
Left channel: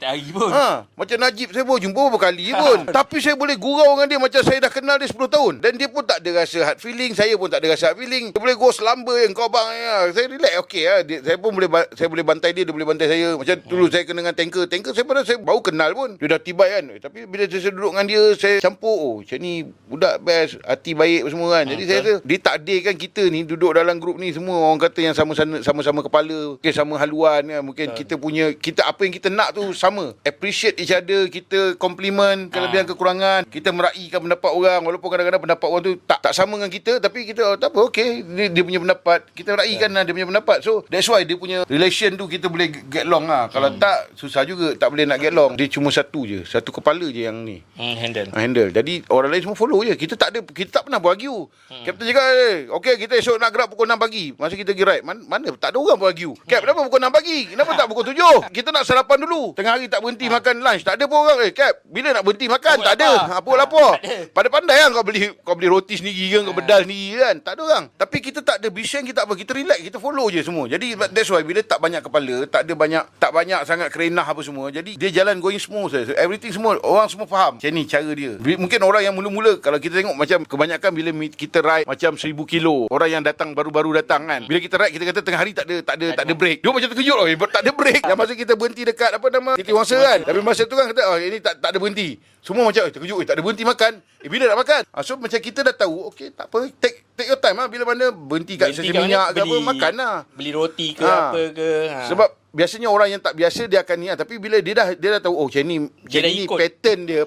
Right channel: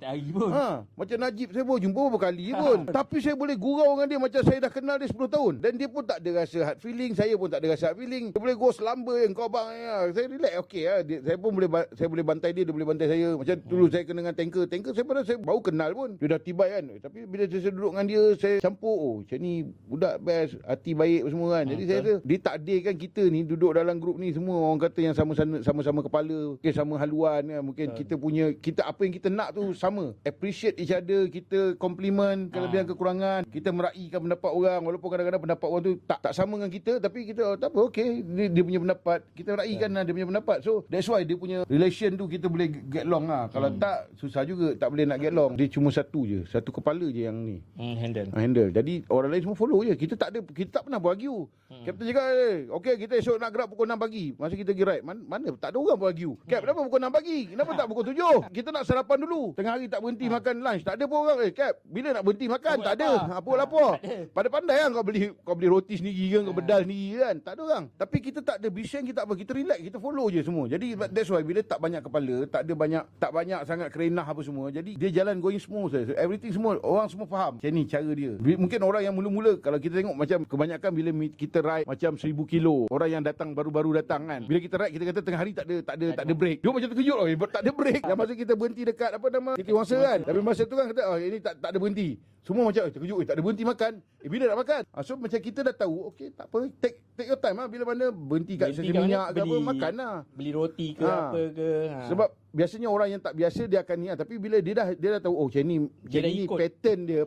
Macam Najib saya pun jumpa beberapa kali pun. Tapi saya boleh gurau dengan dia macam saya dah kenal dia 10 tahun. Dan dia pun tak ada rasa hard feeling, saya pun tak ada rasa hard feeling. Dia boleh go selamba yang kau bang ya. Saya relax okey lah. Saya pun boleh bantai dia boleh bantai saya. Macam dulu saya kena dengan tanker saya padahal saya baru kenal pun. Dia dah tibai kan. Tapi bila saya duduk dengan dia, saya campur macam ni budak best, hati baik semua kan. Jadi saya rasa ditakdirkan kita ni duduk dalam grup ni semua orang kata yang sama-sama kepala, mungkin sama haluan kan. Mungkin kita apa yang kita nak tu sama. Appreciate each other, kita compliment kelebihan kekurangan, kita meraihkan pendapat orang walaupun kadang-kadang pendapat orang tu tak sama dengan kita, tapi kita tak apa, okey, dia punya pendapat, kita meraihkan lah dia punya pendapat. So that's why dia punya relation tu kita boleh get long lah. Kalau tak susah juga, tak boleh nak get long. Dia cuma satu kepala je yang ni handle. Jadi orang lain semua follow je. Kita tak pernah berargue. Kapten cakap okey kita esok nak gerak pukul 6 pagi. Masa kita pergi ride mana tak ada orang berargue. Cap kenapa pukul 6 pagi? Kenapa tak pukul 7? Kita nak sarapan dulu. Tengah hari tak berhenti makan lunch. Tak ada pun orang. Cap bila nak berhenti makan? Tak ada. Apa lapar? Pandai-pandai kan kau beli roti sendiri kan, kau bedal sendiri kan. Tak ada orang. Tapi kita tak ada bising, kita apa? Kita relax, kita follow je semua. Jadi that's why bila tak banyak kepala, tak banyak sangat kerenah apa semua. Jadi dia jalan going smooth. Everything semua orang semua faham. Macam ni cara dia. Mungkin orang yang mula-mula kalau kita tengok macam kebanyakan bila kita ride macam 1000 kilo, orang yang datang baru-baru datang kan. Bila kita ride kita kata tengah hari tak ada break. Dia macam terkejut tak ada break. Yang masa kita berhenti dekat Titi Wangsa kan. Tapi masa tu kan kata ini tak ada berhenti. Semua macam terkejut tak ada berhenti makan. Bila nak makan? So macam kita dah tahu okey tak apa take your time lah. Bila mana berhenti kat stesen minyak ke apa makan lah. Beli roti ke apa ke. Sebab biasanya orang yang tak biasa dia akan ni tapi bila dia dah tahu macam ni pattern dia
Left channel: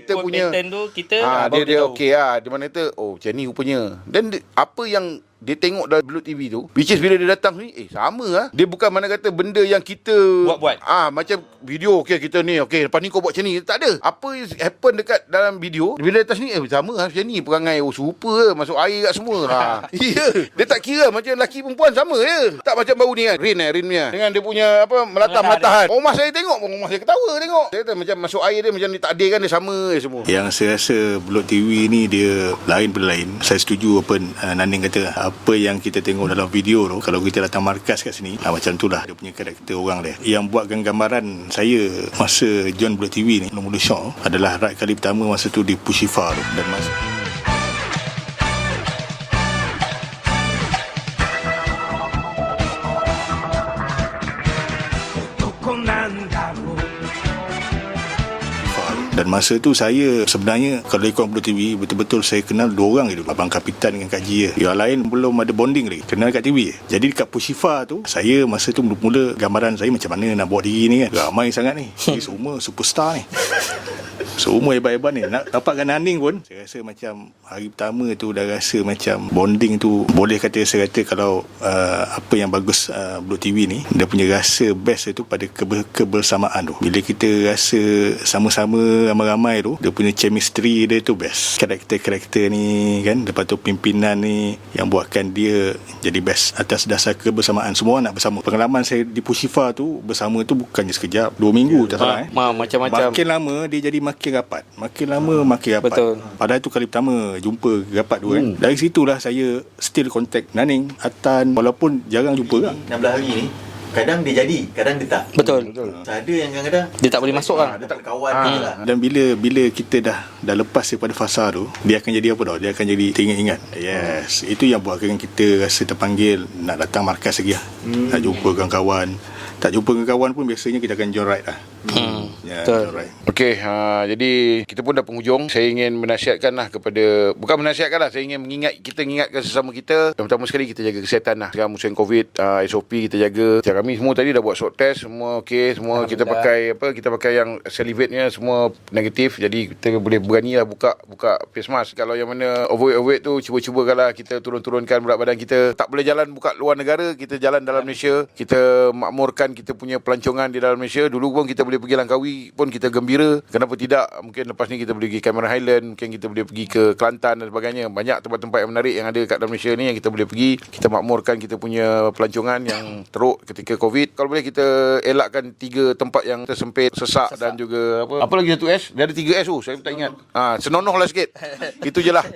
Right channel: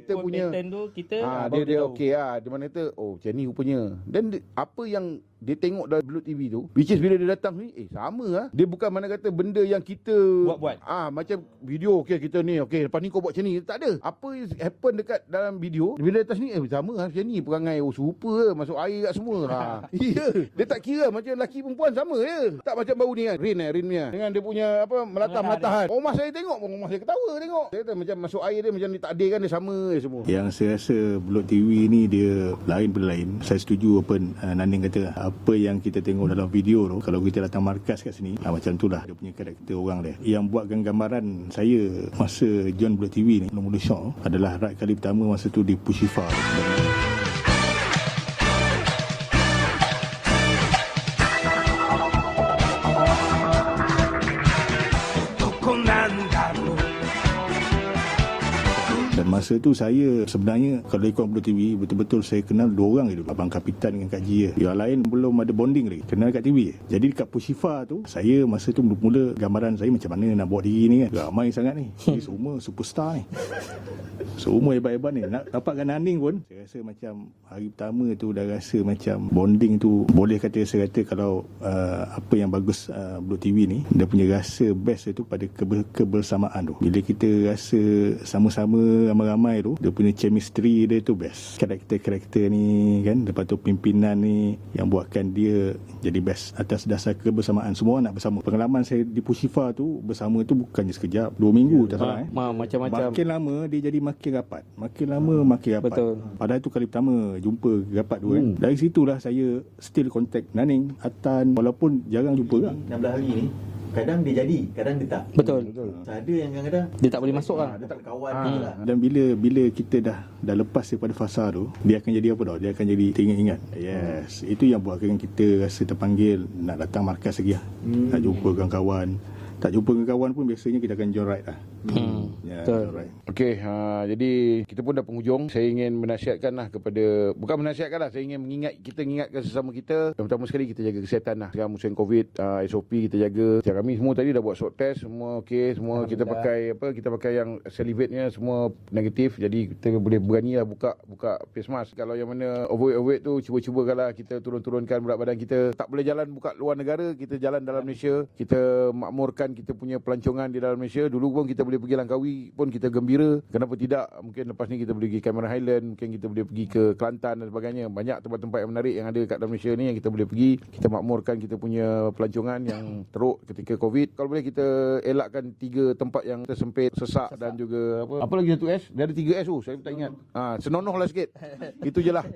kita punya pattern tu kita dia okey lah. Dia mana kata macam ni rupanya. Dan apa yang dia tengok dalam Bulut TV tu, which is bila dia datang ni sama lah. Dia bukan mana kata benda yang kita buat macam video okey kita ni okey lepas ni kau buat macam ni. Tak ada. Apa happen dekat dalam video bila atas ni sama lah macam ni perangai serupa masuk air kat semua. Dia tak kira macam lelaki perempuan sama je. Tak macam baru ni kan Rin punya dengan dia punya melatah-melatahan. Rumah saya tengok pun rumah saya ketawa tengok. Saya kata macam masuk air dia macam ditakdirkan dia sama je semua. Yang saya rasa Bulut TV ni dia lain pada lain. Saya setuju apa Naning kata. Apa yang kita tengok dalam video tu, kalau kita datang markas kat sini macam tu lah dia punya karakter orang dia. Yang buatkan gambaran saya masa join Bulut TV ni mula-mula shock adalah ride kali pertama masa tu di Pushifa tu. Dan masa Dan masa tu saya sebenarnya kalau ikut Bulut TV betul-betul saya kenal 2 orang je dulu. Abang Kapitan dengan Kak Ji. Yang lain belum ada bonding lagi. Kenal kat TV. Jadi dekat Pushifa tu saya masa tu mula-mula gambaran saya macam mana nak buat diri ni kan. Ramai sangat ni. Ni semua superstar ni. Semua hebat-hebat ni. Nak dapatkan Naning pun saya rasa macam hari pertama tu dah rasa macam bonding tu. Boleh saya kata kalau apa yang bagus Bulut TV ni, dia punya rasa best itu pada kebersamaan tu. Bila kita rasa sama-sama ramai-ramai tu, dia punya chemistry dia tu best. Karakter-karakter ni kan, lepas tu pimpinan ni yang buatkan dia jadi best atas dasar kebersamaan. Semua nak bersama. Pengalaman saya di Pushifa tu bersama tu bukannya sekejap, 2 minggu tak salah macam-macam. Makin lama dia jadi makin rapat. Makin lama makin rapat. Betul. Padahal tu kali pertama jumpa rapat tu kan. Dari situlah saya still contact Naning, Atan, walaupun jarang jumpa kan. 16 hari ni kadang dia jadi, kadang dia tak. Betul. Ada yang kadang-kadang dia tak boleh masuk lah. Dia tak kawan dia lah. Dan bila kita dah lepas daripada fasa tu, dia akan jadi apa tau? Dia akan jadi teringat-ingat. Yes. Itu yang buatkan kita rasa terpanggil nak datang markas lagi lah. Nak jumpa kawan-kawan. Tak jumpa dengan kawan pun biasanya kita akan join ride lah. Ya, Betul. alright. Okey, jadi kita pun dah penghujung. Saya ingin menasihatkanlah kepada, bukan menasihatkanlah, saya ingin ingatkan sesama kita. Yang pertama sekali kita jaga kesihatan lah. Sekarang musim COVID, SOP kita jaga. Macam kami semua tadi dah buat swab test, semua okey, semua kita pakai kita pakai yang salivate-nya semua negatif. Jadi kita boleh beranilah buka face mask. Kalau yang mana overweight tu, cuba-cubakanlah kita turunkan berat badan kita. Tak boleh jalan buka luar negara, kita jalan dalam Malaysia. Kita makmurkan kita punya pelancongan di dalam Malaysia. Dulu pun kita boleh pergi Langkawi pun kita gembira. Kenapa tidak? Mungkin lepas ni kita boleh pergi Cameron Highland, mungkin kita boleh pergi ke Kelantan dan sebagainya. Banyak tempat-tempat yang menarik yang ada kat dalam Malaysia ni yang kita boleh pergi. Kita makmurkan kita punya pelancongan yang teruk ketika COVID. Kalau boleh kita elakkan 3 tempat yang tersempit, sesak dan juga apa lagi satu S? Dia ada 3 S tu, saya tak ingat. Senonohlah sikit. Itu je lah.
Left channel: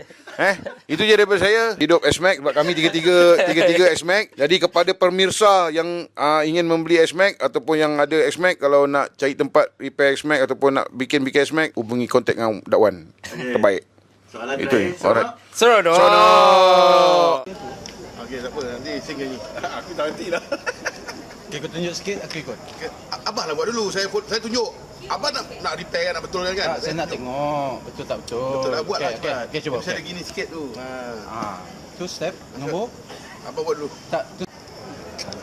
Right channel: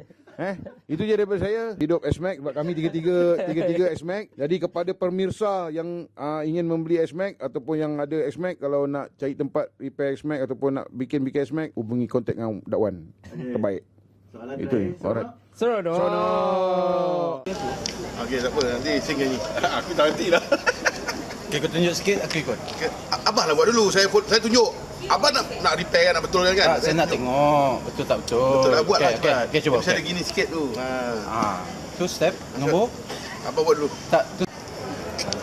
Itu je daripada saya. Hidup S-Max sebab kami tiga S-Max. Jadi kepada pemirsa yang ingin membeli S-Max ataupun yang ada S-Max, kalau nak cari tempat repair S-Max ataupun nak bikin S-Max, hubungi kontak dengan Dakwan. Terbaik. Soalan Itu je. Alright. Seronok. Okey, tak apa. Nanti sing nyanyi. Aku tak henti dah. Okay, kau tunjuk sikit, aku ikut. Abah lah buat dulu. Saya tunjuk. Abah nak repair kan, nak betulkan kan? Saya nak tengok betul tak betul. Betul lah, buat lah. Okay, cuba. Saya ada gini sikit tu. Tu step, nombor. Abah buat dulu. Tak, tu.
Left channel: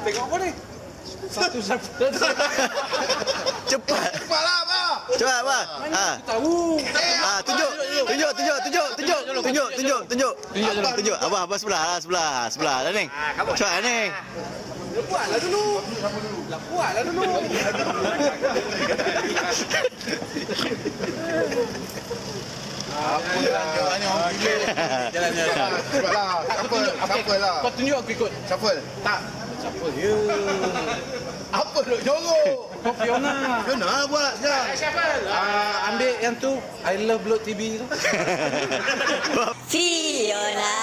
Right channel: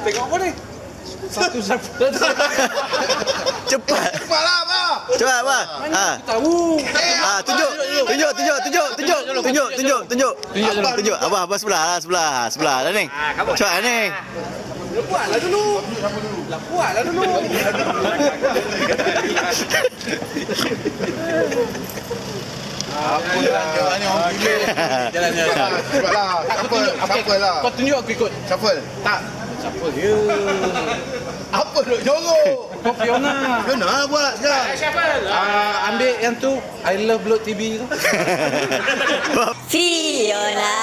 Tengok apa ni? Satu. Cepat lah, Abah. Cepat, Abah. Tahu. Tunjuk. Abah sebelah lah ni. Cepat lah ni. Buatlah dulu. Jalan. Cepatlah. Shuffle lah. Kau tunjuk aku ikut. Shuffle. Tak. Siapa dia? Apa duk jorok? Kau Fiona. Fiona buat sekarang. Ambil yang tu. I love Blood TV tu. Fiona,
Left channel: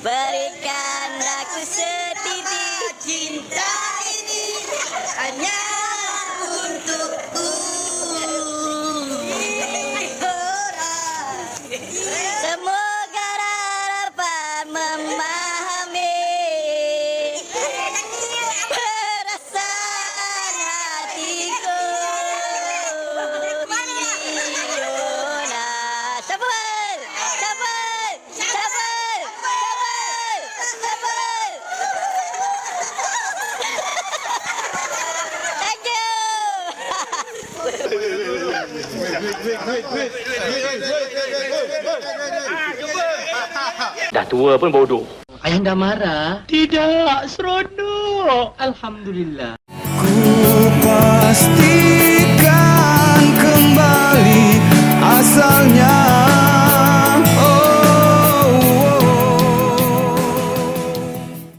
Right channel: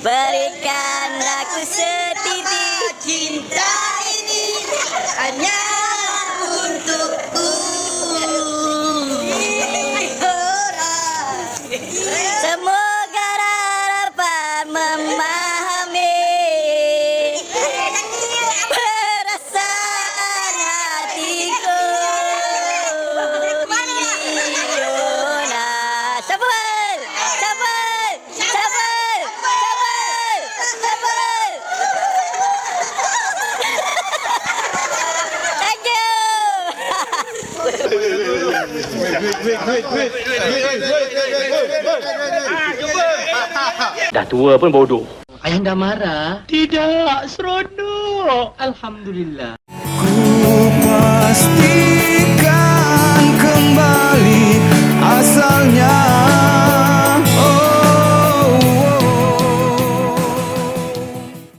berikan aku setitik cinta ini hanya untukku. Semoga dapat memahami perasaan hatiku. Fiona, sabar. Thank you. Dah tua pun bodoh. Ayah dah marah? Tidak, seronok. Alhamdulillah. Pastikan kembali asalnya.